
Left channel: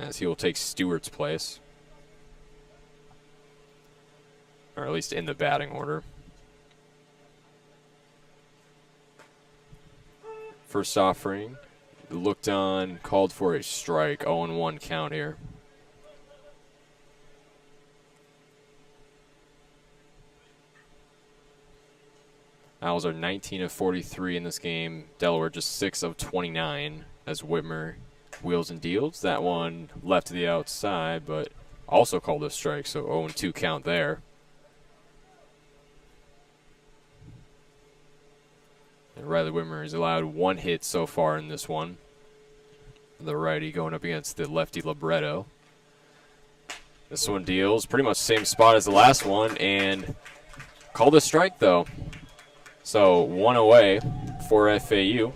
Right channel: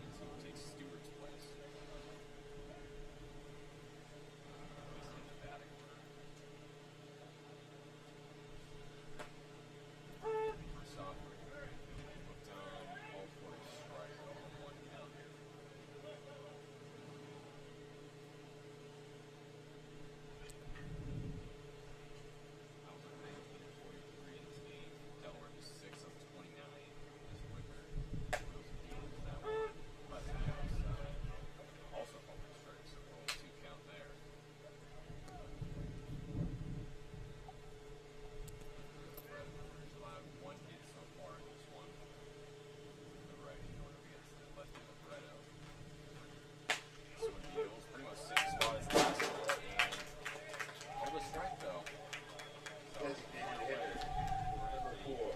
as he will take Stewart's place, or at least in the batting order. First offering, looked on, called for a strike, 0-1 count here. Owls are 19 of 43 in this game. Delaware just 6 of 29 as Whitmer wheels and deals. That one left to the outside, but also called a strike, so 0-2 count there. And Riley Whitmer has allowed 1 hit so far in this one. The righty going up against the lefty Libretto. This one deals pretty much same spot as the last one, and called a strike though. So 1 away for FAU.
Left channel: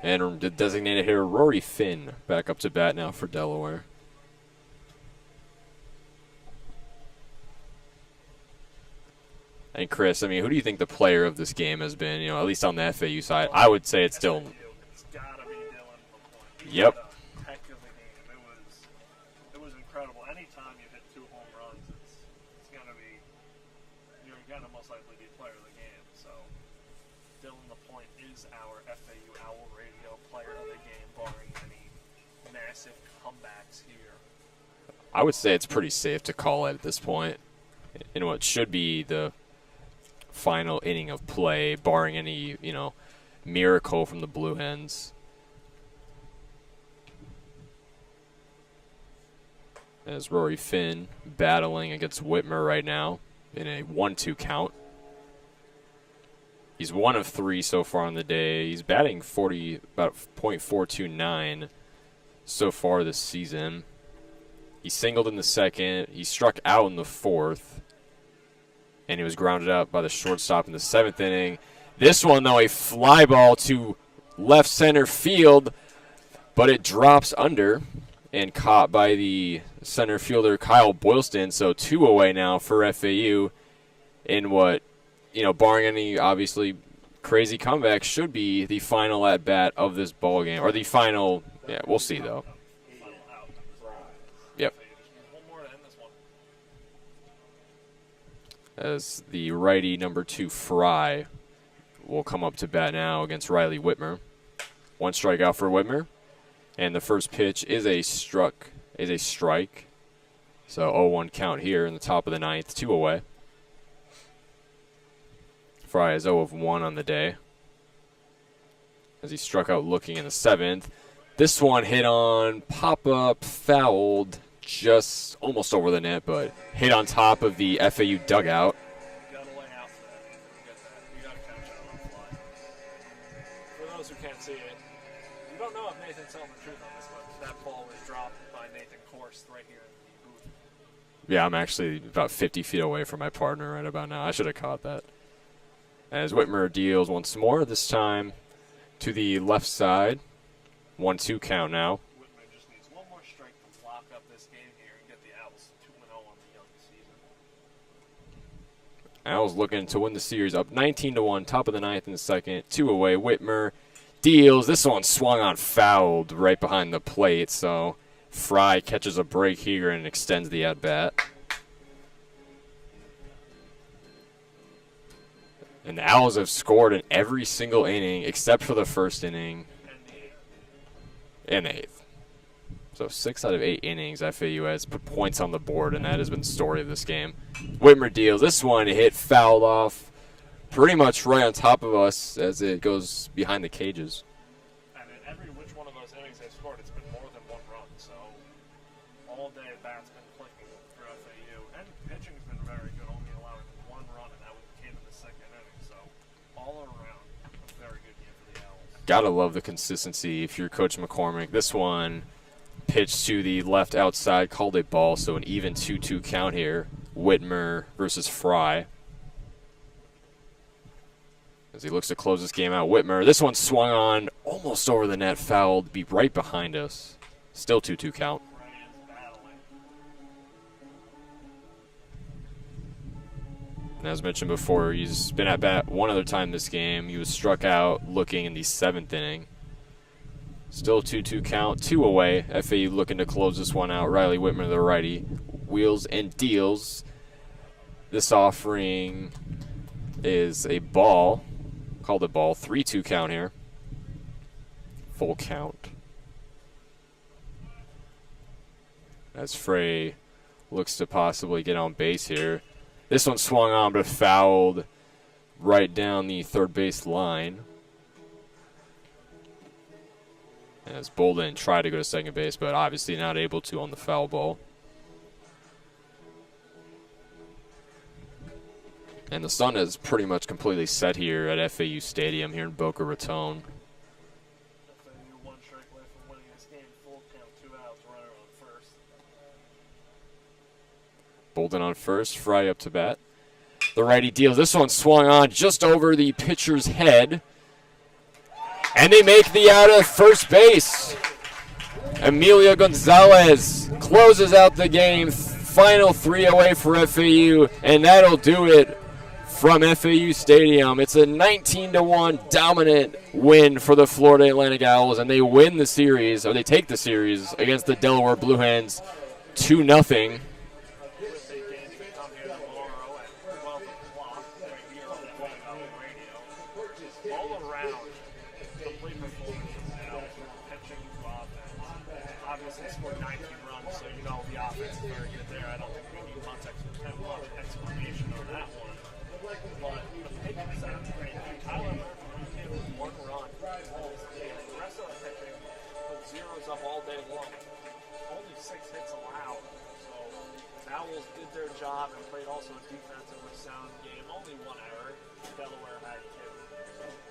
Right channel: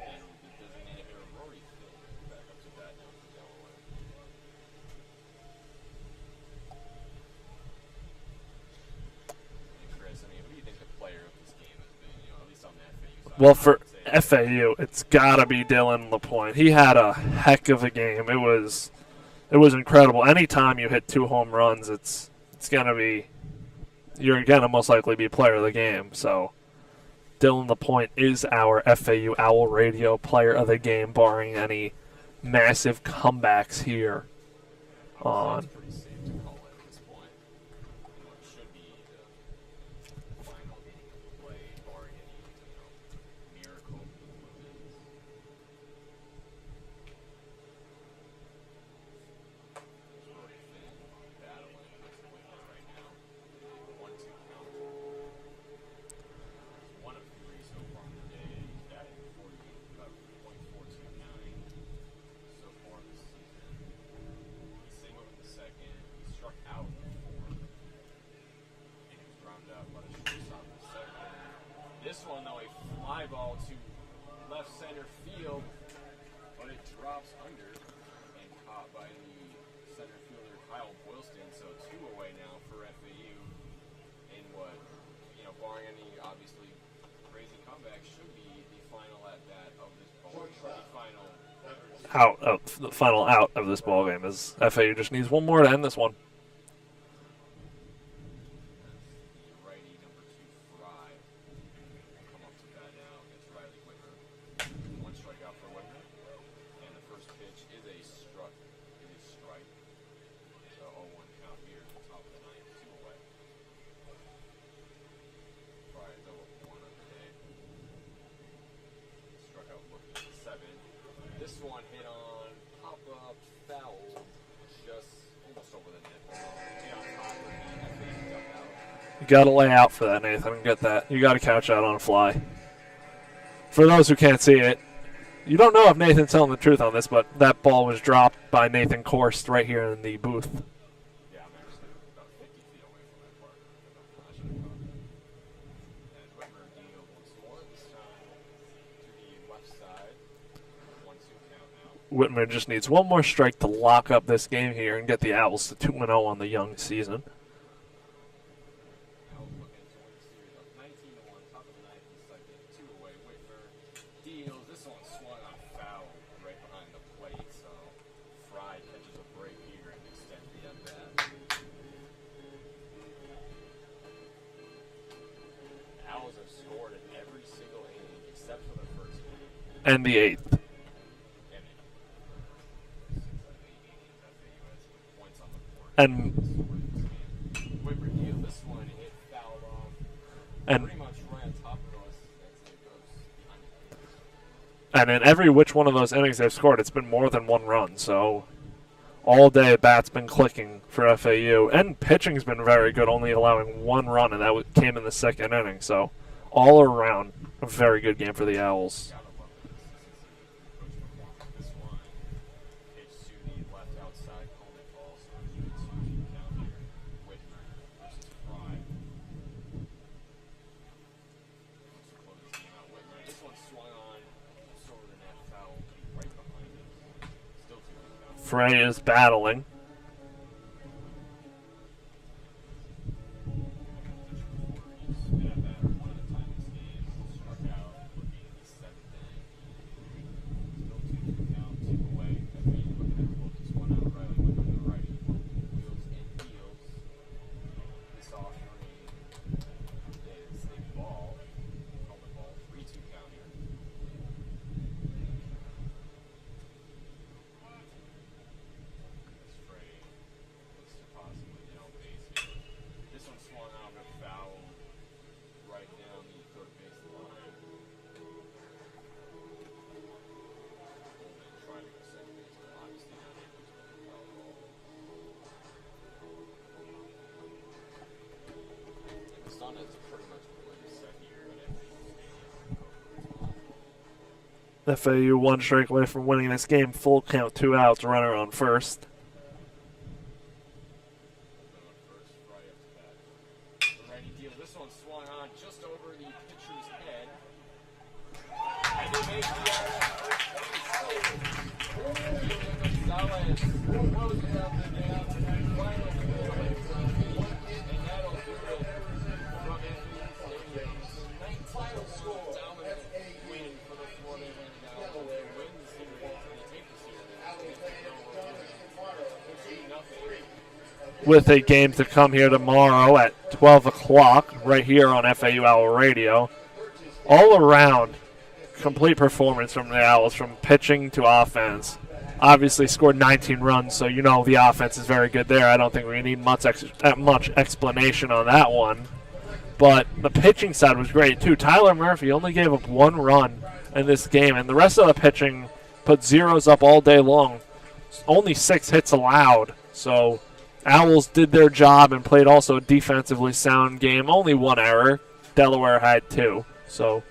And the designated hitter Rory Finn back up to bat now for Delaware. And Chris, I mean, who do you think the player of this game has been? You know, at least on the FAU side, Well, I would say it's FAU. still. It's got to be Dylan LaPointe. He had a heck of a game. It was incredible. Anytime you hit 2 home runs, it's gonna be. You're going to most likely be player of the game. So Dylan LaPointe is our FAU Owl Radio player of the game, barring any massive comebacks here. I would say it's pretty safe to call it at this point in what should be the final inning of play, barring any, miracle from the Blue Hens. As Rory Finn battling against Whitmer right now in a 1-2 count. He's 1 of 3 so far on the day. He's batting about .429 so far this season. He singled in the second. He struck out in the 4th. And he was grounded out by the shortstop in the 7th inning. This one, though, a fly ball to left center field, but it drops under and caught by the center fielder Kyle Boylston. So 2 away now for FAU in what, barring any obviously crazy comeback, should be the final at bat of this ball game, or the final. Yeah, we'll see. The final out of this ball game is FAU just needs 1 more to end this one. As the righty number 2 Fry will come up to bat now against Riley Whitmer. 1 strikeout for Whitmer, and the first pitch is a strike. So 0-1 count here in the top of the 9th, 2 away. Fry is 0 of 1 on the day, as he struck out looking in the 7th. This one hit on pop-up, fouled just almost over the net, but hit on top of the FAU dugout. You got to lay out for that, Nathan. Get that. You got to couch out on a fly. For those who can't see it, you don't know if Nathan's telling the truth on this, but that ball was dropped by Nathan Korst right here in the booth. Yeah, I'm actually about 50 feet away from my partner right about now. I should have caught that. As Whitmer deals once more, this time to the left side. 1-2 count now. Whitmer just needs one more strike to lock up this game here and get the Owls to 2-0 on the young season. Owls looking to win the series up 19-1, top of the ninth in the second. 2 away. Whitmer deals. This one swung on, fouled right behind the plate. So Fry catches a break here and extends the at-bat. And the Owls have scored in every single inning except for the first inning. And the 8th. And the 8th. So 6 out of 8 innings, FAU has put points on the board, and that has been the story of this game. Whitmer deals. This one hit fouled off pretty much right on top of us as it goes behind the cages. And in every which one of those innings they've scored, it's been more than 1 run. So all day, bat's been clicking for FAU. And pitching's been very good, only allowing 1 run, and that came in the second inning. So all around, a very good game for the Owls. Gotta love the consistency if you're Coach McCormick. This one pitched to the left outside, called a ball, so an even 2-2 count here. Whitmer versus Fry. As he looks to close this game out, Whitmer. This one swung on, almost over the net, fouled, be right behind us. Still 2-2 count. Fry is battling. And as mentioned before, he's been at bat one other time this game. He was struck out looking in the 7th inning. Still 2-2 count, 2 away. FAU looking to close this one out. Riley Whitmer, the righty, wheels and deals. This offering is a ball. Called a ball. 3-2 count here. Full count. As Frey looks to possibly get on base here. This one swung on but fouled right down the third base line. As Bolden tried to go to second base, but obviously not able to on the foul ball. And the sun is pretty much completely set here at FAU Stadium here in Boca Raton. FAU 1 strike away from winning this game. Full count, 2 outs, runner on first. Bolden on first, Fry up to bat. The righty deals. This one swung on just over the pitcher's head. And they make the out at first base. Emilio Gonzalez closes out the game. Final 3 away for FAU, and that'll do it from FAU Stadium. It's a 19-1 dominant win for the Florida Atlantic Owls, and they win the series, or they take the series against the Delaware Blue Hens 2-0. With a game to come here tomorrow at 12 o'clock, right here on FAU Owl Radio. All around, complete performance from the Owls, from pitching to offense. Obviously scored 19 runs, so you know the offense is very good there. I don't think we need much explanation on that one. But the pitching side was great, too. Tyler Murphy only gave up 1 run in this game, and the rest of the pitching put zeros up all day long. Only 6 hits allowed, so Owls did their job and played also a defensively sound game. Only 1 error. Delaware had 2, so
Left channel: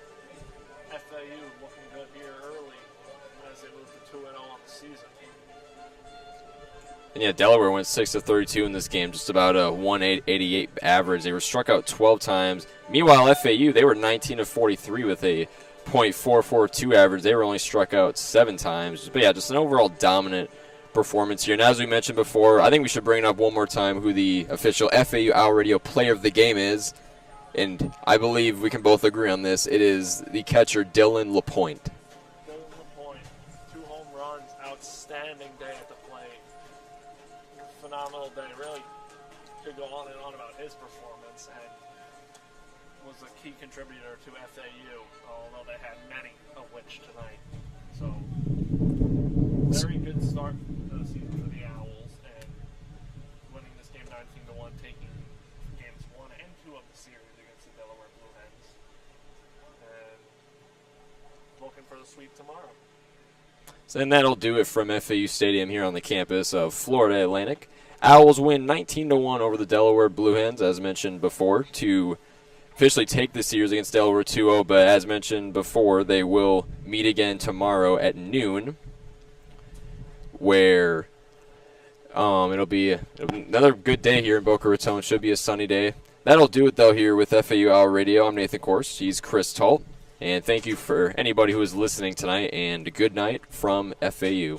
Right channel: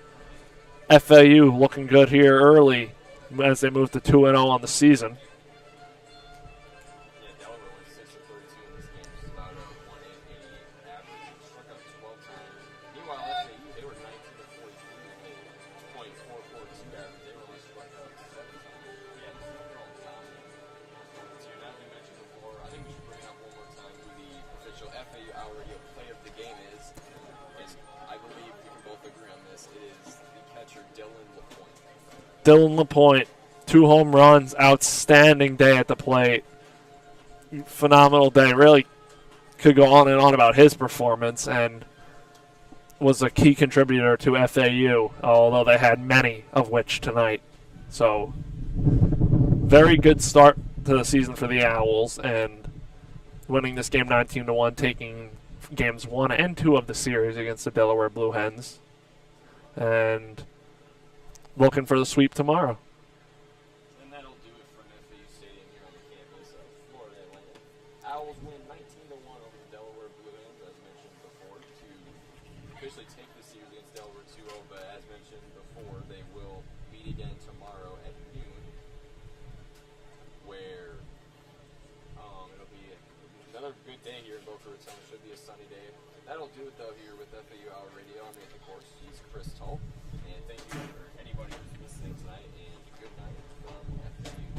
FAU looking good here early as they move to 2-0 on the season. And yeah, Delaware went 6 of 32 in this game, just about a 188 average. They were struck out 12 times. Meanwhile, FAU, they were 19 of 43 with a .442 average. They were only struck out 7 times. But yeah, just an overall dominant performance here. And as we mentioned before, I think we should bring up one more time who the official FAU Owl Radio player of the game is. And I believe we can both agree on this. It is the catcher, Dylan LaPointe. Dylan LaPointe, 2 home runs, outstanding day at the plate. Phenomenal day. Really could go on and on about his performance, and was a key contributor to FAU, although they had many of which tonight. So, very good start to the season for the Owls, and winning this game 19-1, taking games 1 and 2 of the series against the Delaware Blue Hens, and looking for the sweep tomorrow. And that'll do it from FAU Stadium here on the campus of Florida Atlantic. Owls win 19-1 over the Delaware Blue Hens, as mentioned before, to officially take the series against Delaware 2-0. But as mentioned before, they will meet again tomorrow at noon, where it'll be another good day here in Boca Raton. Should be a sunny day. That'll do it, though, here with FAU Hour Radio. I'm Nathan Korst. He's Chris Talt. And thank you for anybody who is listening tonight, and good night from FAU.